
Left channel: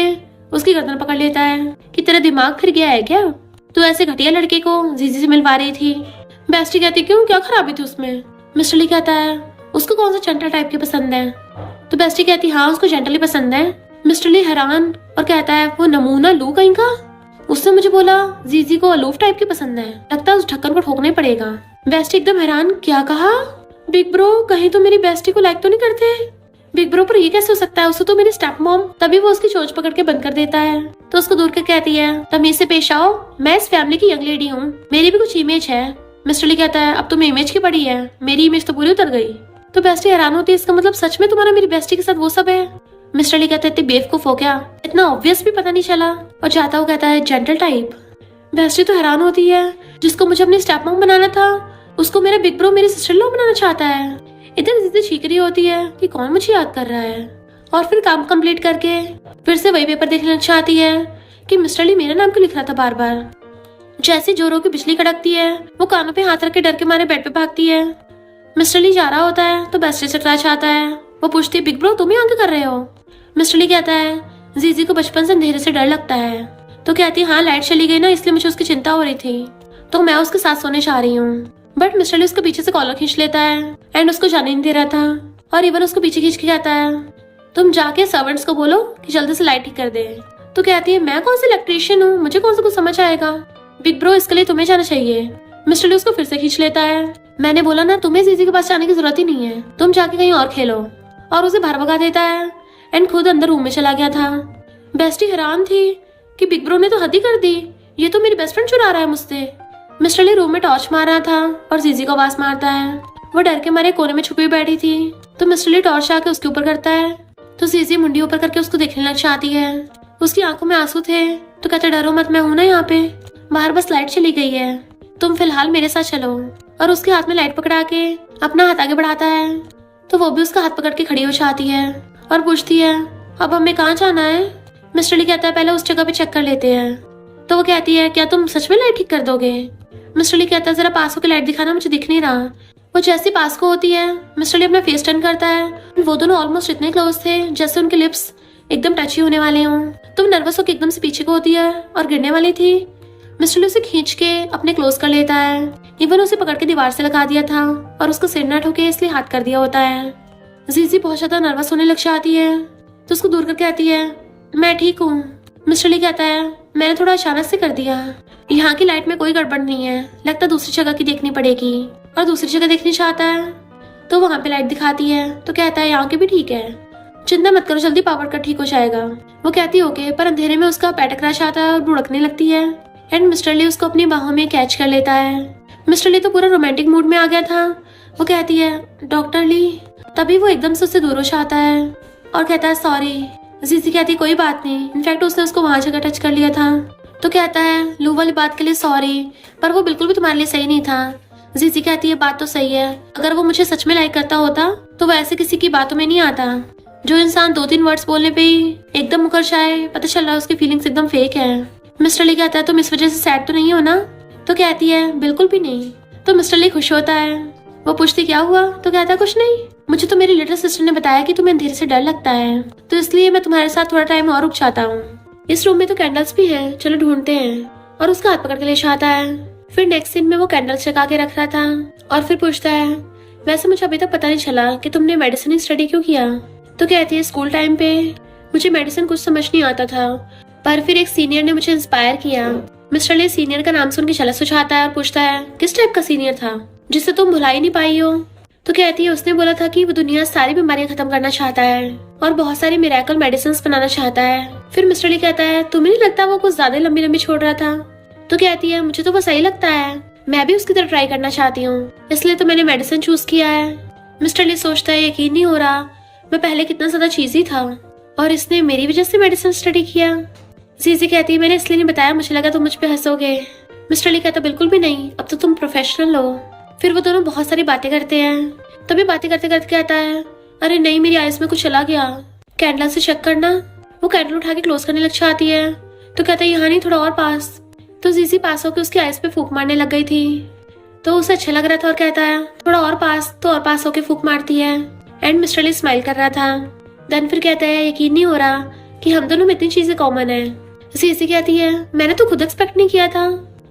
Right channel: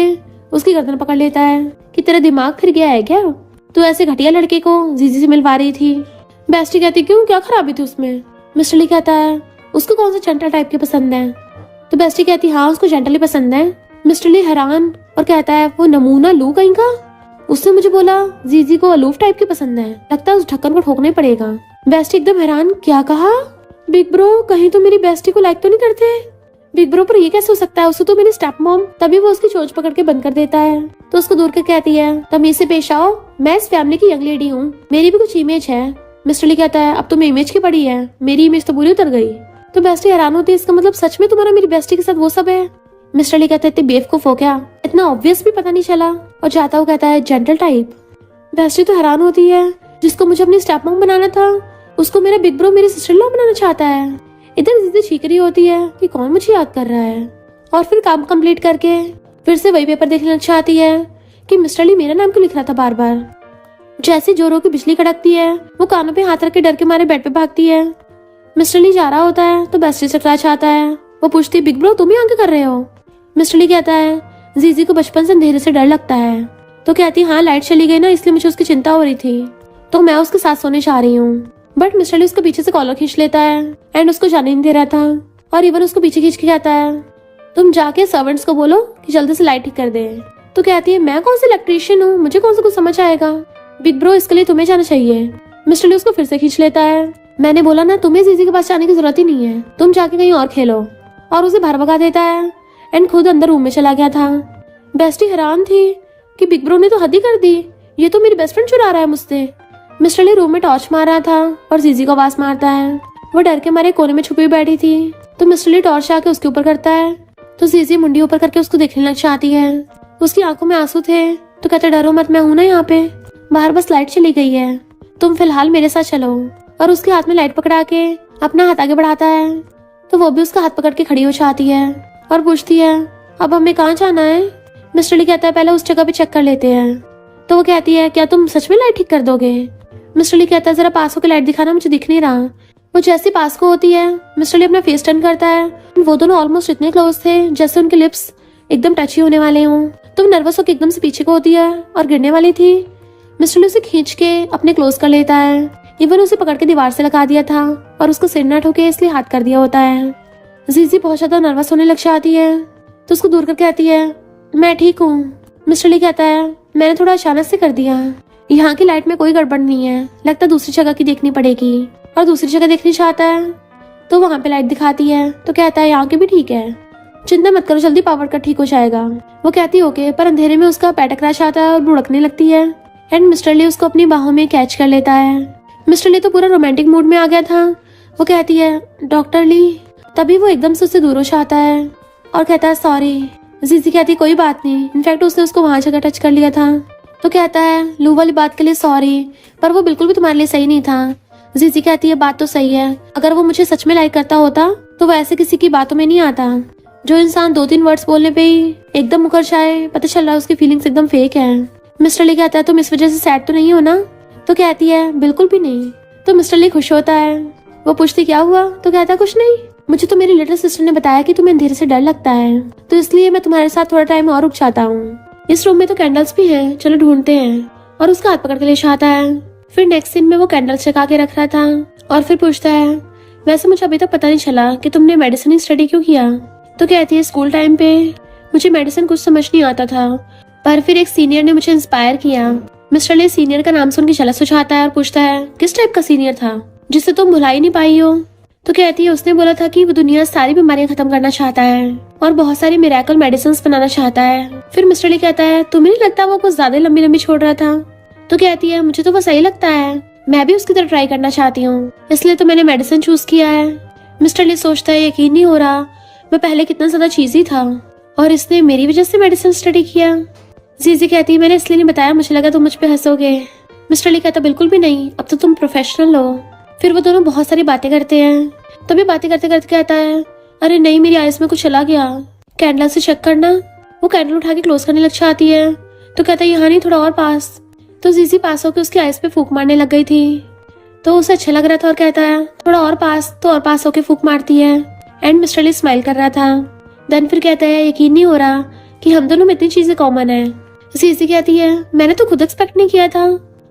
उसकी गर्दन पकड़ लेता है कि तेरा दिमाग फिर गया है क्या, तू ऐसे घटिया लड़के को जीजी से मिलवा रही थी। बेस्टी कहती क्यों, क्या खराबी थी उसमें। मिस्टर ली कहता है उसको कौन सा जेंटल टाइप की पसंद है। तो बेस्टी कहती हाँ उसको जेंटल ही पसंद है। मिस्टर ली हैरान और कहता है वो नमूना लू कहीं का, उसने मुझे बोला जीजी को अलूफ टाइप की पसंद है, लगता है उस ढक्कन को ठोकना ही पड़ेगा। बेस्टी एकदम हैरान, क्या कहा बिग ब्रो, कहीं तो मेरी बेस्टी को लाइक तो नहीं करते। बिग ब्रो पर ये कैसे हो सकता है, उसको तो मेरी स्टेप मॉम। तभी वो उसकी चोंच पकड़ के बंद कर देता है तो उसको दूर कर कहती है तमीज से पेश आओ, मैं इस फैमिली की यंग लेडी हूँ, मेरी भी कुछ इमेज है। मिस्टर ली कहता है अब तुम्हें इमेज की पड़ी है, मेरी इमेज तो पूरी उतर गई। तो बेस्टी हैरान होती है, इसका मतलब सच में तुम्हारा मेरी बेस्टी के साथ वो सब है। मिस्टर ली कहता है इतने बेवकूफ हो क्या, इतना ऑब्वियस भी पता नहीं चला। और जाता हुआ कहता है जेंटल टाइप। बेस्टी तो हैरान होती है, जिसको मुझे अपनी स्टेप मॉम बनाना था उसको मेरा बिग ब्रो मेरी सिस्टर लॉ बनाना चाहता है। इधर जीजी चीख रही होती है कि कौन मुझे याद कर रहा है, और फिर काम कंप्लीट करके फिर से वही पेपर देखना चाहती है कि मिस्टर ली मेरा नाम क्यों लिख रहा था बार बार। जैसे जोरों की बिजली कड़कती है वो कानों पे हाथ रख के डर के मारे बेड पे भागती है। मिस्टर ली जा रहा होता है तो बेस्टी से क्लैश आता है। वो पूछती बिग ब्रो तुम यहाँ क्या कर रहे हो। मिस्टर ली कहता है जीजी को बचपन से अंधेरे से डर लगता है। तो कहती हाँ लाइट चली गई ना इसलिए मुझे उसकी चिंता हो रही थी, तो मैं उसके साथ सोने जा रही हूँ। बट मिस्टर ली उसके पीछे से कॉलर खींच लेता है एंड उसको जाने नहीं दे रहा था, और इवन उसको पीछे खींच के कहता है तुम जाके सर्वेंट्स को बोलो कि जल्दी से लाइट ठीक कर दे। तो कहती है मैं कौन सा इलेक्ट्रीशियन हूँ, मुझे कौन सा कुछ समझ आएगा, बिग ब्रो इसके लिए तुम्हें जाना चाहिए। मिस्टर ली उसको फिर से खींच लेता है, मैंने बोला ना तुम्हें जीजी के पास जाने की जरूरत ही नहीं है, तुम जाके कहीं और खेलो। और उसे बाहर भगा देता है एंड खुद अंदर रूम में चला गया था। बेस्टी हैरान थी कि बिग ब्रो ने तो हद ही कर दी, ये तो मेरी बेस्ट फ्रेंड चुरा रहा है मुझसे। मिस्टर ली रूम में टॉर्च मार रहा था और जीजी को आवाज मारता है। वो डर के मारे कोने में छुपी बैठी थी तो मिस्टर ली टॉर्च आके उसके ऊपर करता है तो जीजी मुंडी ऊपर करके उसको देखने लग जाती है। उसकी आंखों में आंसू थे तो कहते डरो मत, मैं हूं ना यहाँ पे, बाहर बस लाइट चली गई है, तुम फिलहाल मेरे साथ चलो। और उसके हाथ में लाइट पकड़ा के अपना हाथ आगे बढ़ाता है तो वो भी उसका हाथ पकड़ के खड़ी हो जाती है और पूछती है अब हमें कहाँ जाना है। मिस्टर ली कहता है पहले उस जगह पे चेक कर लेते हैं। तो वो कहती है क्या तुम सच में लाइट ठीक कर दोगे। मिस्टर ली कहता है जरा पास होकर लाइट दिखाना, मुझे दिख नहीं रहा। वो जैसी पास को होती है मिस्टर ली अपना फेस टर्न करता है, वो दोनों ऑलमोस्ट इतने क्लोज थे जैसे उनके लिप्स एकदम टची होने वाले हों। तो वो नर्वस होकर एकदम से पीछे को होती है और गिरने वाली थी। मिस्टर ली उसे खींच के अपने क्लोज कर लेता है, इवन उसे पकड़ के दीवार से लगा दिया था और उसको सिर न ठोके इसलिए हाथ कर दिया होता है। जीजी बहुत ज्यादा नर्वस होने लग जाती है तो उसको दूर करके कहती है मैं ठीक हूँ। मिस्टर ली कहता है मैंने थोड़ा अचानक से कर दिया, यहाँ की लाइट में कोई गड़बड़ नहीं है, लगता दूसरी जगह की देखनी पड़ेगी। और दूसरी जगह देखनी चाहता है तो वहाँ पे लाइट दिखाती है तो कहता है यहाँ की भी ठीक है, चिंता मत करो जल्दी पावर कट ठीक हो जाएगा। वो कहती ओके, पर अंधेरे में उसका पैर टकरा जाता है और बुड़कने लगती है एंड मिस्टर ली उसको अपनी बाहों में कैच कर लेता है। मिस्टर ली तो पूरा रोमांटिक मूड में आ गया था। वो कहती है डॉक्टर ली, तभी वो एकदम से उससे दूर हो जाता है और कहता है सॉरी। जीजी कहती कोई बात नहीं, इनफैक्ट उसने उसको वहां जगह टच कर लिया था। तो कहता है लू वाली बात के लिए सॉरी, पर वो बिल्कुल भी तुम्हारे लिए सही नहीं था। जीजी कहती है बात तो सही है, अगर वो मुझे सच में लाइक करता होता तो वो ऐसे किसी की बातों में नहीं आता। जो इंसान 2-3 वर्ड्स बोलने पे ही एकदम मुकर जाए, पता चल रहा है उसकी फीलिंग्स एकदम फेक है। मिस्टर ली कहता है तुम इस वजह से सैड तो नहीं हो ना। तो कहती है बिल्कुल भी नहीं। तो मिस्टर ली खुश होता है। वो पूछती क्या हुआ। तो कहता है कुछ नहीं, मुझे तो मेरी लिटिल सिस्टर ने बताया कि तुम्हें अंधेरे से डर लगता है, तो इसलिए मैं तुम्हारे साथ थोड़ा टाइम और रुक जाता हूँ। इस रूम में तो कैंडल्स भी हैं, चलो ढूंढते हैं। और उसका हाथ पकड़ के ले जाता है। फिर नेक्स्ट सीन में वो कैंडल्स जगा के रख रहा था और फिर पूछता है वैसे मुझे अभी तक पता नहीं चला कि तुमने मेडिसिन स्टडी क्यों किया। तो कहती है स्कूल टाइम पे मुझे मेडिसिन कुछ समझ नहीं आता था, पर फिर एक सीनियर ने मुझे इंस्पायर किया। मिस्टर ली सीनियर का नाम सुन के जेलस हो जाता है और पूछता है किस टाइप का सीनियर था जिससे तुम भुला ही नहीं पाई हो। तो कहती है उसने बोला था कि वो दुनिया सारी बीमारियां खत्म करना चाहता है और बहुत सारी मिरेकल मेडिसिन बनाना चाहता है। फिर मिस्टर ली कहता है तुम्हें नहीं लगता वो कुछ ज्यादा लंबी लंबी छोड़ रहा था। तो कहती है मुझे तो वो सही लगता है, मैं भी उसकी तरह ट्राई करना चाहती हूँ, इसलिए तो मैंने मेडिसिन चूज किया है। मिस्टर ली सोचता है यकीन नहीं हो रहा, मैं पहले कितना ज्यादा चीजी था और इसने मेरी वजह से मेडिसिन स्टडी किया। जीजी कहती है मैंने इसलिए नहीं बताया, मुझे लगा तुम मुझ पे हंसोगे। मिस्टर ली कहता बिल्कुल भी नहीं, अब तो तुम प्रोफेशनल हो। फिर वो दोनों बहुत सारी बातें करते हैं। तभी बातें करते करते कहता है अरे नहीं मेरी आइस में कुछ चला गया, कैंडल से चेक करना। वो कैंडल उठा के क्लोज करने लग जाती है तो कहता है यहाँ नहीं थोड़ा और पास। तो जीजी पास होकर उसकी आइस पे फूंक मारने लग गई थी तो उसे अच्छा लग रहा था और कहता है थोड़ा और पास, तो और पास होके फूंक मारती है। एंड मिस्टर ली स्माइल कर रहा था। देन फिर कहता है यकीन नहीं हो रहा कि हम दोनों में इतनी चीजें कॉमन है। जीजी कहती है मैंने तो खुद एक्सपेक्ट नहीं किया था,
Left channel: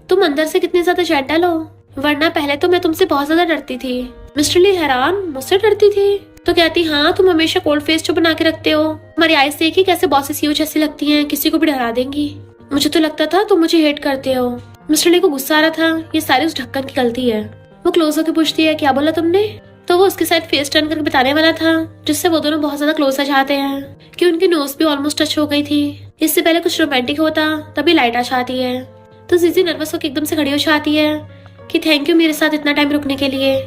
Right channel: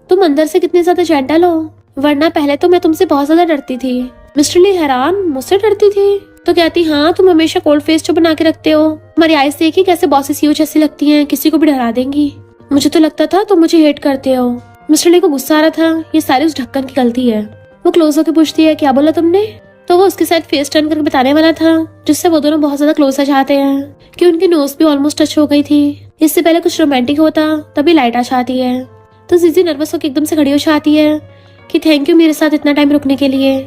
तुम अंदर से कितने ज्यादा जेंटल हो, वरना पहले तो मैं तुमसे बहुत ज्यादा डरती थी। मिस्टर ली हैरान, मुझसे डरती थी? तो कहती हाँ, तुम हमेशा कोल्ड फेस जो बना के रखते हो, हमारी आईज देखी कैसे बॉसेस यू जैसी लगती हैं, किसी को भी डरा देंगी। मुझे तो लगता था तुम मुझे हेट करते हो। मिस्टर ली को गुस्सा आ रहा था, ये सारी उस ढक्कन की गलती है। वो क्लोज होकर पूछती है क्या बोला तुमने? तो वो उसके साथ फेस टर्न करके बताने वाला था, जिससे वो दोनों बहुत ज्यादा क्लोज हो जाते हैं कि उनकी नोज भी ऑलमोस्ट टच हो गई थी। इससे पहले कुछ रोमांटिक होता तभी लाइट आ जाती है। तो जीजी नर्वस होकर एकदम से खड़ी हो जाती है कि थैंक यू मेरे साथ इतना टाइम रुकने के लिए,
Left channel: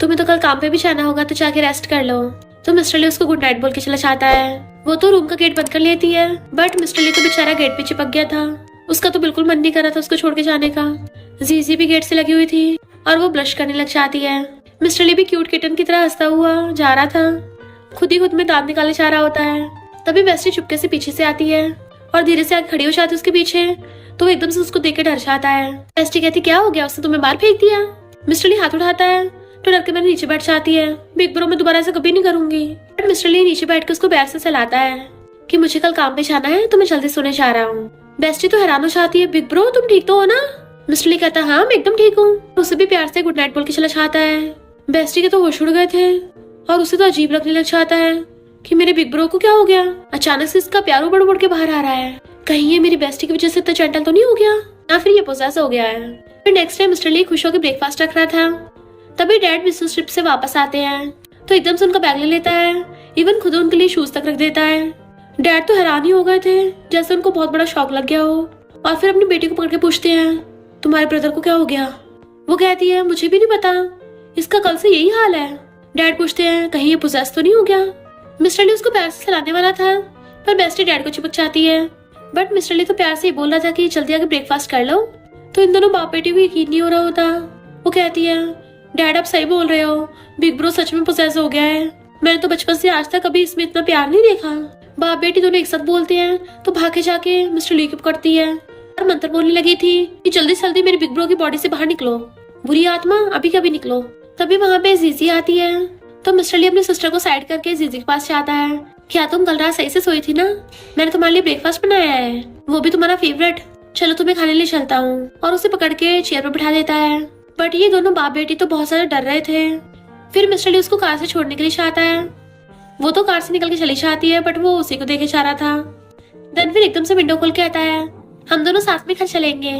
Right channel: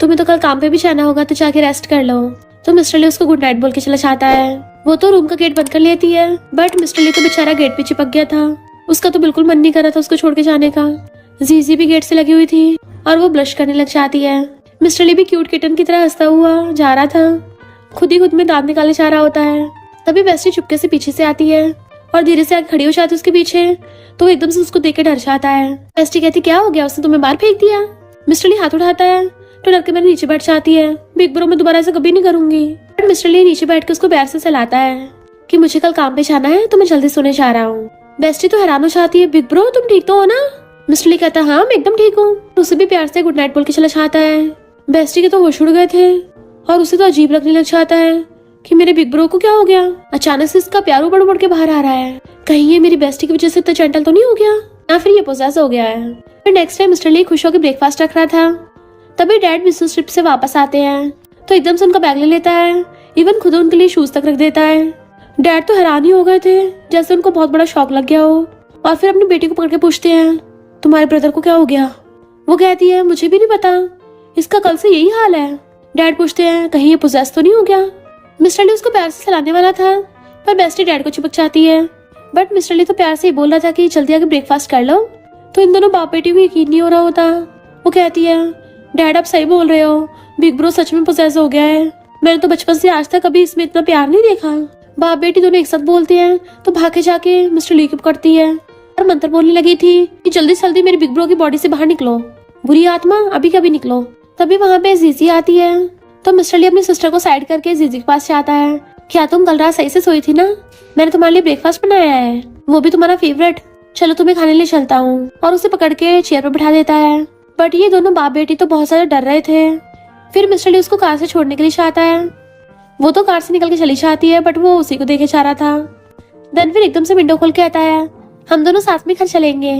तुम्हें तो कल काम पे भी जाना होगा तो जाके रेस्ट कर लो। तो मिस्टर ली उसको गुड नाइट बोल के चला जाता है। वो तो रूम का गेट बंद कर लेती है, बट मिस्टर ली तो बेचारा गेट पे चिपक गया था, उसका तो बिल्कुल मन नहीं कर रहा था उसको छोड़ के जाने का। जीजी भी गेट से लगी हुई थी और वो ब्लश करने लग जाती है। मिस्टर ली भी क्यूट किटन की तरह हंसता हुआ जा रहा था, खुद ही खुद में दांत निकालने जा रहा होता है। तभी बेस्टी चुपके से पीछे से आती है और धीरे से आके खड़ी हो जाती है उसके पीछे। तो एकदम से उसको देख के डर जाता है। बेस्टी कहती क्या हो गया, उसने तुम्हें मार फेंक दिया? मिस्टर ली हाथ उठाता है तो डर के मेरे नीचे बैठ जाती है। बिग ब्रो मैं दोबारा ऐसा कभी नहीं करूंगी। मिस्टर ली नीचे बैठ के उसको पैर से सहलाता है कि मुझे कल काम पे जाना है तो मैं जल्दी सोने जा रहा हूँ। बेस्टी तो हैरान हो जाती है, बिग ब्रो तुम ठीक तो हो ना? मिस्टर ली कहता है हाँ मैं एकदम ठीक हूँ। उसे भी प्यार से गुड नाइट बोल के चला जाता है। बेस्टी के तो होश उड़ गए थे और उसे तो अजीब लगने लग जाता है कि मेरे बिग ब्रो को क्या हो गया, अचानक से इसका प्यार उबड़ उबड़ के बाहर आ रहा है। कहीं ये मेरी बेस्टी की वजह से इतना जेंटल तो नहीं हो गया, या फिर ये पोजेस हो गया है। फिर नेक्स्ट टाइम मिस्टर ली खुश होकर ब्रेकफास्ट रख रहा था, तभी डैड बिजनेस ट्रिप से वापस आते हैं तो एकदम से उनका बैग ले लेता है, इवन खुद उनके लिए शूज तक रख देता है। डैड तो हैरान ही हो गए थे, जैसे उनको बहुत बड़ा शौक लग गया हो, और फिर अपनी बेटी को पकड़ के पूछते हैं तुम्हारे ब्रदर को क्या हो गया? वो कहती है मुझे भी नहीं पता, इसका कल से यही हाल है। डैड पूछते हैं कहीं ये पोजेस तो नहीं हो गया? मिस्टर ली उसको प्यार से चलाने वाला था, पर बेस्टी डैड को चिपक जाती है। बट मिस्टर ली तो प्यार से ही बोल रहा था कि जल्दी आके ब्रेकफास्ट कर लो। तो इन दोनों बाप बेटी को यकीन नहीं हो रहा होता। वो कहती है डैड आप सही बोल रहे हो, बिग ब्रो सच में पोजेस हो गया है, मैंने तो बचपन से आज तक कभी इसमें इतना प्यार नहीं देखा। बाप बेटी दोनों एक साथ बोलते हैं तो भागे जाके मिस्टर ली को पकड़ती है और मंत्र बोलने लगी थी कि जल्दी से जल्दी मेरी बिग ब्रो की बॉडी से बाहर निकलो, बुरी आत्मा अभी कभी निकलो। तभी वहाँ पे जीजी आती है तो मिस्टर ली अपनी सिस्टर को साइड करके जीजी के पास जाता है। क्या तुम कल रात सही से सोई थी ना? मैंने तुम्हारे लिए ब्रेकफास्ट बनाया है, वो भी तुम्हारा फेवरेट, चलो तुम्हें खाने लिए चलता हूँ। और उसे पकड़ के चेयर पर बैठा देता है। बट ये दोनों बाप बेटी तो बहुत ज्यादा डर रहे थे। फिर मिस्टर ली उसको कार से छोड़ने के लिए चाहता है, वो तो कार से निकल के चली जाती है, बट वो उसी को देखे जा रहा था। देन फिर एकदम से विंडो खोल के आता है हम दोनों साथ में घर चलेंगे।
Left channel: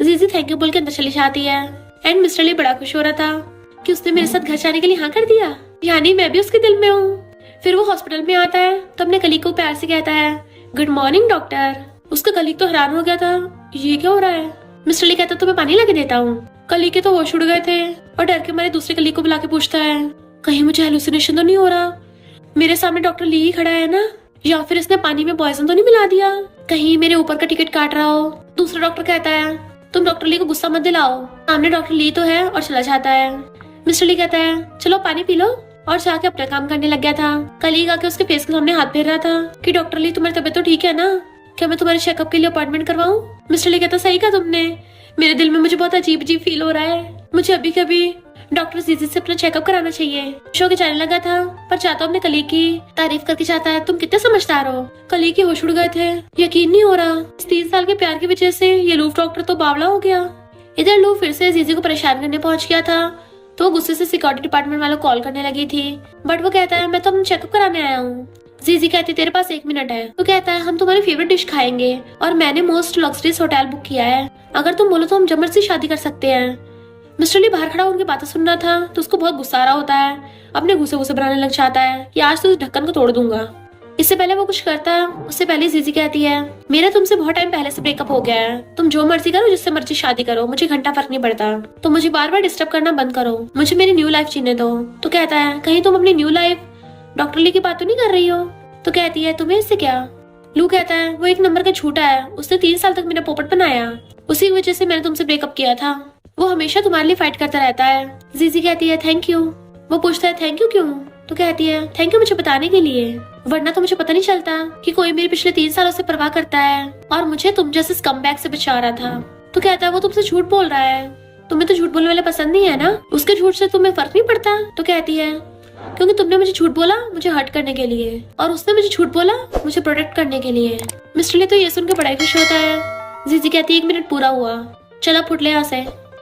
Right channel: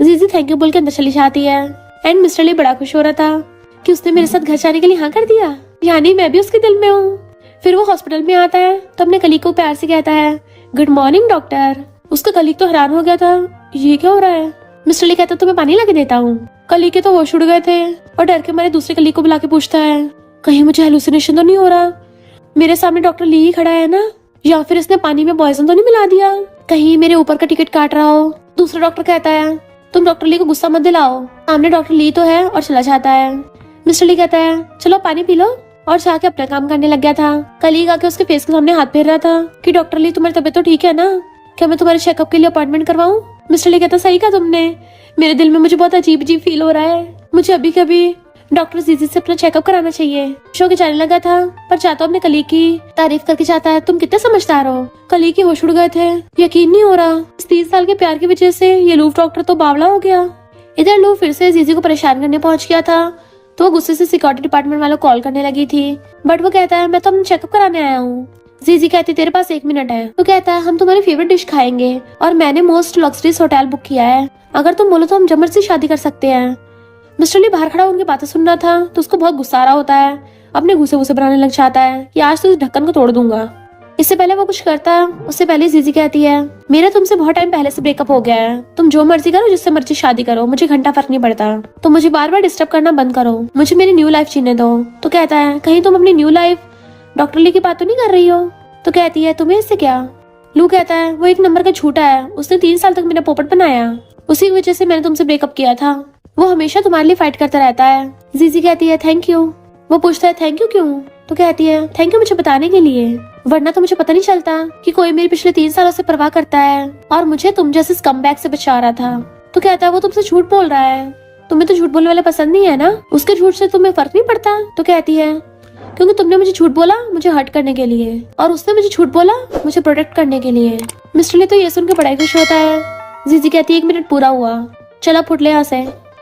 जीजी थैंक यू बोल के अंदर चली जाती है एंड मिस्टर ली बड़ा खुश हो रहा था कि उसने मेरे साथ घर जाने के लिए हाँ कर दिया, यानी मैं भी उसके दिल में हूँ। फिर वो हॉस्पिटल में आता है तो अपने कलीग को प्यार से कहता है गुड मॉर्निंग डॉक्टर। उसका कलीग तो हैरान हो गया था, ये क्या हो रहा है? मिस्टर ली कहता तो मैं पानी लाके देता हूँ। कलीग के तो होश उड़ गए थे और डर के मारे दूसरे कलीग को बुला के पूछता है कहीं मुझे हेलुसिनेशन तो नहीं हो रहा, मेरे सामने डॉक्टर ली ही खड़ा है ना, या फिर इसने पानी में पॉइजन तो नहीं मिला दिया, कहीं मेरे ऊपर का टिकट काट रहा हो। दूसरा डॉक्टर कहता है तुम डॉक्टर ली को गुस्सा मत दिलाओ, सामने डॉक्टर ली तो है, और चला जाता है। मिस्टर ली कहता है चलो पानी पी लो, और जाके अपना काम करने लग गया था। कलीग आके उसके फेस के सामने हाथ फेर रहा था कि डॉक्टर ली तुम्हारी तबीयत तो ठीक है ना, क्या मैं तुम्हारे चेकअप के लिए अपॉइंटमेंट करवाऊं? मिस्टर ली कहता सही कहा तुमने, मेरे दिल में मुझे बहुत अजीब अजीब फील हो रहा है, मुझे अभी कभी डॉक्टर जीजी से अपना चेकअप कराना चाहिए। शो के जाने लगा था पर चाहता अपने कलीग की तारीफ करके चाहता है तुम कितने समझदार हो। कलीग के होश उड़ गए थे, यकीन नहीं हो रहा इस 3 साल के प्यार की वजह से ये लूफ डॉक्टर तो बावला हो गया। इधर लूफ फिर से जीजी को परेशान करने पहुंच गया था तो वो गुस्से से सिक्योरिटी डिपार्टमेंट वालों को कॉल करने लगी थी, बट वो कहता है मैं तो चेकअप कराने आया हूँ। जीजी कहती तेरे पास 1 मिनट है। तो कहता है हम तुम्हारी फेवरेट डिश खाएंगे और मैंने मोस्ट लग्जरियस होटल बुक किया है, अगर तुम बोलो तो हम जमर से शादी कर सकते हैं। मिस्टर ली बाहर खड़ा उनकी बातें सुन रहा था तो उसको बहुत गुस्सा आ रहा होता है, अपने घुसे घुसे बनाने लग जाता है कि आज तो इस ढक्कन को तोड़ दूंगा। इससे पहले वो कुछ करता उससे पहले जीजी कहती है मेरा तुमसे बहुत टाइम पहले से ब्रेकअप हो गया है, तुम जो मर्जी करो, जिससे मर्जी शादी करो, मुझे घंटा फर्क नहीं पड़ता, तो मुझे बार बार डिस्टर्ब करना बंद करो, मुझे मेरी न्यू लाइफ जीने दो। तो कहता है कहीं तुम अपनी न्यू लाइफ डॉक्टर ली की बात तो नहीं कर रही हो? तो कहती है तुम्हें इससे क्या? लू कहता है वो 1 नंबर का झूठा है, उसने 3 साल तक मेरा पोपट बनाया, उसी की वजह से मैंने तुमसे ब्रेकअप किया था, वो हमेशा तुम्हारे लिए फाइट करता रहता है। जीजी कहती है थैंक यू। वो पूछता है थैंक यू क्यों? तो कहती है थैंक यू मुझे बताने के लिए, वरना तो मुझे पता नहीं चलता कि कोई मेरे पिछले 3 सालों से परवाह करता है और मुझे तुम जैसे स्कमबैग से बचा रहा था। तो कहता है वो तुमसे झूठ बोल रहा है, तुम्हें तो झूठ बोलने वाले पसंद नहीं है ना, उसके झूठ से तुम्हें फर्क नहीं पड़ता। तो कहती है क्योंकि तुमने मुझे झूठ बोला मुझे हर्ट करने के लिए, और उसने मुझे झूठ बोला मुझे प्रोटेक्ट करने के लिए। मिस्टर ली तो ये सुनकर बड़ा खुश होता है। जीजी कहती है 1 मिनट पूरा हुआ, चला फुट ले यहाँ से।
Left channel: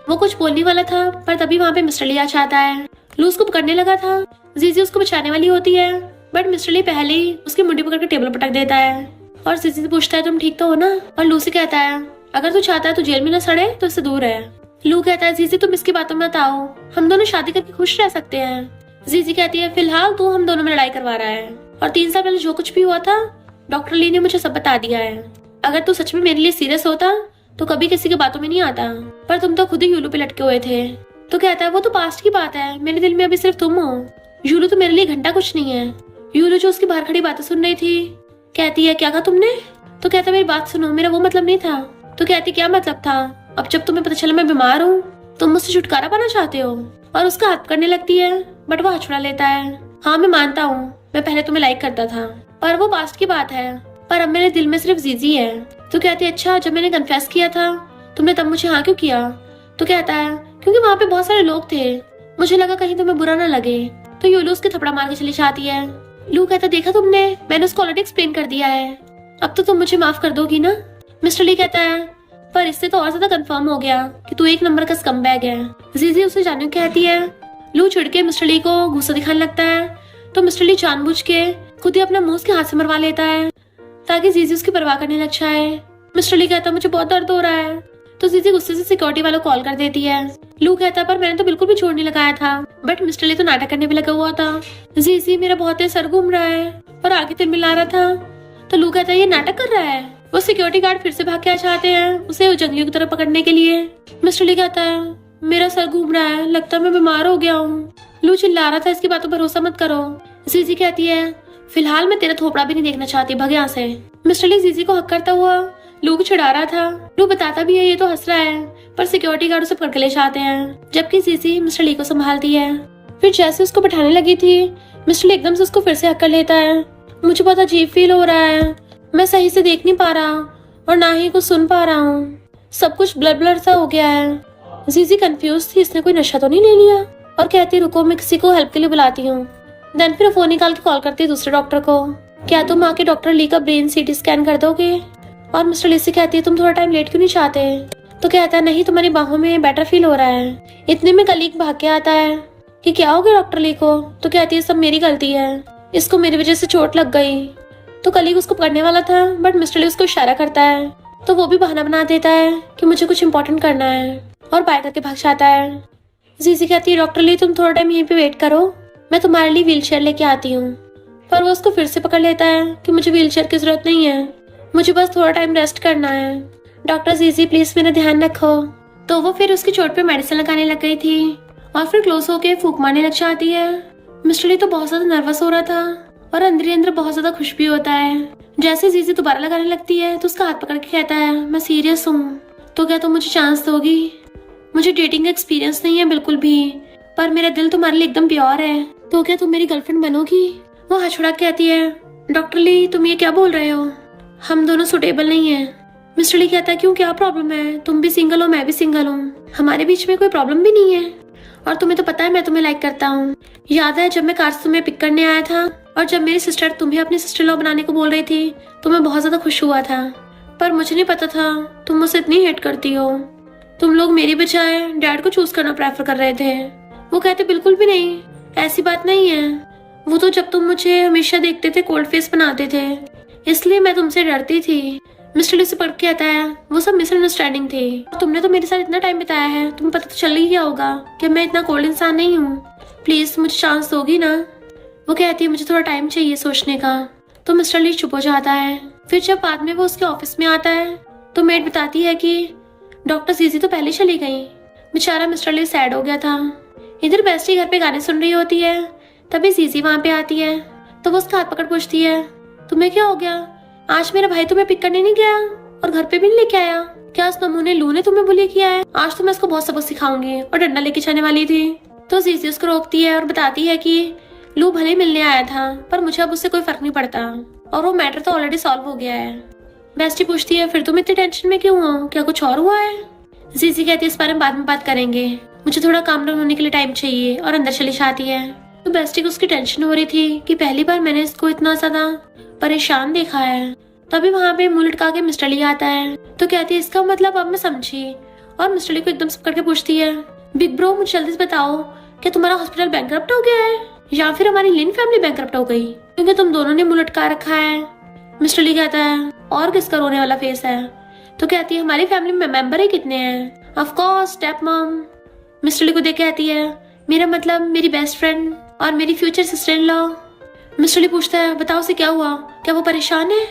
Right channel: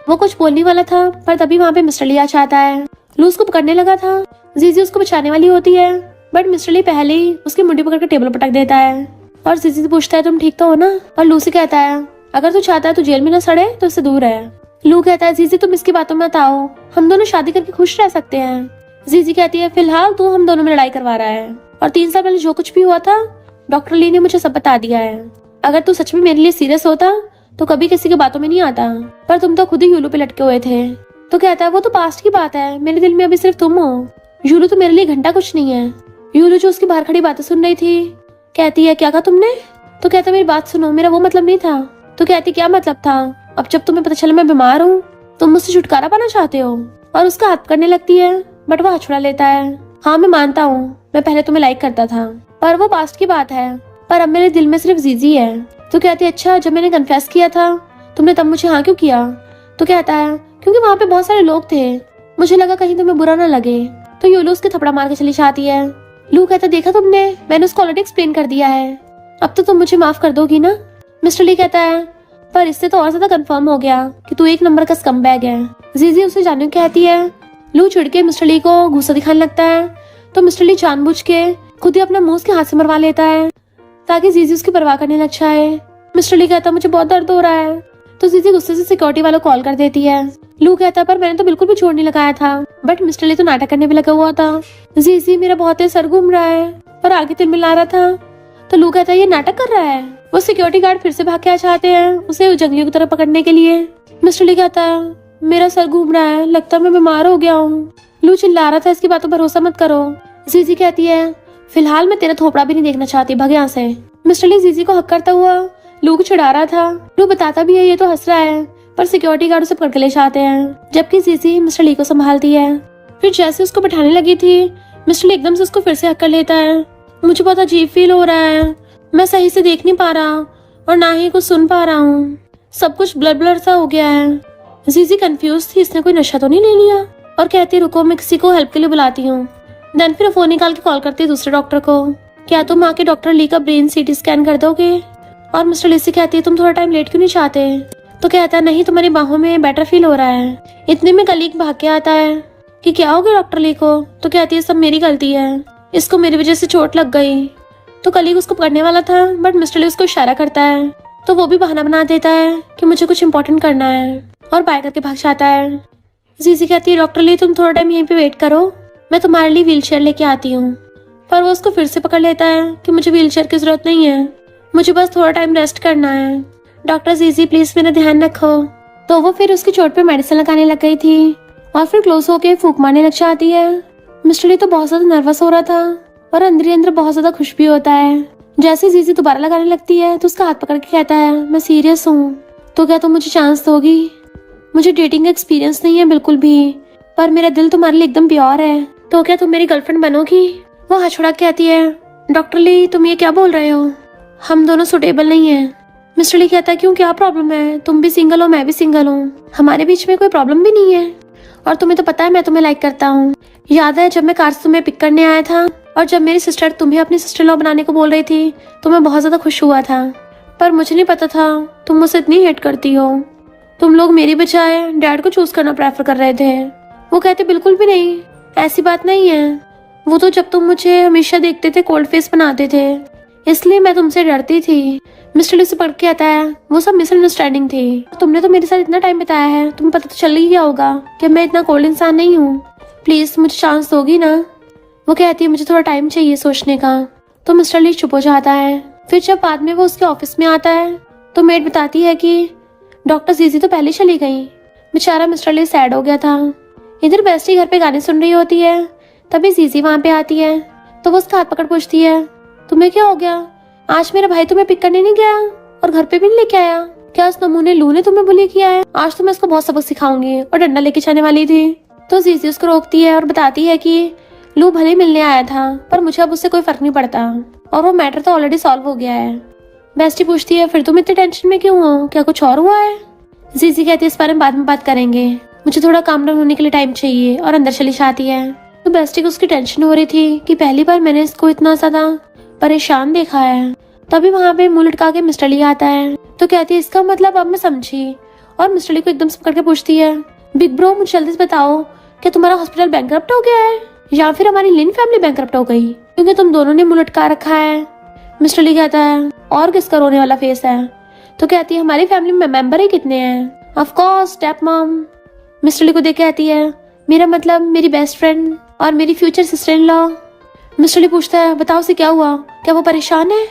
वो कुछ बोलने वाला था पर तभी वहाँ पे मिस्टर ली आ जाता है। लू उसको पकड़ने लगा था, जीजी उसको बचाने वाली होती है, बट मिस्टर ली पहले ही उसकी मुंडी पकड़ के टेबल पटक देता है और जीजी से पूछता है तुम ठीक तो हो ना। और लू से कहता है अगर तू चाहता है तो जेल में न सड़े तो इससे दूर है। लू कहता है जीजी तुम इसकी बातों में मत आओ, हम दोनों शादी करके खुश रह सकते हैं। जीजी कहती है फिलहाल तू हम दोनों में लड़ाई करवा रहा है, और 3 साल पहले जो कुछ भी हुआ था डॉक्टर ली ने मुझे सब बता दिया है। अगर तू सच में मेरे लिए सीरियस होता तो कभी किसी की बातों में नहीं आता, पर तुम तो खुद ही यूलू पे लटके हुए थे। तो कहता है वो तो पास्ट की बात है, मेरे दिल में अभी सिर्फ तुम हो। यूलू तो मेरे लिए घंटा कुछ नहीं है। यूलू जो उसकी बाहर खड़ी बातें सुन रही थी कहती है क्या कहा तुमने? तो कहता मेरी बात सुनो, मेरा वो मतलब नहीं था। तो कहती क्या मतलब था? अब जब तुम्हें पता चला मैं बीमार हूँ तुम मुझसे छुटकारा पाना चाहते हो। और उसका हाथ करने लगती है बट वो हाथ छुड़ा लेता है। हाँ मैं मानता हूँ मैं पहले तुम्हें लाइक करता था, पर वो पास्ट की बात है, पर अब मेरे दिल में सिर्फ जीजी है। तो कहती है अच्छा जब मैंने कन्फेस किया था तुमने तब मुझे हाँ क्यों किया? तो कहता है क्योंकि वहाँ पे बहुत सारे लोग थे, मुझे लगा कहीं तुम्हें बुरा ना लगे। तो यूलू उसके थपड़ा मार के चली जाती है। लू कहता देखा तुमने, मैंने उसको ऑलरेडी एक्सप्लेन कर दिया है, अब तो तुम मुझे माफ कर दोगी ना? मिस्टर ली कहता है पर इससे तो और ज्यादा कंफर्म हो गया कि तू 1 नंबर का स्कमबैग है। जीजी उसे जानने को कहती है। लू चिढ़ के मिस्टर ली को गुस्सा दिखाने लगता है, तो मिस्टर ली जानबूझ के खुद ही अपना मुंह उसके हाथ से मरवा लेता है ताकि जीजी उसकी परवाह करने लग जाए। मिस्टर ली कहता मुझे बहुत दर्द हो रहा है। तो जीजी गुस्से से सिक्योरिटी वालों को कॉल कर देती है। लू कहता पर मैंने तो बिल्कुल भी जोर नहीं लगाया था, बट मिस्टर ली तो नाटक करने भी लगा हुआ था। जीजी मेरा बहुत तेज सर घूम रहा है और आगे तिल मिला रहा था। तो लू कहता है ये नाटक कर रहा है। वो सिक्योरिटी गार्ड फिर से भाग के आ जाते हैं उसे जंगलियों की तरफ पकड़ने के लिए। मिस्टर ली कहता है मेरा सर घूम रहा है, लगता है मैं बीमार हो गया हूँ। लू चिल्ला रहा था इसकी बातों पर भरोसा मत करो। जीजी कहती है फिलहाल मैं तेरा थोपड़ा भी नहीं देखना चाहती, भाग यहाँ से। मिस्टर ली जीजी को हक करता हुआ लू को चिढ़ा रहा था। लू बताता भी है ये तो हंस रहा है, पर सिक्योरिटी गार्ड उसे पकड़ के ले जाते हैं, जबकि जीजी मिस्टर ली को संभालती है। फिर जैसे उसको बैठाने लगी थी मिस्टर ली एकदम से उसको फिर से हक कर लेता है। मुझे बहुत अजीब फील हो रहा है, मैं सही से देख नहीं पा रहा और ना ही कुछ सुन पा रहा हूँ, सब कुछ ब्लर ब्लर सा हो गया है। जीजी कंफ्यूज थी इसने कोई नशा तो नहीं ले लिया, और कहती रुको मैं किसी को हेल्प के लिए बुलाती हूँ। देन फिर फोन निकाल के कॉल करती है दूसरे डॉक्टर को, क्या तुम आके डॉक्टर ली का ब्रेन सीटी स्कैन कर दोगे? और मिस्टर ली से कहती है तुम थोड़ा टाइम लेट क्यों नहीं चाहते? तो कहता है नहीं तुम्हारी बाहों में बेटर फील हो रहा है। इतने में कलीग भाग के आता है कि क्या हो गया डॉक्टर ली को? तो कहती है सब मेरी गलती है, इसको मेरी वजह से चोट लग गई। तो कलीग उसको पकड़ने वाला था बट मिस्टर ली उसको इशारा करता है, तो वो भी बहाना बना देता है कि मुझे कुछ इम्पोर्टेंट करना है और बाय करके भाग जाता है। जीजी कहती है डॉक्टर ली तुम थोड़ा टाइम यहीं पे वेट करो, मैं तुम्हारे लिए व्हीलचेयर लेके आती हूँ। पर वो उसको फिर से पकड़ लेता है कि मुझे व्हीलचेयर की जरूरत नहीं है, मुझे बस थोड़ा टाइम रेस्ट करना है। डॉक्टर जीजी प्लीज मेरा ध्यान रखो। तो वो फिर उसकी चोट पे मेडिसिन लगाने लग गई थी और फिर क्लोज होके फूंक मारने लग जाती है। मिस्टर ली तो बहुत ज्यादा नर्वस हो रहा था और अंदर ही अंदर बहुत ज्यादा खुश भी होता है। जैसे जीजी दोबारा लगाने लगती है तो उसका हाथ पकड़ के कहता है मैं सीरियस हूँ, तो क्या तुम मुझे चांस दोगी? मुझे डेटिंग का एक्सपीरियंस नहीं है बिल्कुल भी, पर मेरा दिल तुम्हारे लिए एकदम प्योर है, तो क्या तुम मेरी गर्लफ्रेंड बनोगी? वो हाथ छुड़ा के कहती है डॉक्टर ली तुम ये क्या बोल रहे हो, हम दोनों सुटेबल नहीं है। मिस्टर ली कहता है क्यों क्या प्रॉब्लम है, तुम भी सिंगल हो मैं भी सिंगल हूँ, हमारे बीच में कोई प्रॉब्लम भी नहीं है, और तुम्हें तो पता है मैं तुम्हें लाइक करता हूँ। याद है जब मैं कार से तुम्हें पिक करने आया था और जब मेरी सिस्टर तुम्हें अपनी सिस्टर लॉ बनाने को बोल रही थी तो मैं बहुत ज्यादा खुश हुआ था, पर मुझे नहीं पता था तुम मुझसे इतनी हेट करती हो। तुम लोग मेरी बजाय डैड को चूज करना प्रेफर कर रहे थे। वो कहते बिल्कुल भी नहीं, ऐसी बात नहीं है, वो तो जब तुम मुझे हमेशा देखते थे कोल्ड फेस बनाते थे, इसलिए मैं तुमसे डरती थी। मिस्टर ली से पढ़ के आता है वो सब मिसअंडरस्टैंडिंग थी, तुमने तो मेरे साथ इतना टाइम बिताया है, तुम्हें पता तो चल ही गया होगा कि मैं इतना कोल्ड इंसान नहीं हूँ, प्लीज मुझे चांस दोगी ना? वो कहती है मुझे थोड़ा टाइम चाहिए सोचने का। तो मिस्टर ली चुप हो जाता है। फिर जब बाद में वो उसके ऑफिस में आता है तो मेड बताती है कि डॉक्टर जीजी तो पहले चली गई। बेचारा मिस्टर ली सैड हो गया था। इधर बेस्टी घर पे गाने सुन रही होती है, तभी जीजी वहाँ पे आती है, तो वो उसका हाथ पकड़ पूछती है तुम्हें क्या हो गया, आज मेरा भाई तुम्हें पिक करने नहीं गया और घर पे भी नहीं लेके आया? क्या उस नमूने लू ने तुम्हें बुली किया है? आज तो मैं उसको बहुत सबक सिखाऊंगी, और डंडा लेके जाने वाली थी। तो जीजी उसको रोकती है और बताती है कि लू भले मिलने आया था पर मुझे अब उससे कोई फर्क नहीं पड़ता और वो मैटर तो ऑलरेडी सॉल्व हो गया है। बेस्टी पूछती है फिर तुम इतने टेंशन में क्यों हो, क्या कुछ और हुआ है? जीजी कहती है इस बारे में बाद में बात करेंगे, मुझे थोड़ा काम डाउन होने के लिए टाइम चाहिए, और अंदर चली जाती है। तो बेस्टी को उसकी टेंशन हो रही थी कि पहली बार मैंने इसको इतना ज्यादा परेशान देखा है। तभी वहाँ पे मुंह लटका के मिस्टर ली आता है। तो कहती है इसका मतलब अब मैं समझी। और मिस्टर ली को एकदम से पकड़ के पूछती है, बिग ब्रो मुझे जल्दी से बताओ, क्या तुम्हारा हॉस्पिटल बैंकरप्ट हो गया है या फिर हमारी लिन फैमिली बैंकरप्ट हो गई, क्योंकि तुम दोनों ने मुंह लटका रखा है। मिस्टर ली कहता है और किसका रोने वाला फेस है। तो कहती है हमारी फैमिली में मेंबर ही कितने हैं। Of course step mom. Mister Lee को देख के कहती है मेरा मतलब मेरी बेस्ट फ्रेंड और मेरी future sister in law. Mister Lee पूछता है बताओ उसे क्या हुआ, क्या वो परेशान है।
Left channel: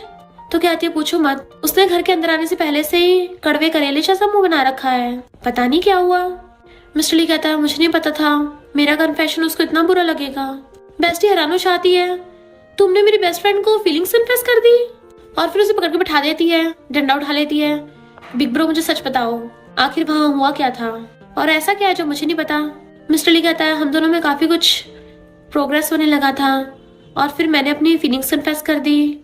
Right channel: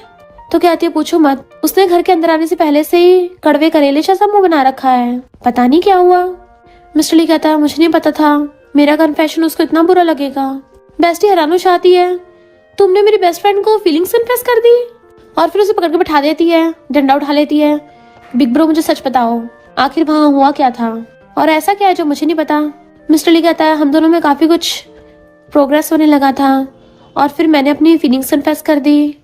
तो कहती है पूछो मत, उसने घर के अंदर आने से पहले से ही कड़वे करेले जैसा मुंह बना रखा है, पता नहीं क्या हुआ। मिस्टर ली कहता है मुझे नहीं पता था, मेरा कन्फेशन उसको इतना बुरा लगेगा। बेस्टी हैरान हो जाती है, तुमने मेरी बेस्ट फ्रेंड को फीलिंग्स इम्प्रेस कर दी। और फिर उसे पकड़ के बैठा देती है, डंडा उठा लेती है। बिग ब्रो मुझे सच बताओ, आखिर वहाँ हुआ क्या था और ऐसा क्या है जो मुझे नहीं पता। मिस्टर ली कहता है हम दोनों में काफी कुछ प्रोग्रेस होने लगा था और फिर मैंने अपनी फीलिंग्स कन्फेस कर दी,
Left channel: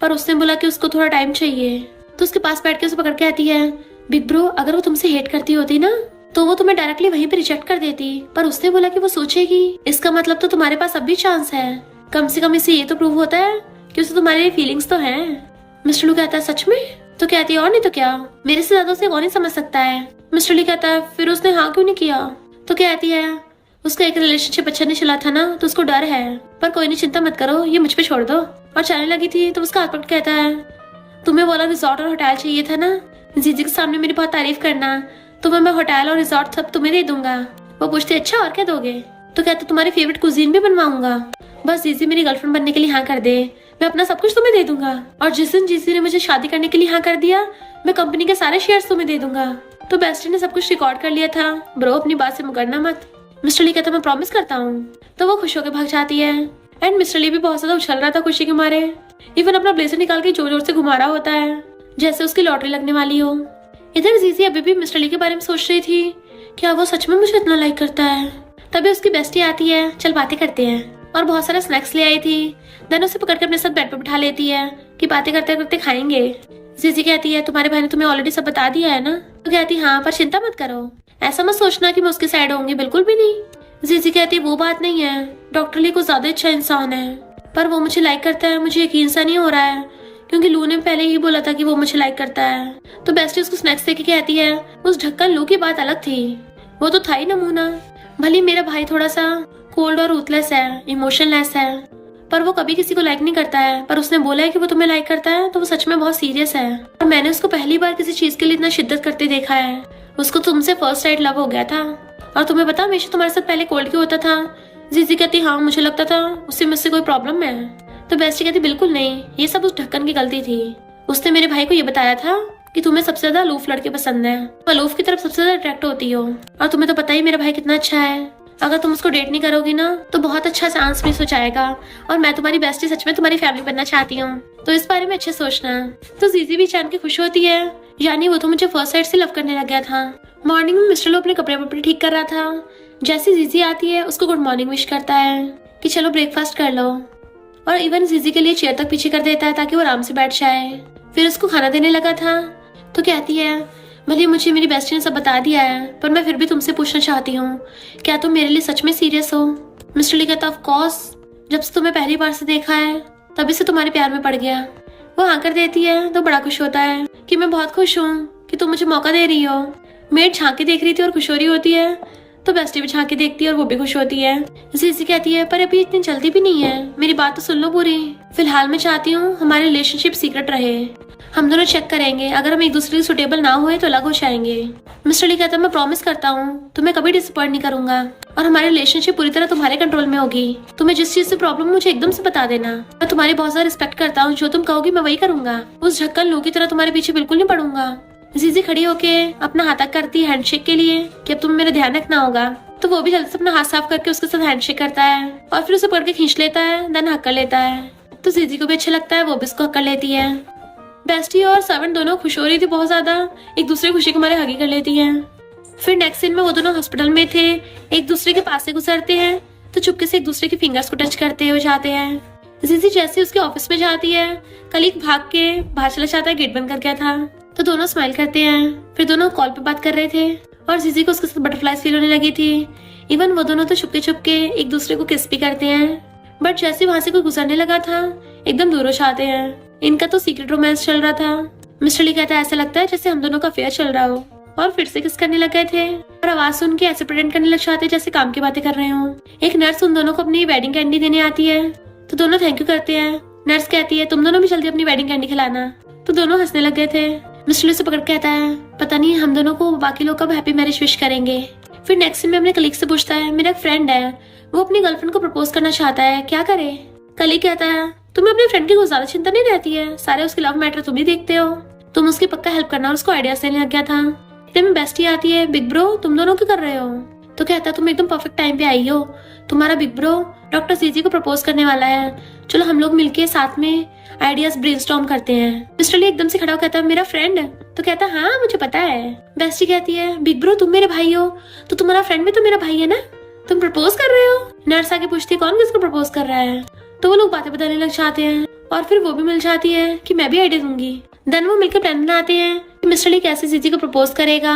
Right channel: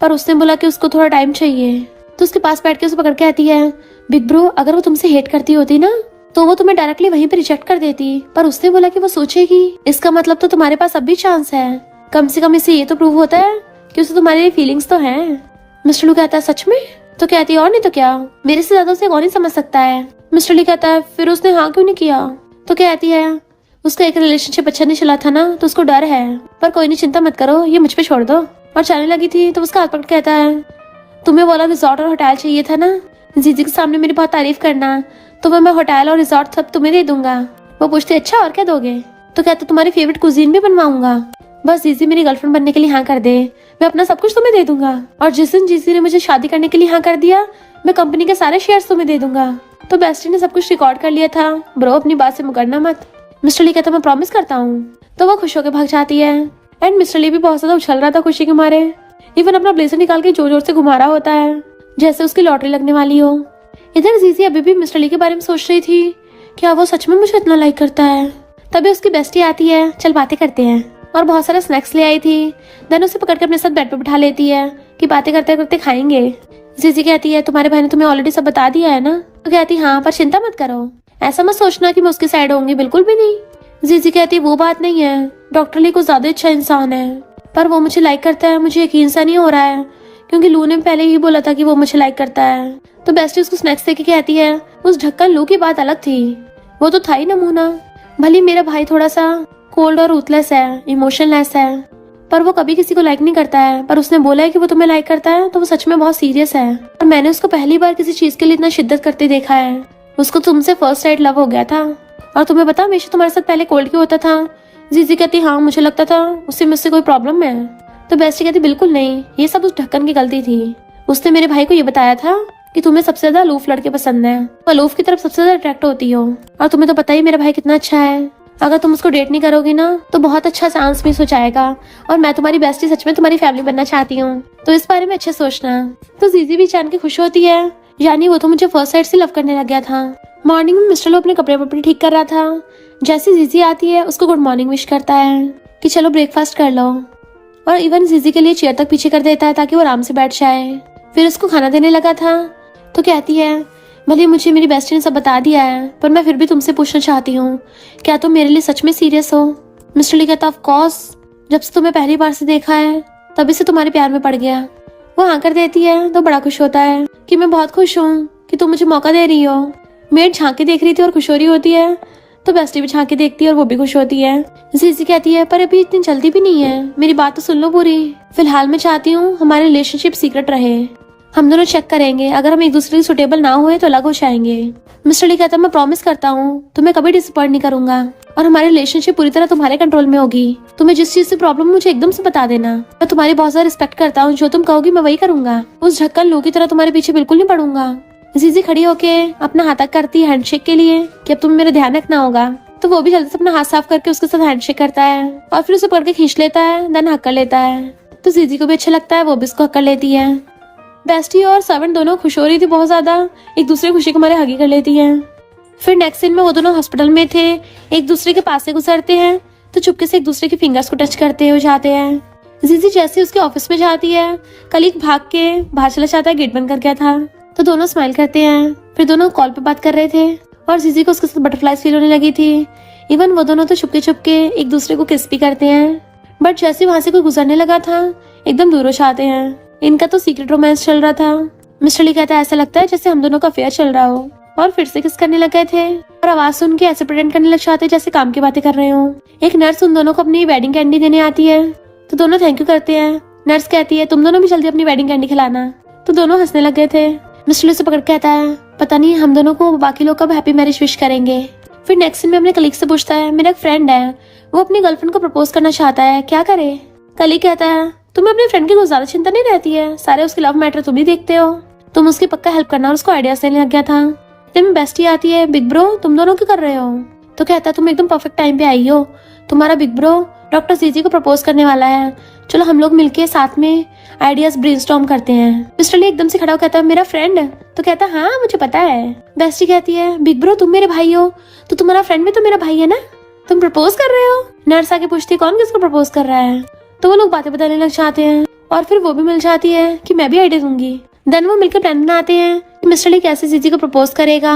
पर उसने बोला कि उसको थोड़ा टाइम चाहिए। तो उसके पास बैठ के उसे पकड़ के आती है, बिग ब्रो अगर वो तुमसे हेट करती होती ना तो वो तुम्हें डायरेक्टली वहीं पे रिजेक्ट कर देती, पर उसने बोला कि वो सोचेगी। इसका मतलब तो तुम्हारे पास अब भी चांस है, कम से कम इससे ये तो प्रूव होता है कि उसे तुम्हारी फीलिंग्स तो हैं। मिस्टर ली कहता है सच में। तो कहती है और नहीं तो क्या, मेरे से ज्यादा उसे कौन ही समझ सकता है। मिस्टर ली कहता है फिर उसने हाँ क्यों नहीं किया। तो कहती है उसका एक रिलेशनशिप अच्छा नहीं चला था ना, तो उसको डर है, पर कोई नहीं चिंता मत करो, ये मुझ पे छोड़ दो। और जाने लगी थी तो उसका हाथ पकड़ कहता है तुम्हें वाला रिजॉर्ट और होटल चाहिए था ना, जीजी के सामने मेरी बहुत तारीफ करना, तो मैं होटल और रिजॉर्ट सब तुम्हें दे दूंगा। वो पूछती अच्छा और क्या दोगे। तो कहते तुम्हारी फेवरेट कुजीन भी बनवाऊंगा, बस जीजी मेरी गर्लफ्रेंड बनने के लिए हाँ कर दे, मैं अपना सब कुछ तुम्हें दे दूंगा। और जिस दिन जीजी ने मुझे शादी करने के लिए हाँ कर दिया, मैं कंपनी के सारे शेयर्स तुम्हें दे दूंगा। तो बेस्टी ने सब कुछ रिकॉर्ड कर लिया था, ब्रो अपनी बात से मुकरना मत। मिस्टर ली कहता मैं प्रॉमिस करता हूँ। तो वो खुश होकर भाग जाती है एंड मिस्टर ली भी बहुत ज्यादा उछल रहा था खुशी के मारे। इवन अपना ब्लेजर निकाल के जोर जोर से घुमा रहा होता है जैसे उसकी लॉटरी लगने वाली हो। इधर जीजी अभी भी मिस्टर ली के बारे में सोच रही थी, क्या वो सच में मुझे इतना लाइक करता है। तभी उसकी बेस्टी आती है, चल बातें करते हैं, और बहुत सारा स्नैक्स ले आई थी। देन उसे पकड़ के अपने साथ बेड पे बिठा लेती है कि बातें करते करते खाएंगे। जीजी कहती है तुम्हारे बहन ने तुम्हें ऑलरेडी सब बता दिया है ना। तो कहती हाँ पर चिंता मत करो, ऐसा मत सोचना कि मैं उसकी साइड होंगी, बिल्कुल भी नहीं। जीजी कहती वो बात नहीं है, डॉक्टर ली को ज्यादा अच्छा इंसान है, पर वो मुझे लाइक करता है मुझे यकीन सा नहीं हो रहा है, क्योंकि लू ने पहले ही बोला था कि वो मुझे लाइक करता है। तो बेस्टी उसको स्नैक्स देके कहती है उस ढक्कन लू की बात अलग थी, वो तो था ही नमूना। भले मेरा भाई थोड़ा सा कोल्ड और रूथलेस है, इमोशनलेस है, पर वो कभी किसी को लाइक नहीं करता है, पर उसने बोला है कि वो तुम्हें लाइक करता है तो वो सच में बहुत सीरियस है। और मैंने उसको पहली बार किसी चीज के लिए इतना शिद्दत करते देखा है, उसको तुमसे फर्स्ट साइड लव हो गया था। और तुम्हें पता हमेशा तुम्हारे साथ पहले कोल्ड क्यों होता था। जीजी कहती हाँ मुझे लगता था उससे मुझसे कोई प्रॉब्लम है। तो बेस्टी कहती बिल्कुल नहीं, ये सब उस ढक्कन की गलती थी, उसने मेरे भाई को ये बताया था कि तुम्हें सबसे ज्यादा अलूफ लड़के पसंद है, अलूफ की तरफ सबसे ज्यादा अट्रैक्ट होती हो, और तुम्हें तो पता ही मेरा भाई कितना अच्छा है, अगर तुम उसको डेट नहीं करोगी ना तो बहुत अच्छा चांस मिस हो जाएगा, और मैं तुम्हारी बेस्टी सच में तुम्हारी फैमिली बनना चाहती हूँ, तो इस बारे में अच्छे सोचना। तो जीजी भी जान के खुश होती है, यानी वो तो मुझे फर्स्ट साइड से लव करने लग गया था। मॉर्निंग में मिस्टर लो अपने कपड़े वपड़े ठीक कर रहा था, जैसे जीजी आती है उसको गुड मॉर्निंग विश करता है कि चलो ब्रेकफास्ट कर लो, और इवन जीजी के लिए चेयर तक पीछे कर देता है ताकि वो आराम से बैठ जाए। फिर उसको खाना देने लगा था। तो कहती है भले मुझे मेरी बेस्टी ने सब बता दिया है, पर मैं फिर भी तुमसे पूछना चाहती हूँ, क्या तुम मेरे लिए सच में सीरियस हो। मिस्टर ली कहता ऑफ कोर्स, जब से तुम्हें पहली बार से देखा है तभी से तुम्हारे प्यार में पड़ गया। वो हाँ कर देती है तो बड़ा खुश होता है कि मैं बहुत खुश हूँ कि तुम मुझे मौका दे रही हो। मेड झांक के देख रही थी और खुश हो रही होती है, तो बेस्टी भी झांक के देखती है और वो भी खुश होती है। जीजी कहती है पर अभी इतनी जल्दी भी नहीं है, मेरी बात तो सुन लो पूरी। फिलहाल मैं चाहती हूँ हमारी रिलेशनशिप सीक्रेट रहे, हम दोनों चेक करेंगे, अगर हम एक दूसरे के सुटेबल ना हुए तो अलग हो जाएंगे। मिस्टर ली कहता है मैं प्रॉमिस करता हूँ तुम्हें कभी डिसअपॉइंट नहीं करूंगा, और हमारी रिलेशनशिप पूरी तरह तुम्हारे कंट्रोल में होगी। तुम्हें जिस चीज से प्रॉब्लम मुझे एकदम से बता देना, मैं तुम्हारी बहुत ज्यादा रिस्पेक्ट करता हूँ, जो तुम कहोगी मैं वही करूंगा। उस ढक्कन लू की तरह तुम्हारे पीछे बिल्कुल नहीं पड़ूंगा। जीजी खड़ी होके अपना हाथ तक करती है हैंडशेक के लिए कि अब तुम्हें मेरा ध्यान रखना होगा। तो वो भी जल्दी से अपना हाथ साफ करके उसके साथ हैंडशेक करता है और फिर उसे पकड़ के खींच लेता है, देन हक कर लेता है। तो जीजी को भी अच्छा लगता है, वो भी उसको हक कर लेती है। बेस्टी और सर्वेंट दोनों खुश हो रही थी बहुत ज्यादा, एक दूसरे खुशी के मारे हगी कर लेती है। फिर नेक्स्ट सीन में वो दोनों हॉस्पिटल में थे, एक दूसरे के पास से गुजरते हैं तो चुपके से एक दूसरे के फिंगर्स को टच करते हुए जाते हैं। जीजी जैसे उसके ऑफिस में जाती है, कलीग भाग के बाहर चला जाता है, गेट बंद कर गया था। तो दोनों स्माइल करते हैं। फिर दोनों कॉल पे बात कर रहे थे और जीजी को उसके साथ बटरफ्लाईज फील होने लगी थी, इवन वो दोनों तो छुपके एक दूसरे को किस भी करते हैं। बट जैसे वहां से कोई गुजरने लगा था एकदम दूर हो जाते हैं। इनका तो सीक्रेट रोमांस चल रहा था। मिस्टर ली कहता है ऐसा लगता है जैसे हम दोनों का अफेयर चल रहा हो, और फिर से किस करने लग गए थे और आवाज सुन के ऐसे प्रेटेंड करने लग जाते जैसे काम की बातें कर रहे हो। एक नर्स उन दोनों को अपनी वेडिंग कैंडी देने आती है तो दोनों थैंक यू करते हैं। नर्स कहती है तुम दोनों भी जल्दी अपनी वेडिंग कैंडी खिलाना, तो दोनों हंसने लग गए थे। मिस्टर ली से पकड़ कहता है पता नहीं हम दोनों को बाकी लोग कब हैप्पी मैरिज विश करेंगे। फिर नेक्स्ट सीन में अपने कलीग से पूछता है मेरा एक फ्रेंड है, वो अपनी गर्लफ्रेंड को प्रपोज करना चाहता है, क्या करे। कलीग कहता है तुम्हें अपने फ्रेंड की कुछ ज्यादा चिंता नहीं रहती है, सारे उसके लव मैटर तुम ही देखते हो, तुम उसकी पक्का हेल्प करना। और उसको आइडियाज देने लग गया था। इतने बेस्टी आती है बिग ब्रो तुम दोनों क्या कर रहे हो, तो कहता है तुम एकदम परफेक्ट टाइम पे आई हो, तुम्हारा बिग ब्रो डॉक्टर जीजी को प्रपोज करने वाला है, चलो हम लोग मिलके साथ में आइडियाज ब्रेनस्टॉर्म करते हैं। मिस्टर ली एकदम से खड़ा हो कहता है मेरा फ्रेंड, तो कहता है हाँ मुझे पता है। बेस्टी कहती है बिग ब्रो तुम मेरे भाई हो तो तुम्हारा फ्रेंड भी तो मेरा भाई है ना, तुम प्रपोज कर रहे हो। नर्स आके पूछती है कौन किसको प्रपोज कर रहा है, तो वो लोग बातें बताने लग जाते हैं और फिर वो भी मिल जाती है कि मैं भी आइडिया दूंगी। देन वो मिलकर प्लान बनाते हैं कि मिस्टर ली कैसे जीजी को प्रपोज करेगा,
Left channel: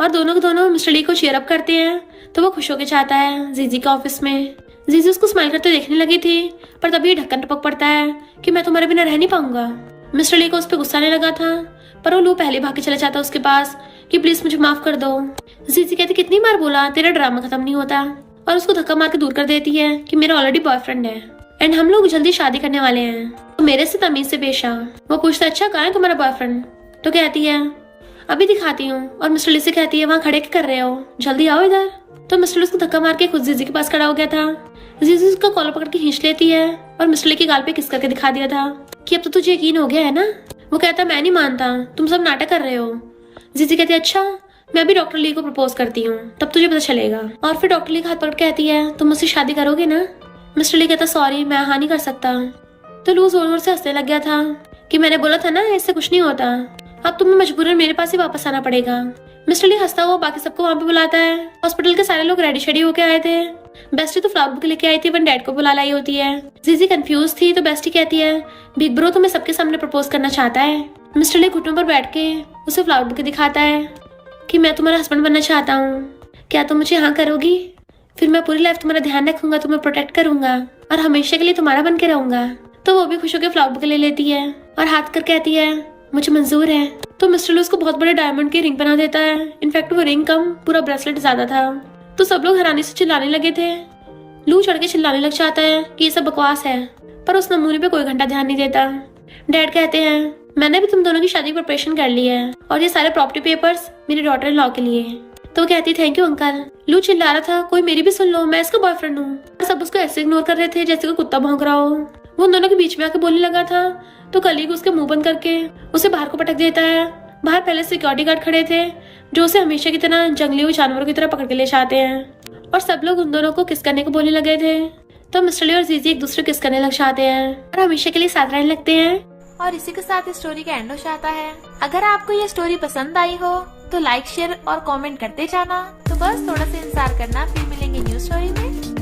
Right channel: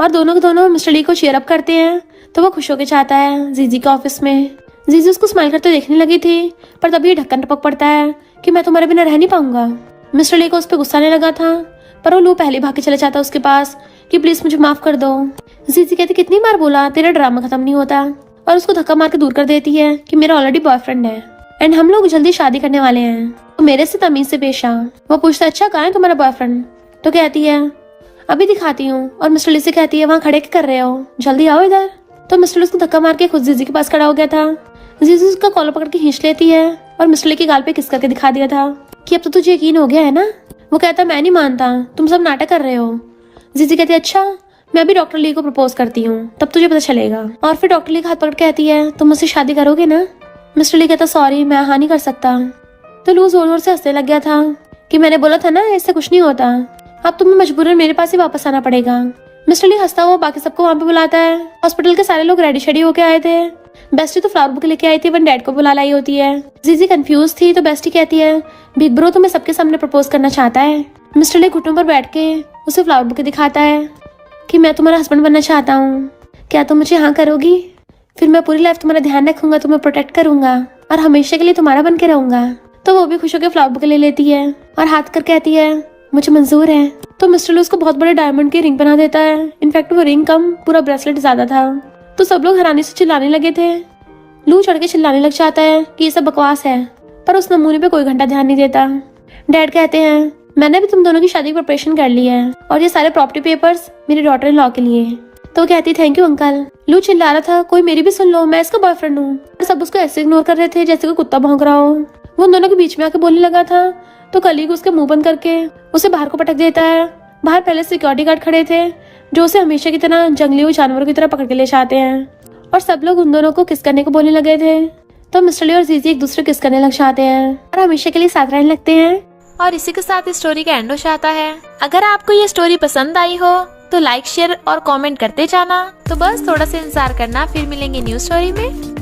और दोनों मिस्टर ली को चीयर अप करते हैं। तो वो खुश होकर चाहता है जीजी के ऑफिस में। जीजी उसको स्माइल करते देखने लगी थी, पर तभी ढक्कन टपक पड़ता है कि मैं तुम्हारे बिना रह नहीं पाऊंगा। मिस्टर ली को उस पर गुस्सा आने लगा था, पर वो लू पहले भाग के चले जाता है उसके पास कि प्लीज मुझे माफ कर दो। जीजी कहती कितनी बार बोला तेरा ड्रामा खत्म नहीं होता, और उसको धक्का मार के दूर कर देती है कि मेरा ऑलरेडी बॉयफ्रेंड है एंड हम लोग जल्दी शादी करने वाले हैं, तो मेरे से तमीज से पेश आ। वो पूछता है अच्छा कहाँ है तुम्हारा बॉयफ्रेंड, तो कहती है अभी दिखाती हूँ। और मिस्टर ली से कहती है वहाँ खड़े क्या कर रहे हो, जल्दी आओ इधर। तो मिस्टर ली उसको धक्का मार के खुद जीजी के पास खड़ा हो गया था। जीजी उसका कॉलर पकड़ के खींच लेती है और मिस्टर ली के गाल पे किस करके दिखा दिया था कि अब तो तुझे यकीन हो गया है ना। वो कहता है मैं नहीं मानता, तुम सब नाटक कर रहे हो। जीजी कहती है अच्छा मैं भी डॉक्टर ली को प्रपोज करती हूँ तब तुझे पता चलेगा। और फिर डॉक्टर ली का हाथ पकड़ कहती है तुम मुझसे शादी करोगे ना। मिस्टर ली कहता सॉरी मैं हाँ नहीं कर सकता। तो लू जोर जोर से हंसने लग गया था कि मैंने बोला था ना ऐसा कुछ नहीं होता, अब तुम्हें मजबूरन मेरे पास ही वापस आना पड़ेगा। मिस्टर ली हंसता हुआ बाकी सबको वहाँ पे बुलाता है। हॉस्पिटल के सारे लोग रेडी शेडी होके आए थे। बेस्टी तो फ्लावर बुक लेके आई थी, वन डैड को बुला लाई होती है। जीजी कंफ्यूज थी तो बेस्टी कहती है बिग ब्रो तुम्हें सबके सामने प्रपोज करना चाहता है। मिस्टर ली घुटनों पर बैठ के उसे फ्लावर बुक दिखाता है कि मैं तुम्हारा हस्बैंड बनना चाहता हूँ, क्या तुम मुझे हाँ करोगी। फिर मैं पूरी लाइफ तुम्हारा ध्यान रखूंगा, तुम्हें प्रोटेक्ट करूंगा और हमेशा के लिए तुम्हारा बन के रहूंगा। तो वो भी खुश होकर फ्लावर बुक ले लेती है और हाथ कर कहती है मुझे मंजूर है। तो मिस्टर ली उसको बहुत बड़े डायमंड की रिंग बना देता है। इनफैक्ट वो रिंग कम पूरा ब्रेसलेट ज्यादा था। तो सब लोग हैरानी से चिल्लाने लगे थे। लू चढ़ के चिल्लाने लग जाता है कि ये सब बकवास है, पर उस नमूने पे कोई घंटा ध्यान नहीं देता। डैड कहते हैं मैंने भी तुम दोनों की शादी की प्रिपरेशन कर ली है और ये सारे प्रॉपर्टी पेपर्स मेरी डॉटर इन लॉ के लिए। तो कहती थैंक यू अंकल। लू चिल्ला रहा था कोई मेरी भी सुन लो, मैं इसका बॉयफ्रेंड हूँ। सब उसको ऐसे इग्नोर कर रहे थे जैसे कोई कुत्ता भौंक रहा हो। वो उन दोनों के बीच में आके बोलने लगा था तो कलीग उसके मुंह बंद करके उसे बाहर को पटक देता है। बाहर पहले सिक्योरिटी गार्ड खड़े थे जो उसे हमेशा की तरह जंगली जानवरों की तरह पकड़ के ले जाते हैं, और सब लोग उन दोनों को किस करने को बोलने लगे थे। तो मिस्टर ली और जीजी एक दूसरे किस करने लग जाते हैं और हमेशा के लिए साथ रहने लगते हैं। और इसी के साथ इस स्टोरी का एंड हो जाता है। अगर आपको ये स्टोरी पसंद आई हो तो लाइक शेयर और कमेंट करते जाना। तो बस थोड़ा सा इंतजार करना, फिर मिलेंगे न्यू स्टोरी में।